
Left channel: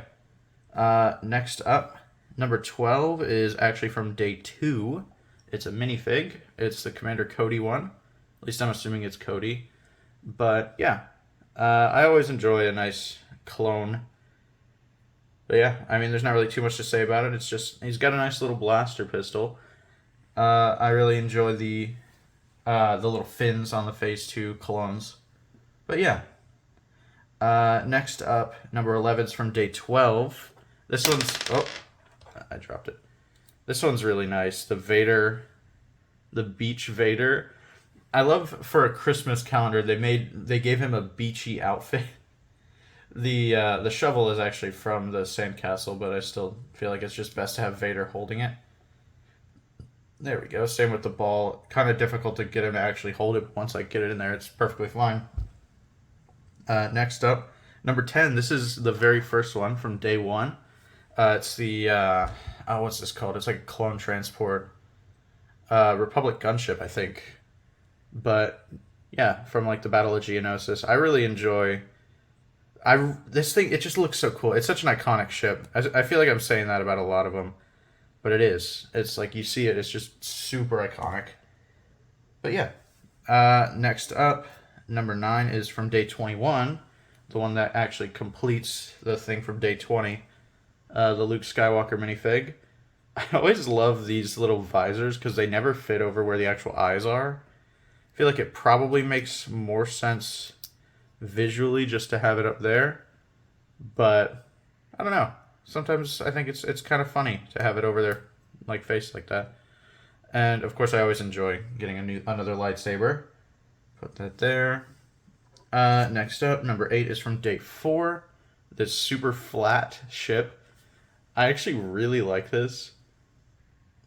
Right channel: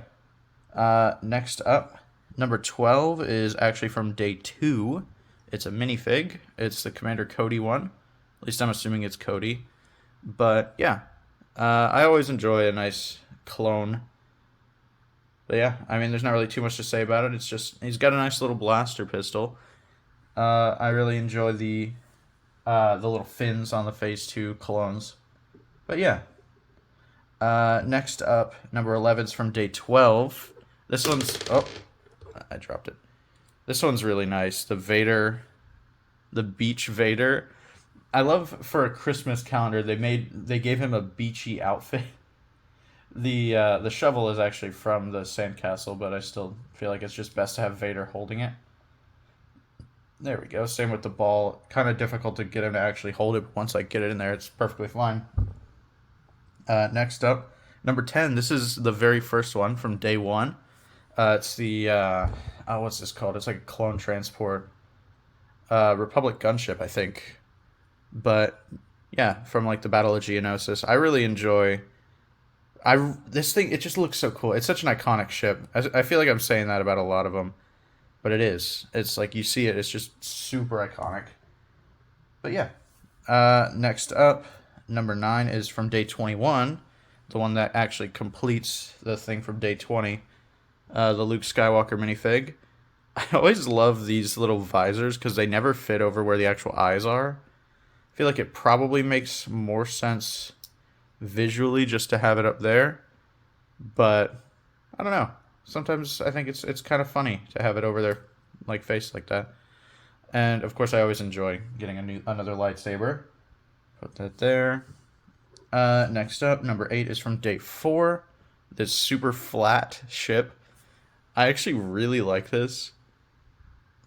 Next up, number 12 is actually from day 2. It's a minifig. It's the Commander Cody one. At least I'm assuming it's Cody. But yeah, I always enjoy a nice clone. But yeah, I mean, there's not really too much to say about it. It's just he's got a nice little blaster pistol. I really enjoy the little fins on the phase 2 clones. But yeah. Next up, number 11 is from day 12. This one's I dropped it. This one's really nice. The Vader, the Beach Vader. I love for a Christmas calendar they gave him a beachy outfit. The shovel is actually from the sandcastle, but I still feel like it's just best to have Vader holding it. There we go. Same with the ball. Kind of difficult to get him to actually hold it. Once I get it in there, it's perfectly fine. Next up, number 10. This is the very first one from day 1. It's the what's this called? It's like a clone transport, Republic gunship, I think. But yeah, from like the Battle of Geonosis, I really enjoy. This thing, it just looks so cool. It's such an iconic ship. I feel like I'm saying that about a lot of them, but it is. It's like you see it. It's just super iconic. But yeah, next up, number 9 is from day 21, the one that actually completes the thing from day 20. The Luke Skywalker minifig. I always love these little visors because they never fit over where the actual eyes are. I feel like it probably makes more sense visually just to have it up there, but I don't know. Sometimes I think it's kind of funny to have it over their like face like that. And of course, I always enjoy getting another lightsaber. Put that there. Next up, number 8 is from day 4. This super flat ship. I actually really like this.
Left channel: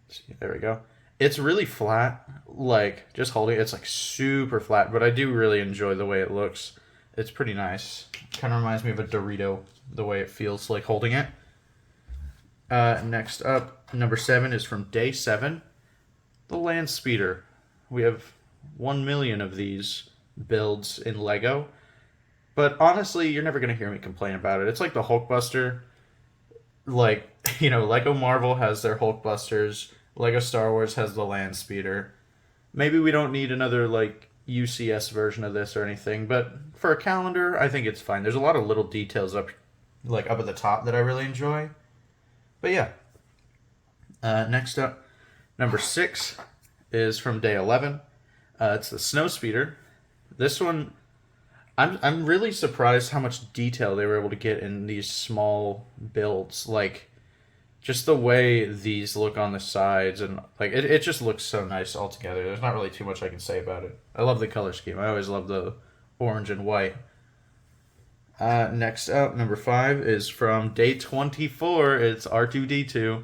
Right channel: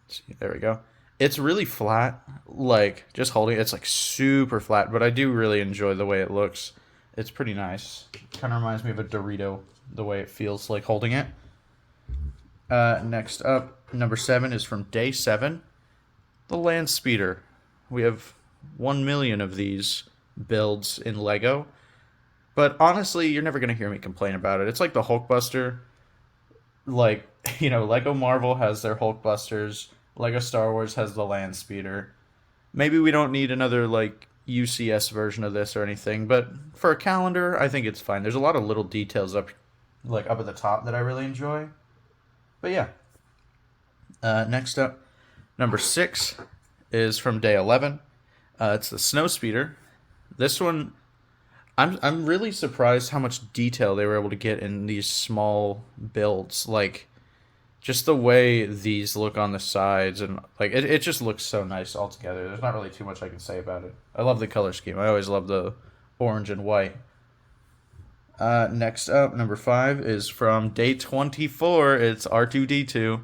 See, there we go. It's really flat, like just holding it. It's like super flat, but I do really enjoy the way it looks. It's pretty nice. Kind of reminds me of a Dorito, the way it feels like holding it. Next up, number 7 is from day 7, the land speeder. We have 1 million of these builds in Lego, but honestly, you're never gonna hear me complain about it. It's like the Hulkbuster. Like, Lego Marvel has their Hulkbusters. Lego Star Wars has the land speeder. Maybe we don't need another like UCS version of this or anything, but for a calendar, I think it's fine. There's a lot of little details up at the top that I really enjoy. But yeah. Next up, number 6 is from day 11. It's the snow speeder. This one, I'm really surprised how much detail they were able to get in these small builds. Like, just the way these look on the sides, and like it just looks so nice all together. There's not really too much I can say about it. I love the color scheme. I always love the orange and white. Next up, number 5 is from day 24. It's R2D2.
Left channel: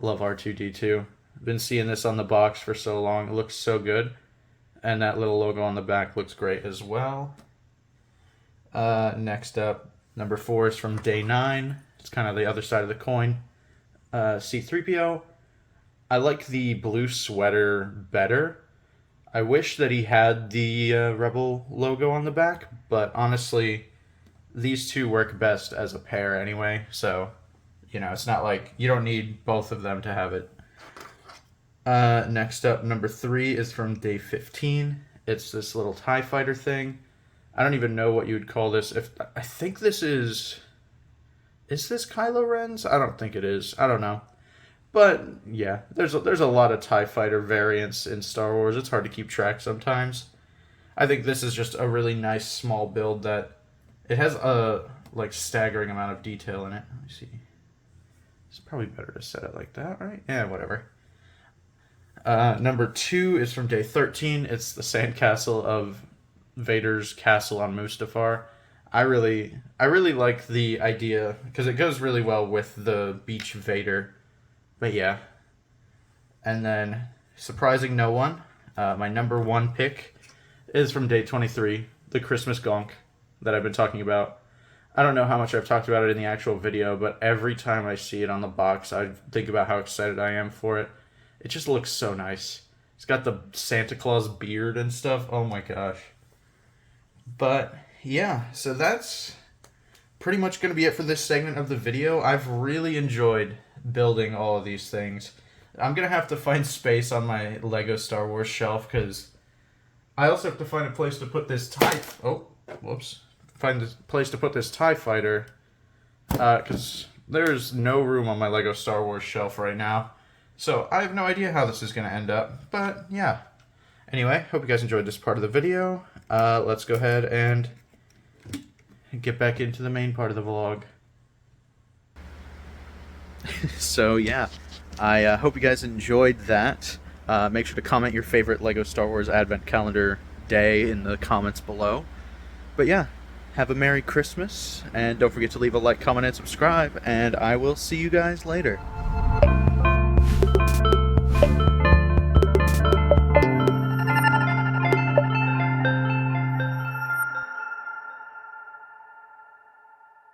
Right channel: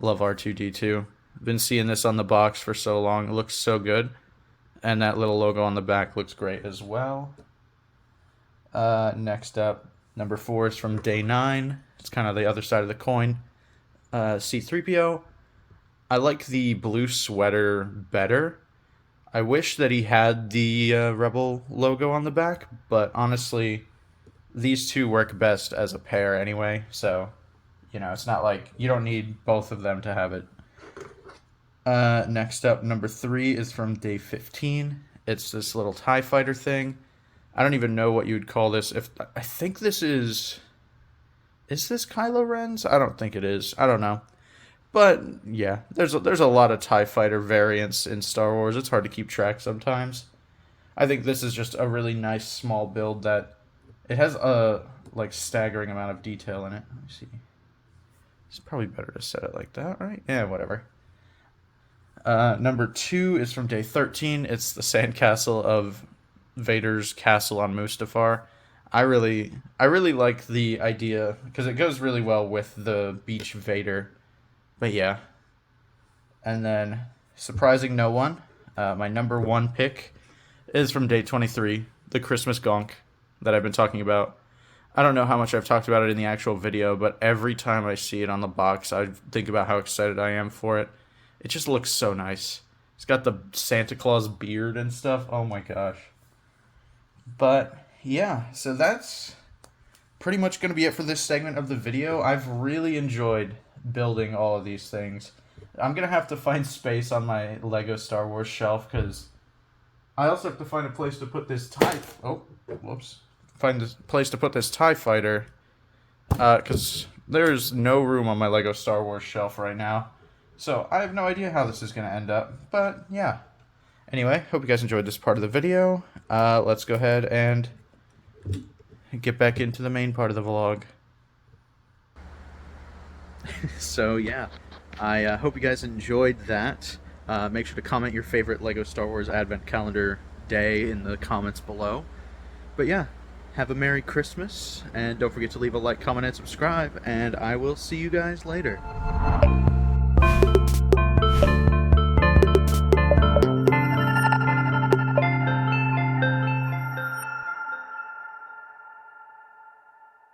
Love R2D2. Been seeing this on the box for so long. It looks so good. And that little logo on the back looks great as well. Next up, number 4 is from day 9. It's kind of the other side of the coin. C-3PO. I like the blue sweater better. I wish that he had the Rebel logo on the back, but honestly, these two work best as a pair anyway, so, it's not like you don't need both of them to have it. Next up, number 3 is from day 15. It's this little TIE fighter thing. I don't even know what you would call this. I think this is this Kylo Ren's? I don't think it is. I don't know. But yeah, there's a lot of TIE fighter variants in Star Wars. It's hard to keep track sometimes. I think this is just a really nice small build that it has a staggering amount of detail in it. Let me see. It's probably better to set it like that, right? Yeah, whatever. Number 2 is from day 13. It's the sandcastle of Vader's castle on Mustafar. I really like the idea because it goes really well with the beach Vader. But yeah. And then, surprising no one, my number 1 pick is from day 23, the Christmas Gonk that I've been talking about. I don't know how much I've talked about it in the actual video, but every time I see it on the box, I think about how excited I am for it. It just looks so nice. It's got the Santa Claus beard and stuff. Oh my gosh. But yeah, so that's pretty much going to be it for this segment of the video. I've really enjoyed building all of these things. I'm going to have to find space on my Lego Star Wars shelf because I also have to find a place to put this Find a place to put this TIE fighter because there's no room on my Lego Star Wars shelf right now. So I have no idea how this is going to end up, but yeah. Anyway, hope you guys enjoyed this part of the video. Let's go ahead and get back into the main part of the vlog. So yeah, I hope you guys enjoyed that. Make sure to comment your favorite Lego Star Wars Advent Calendar day in the comments below. But yeah, have a Merry Christmas, and don't forget to leave a like, comment, and subscribe, and I will see you guys later.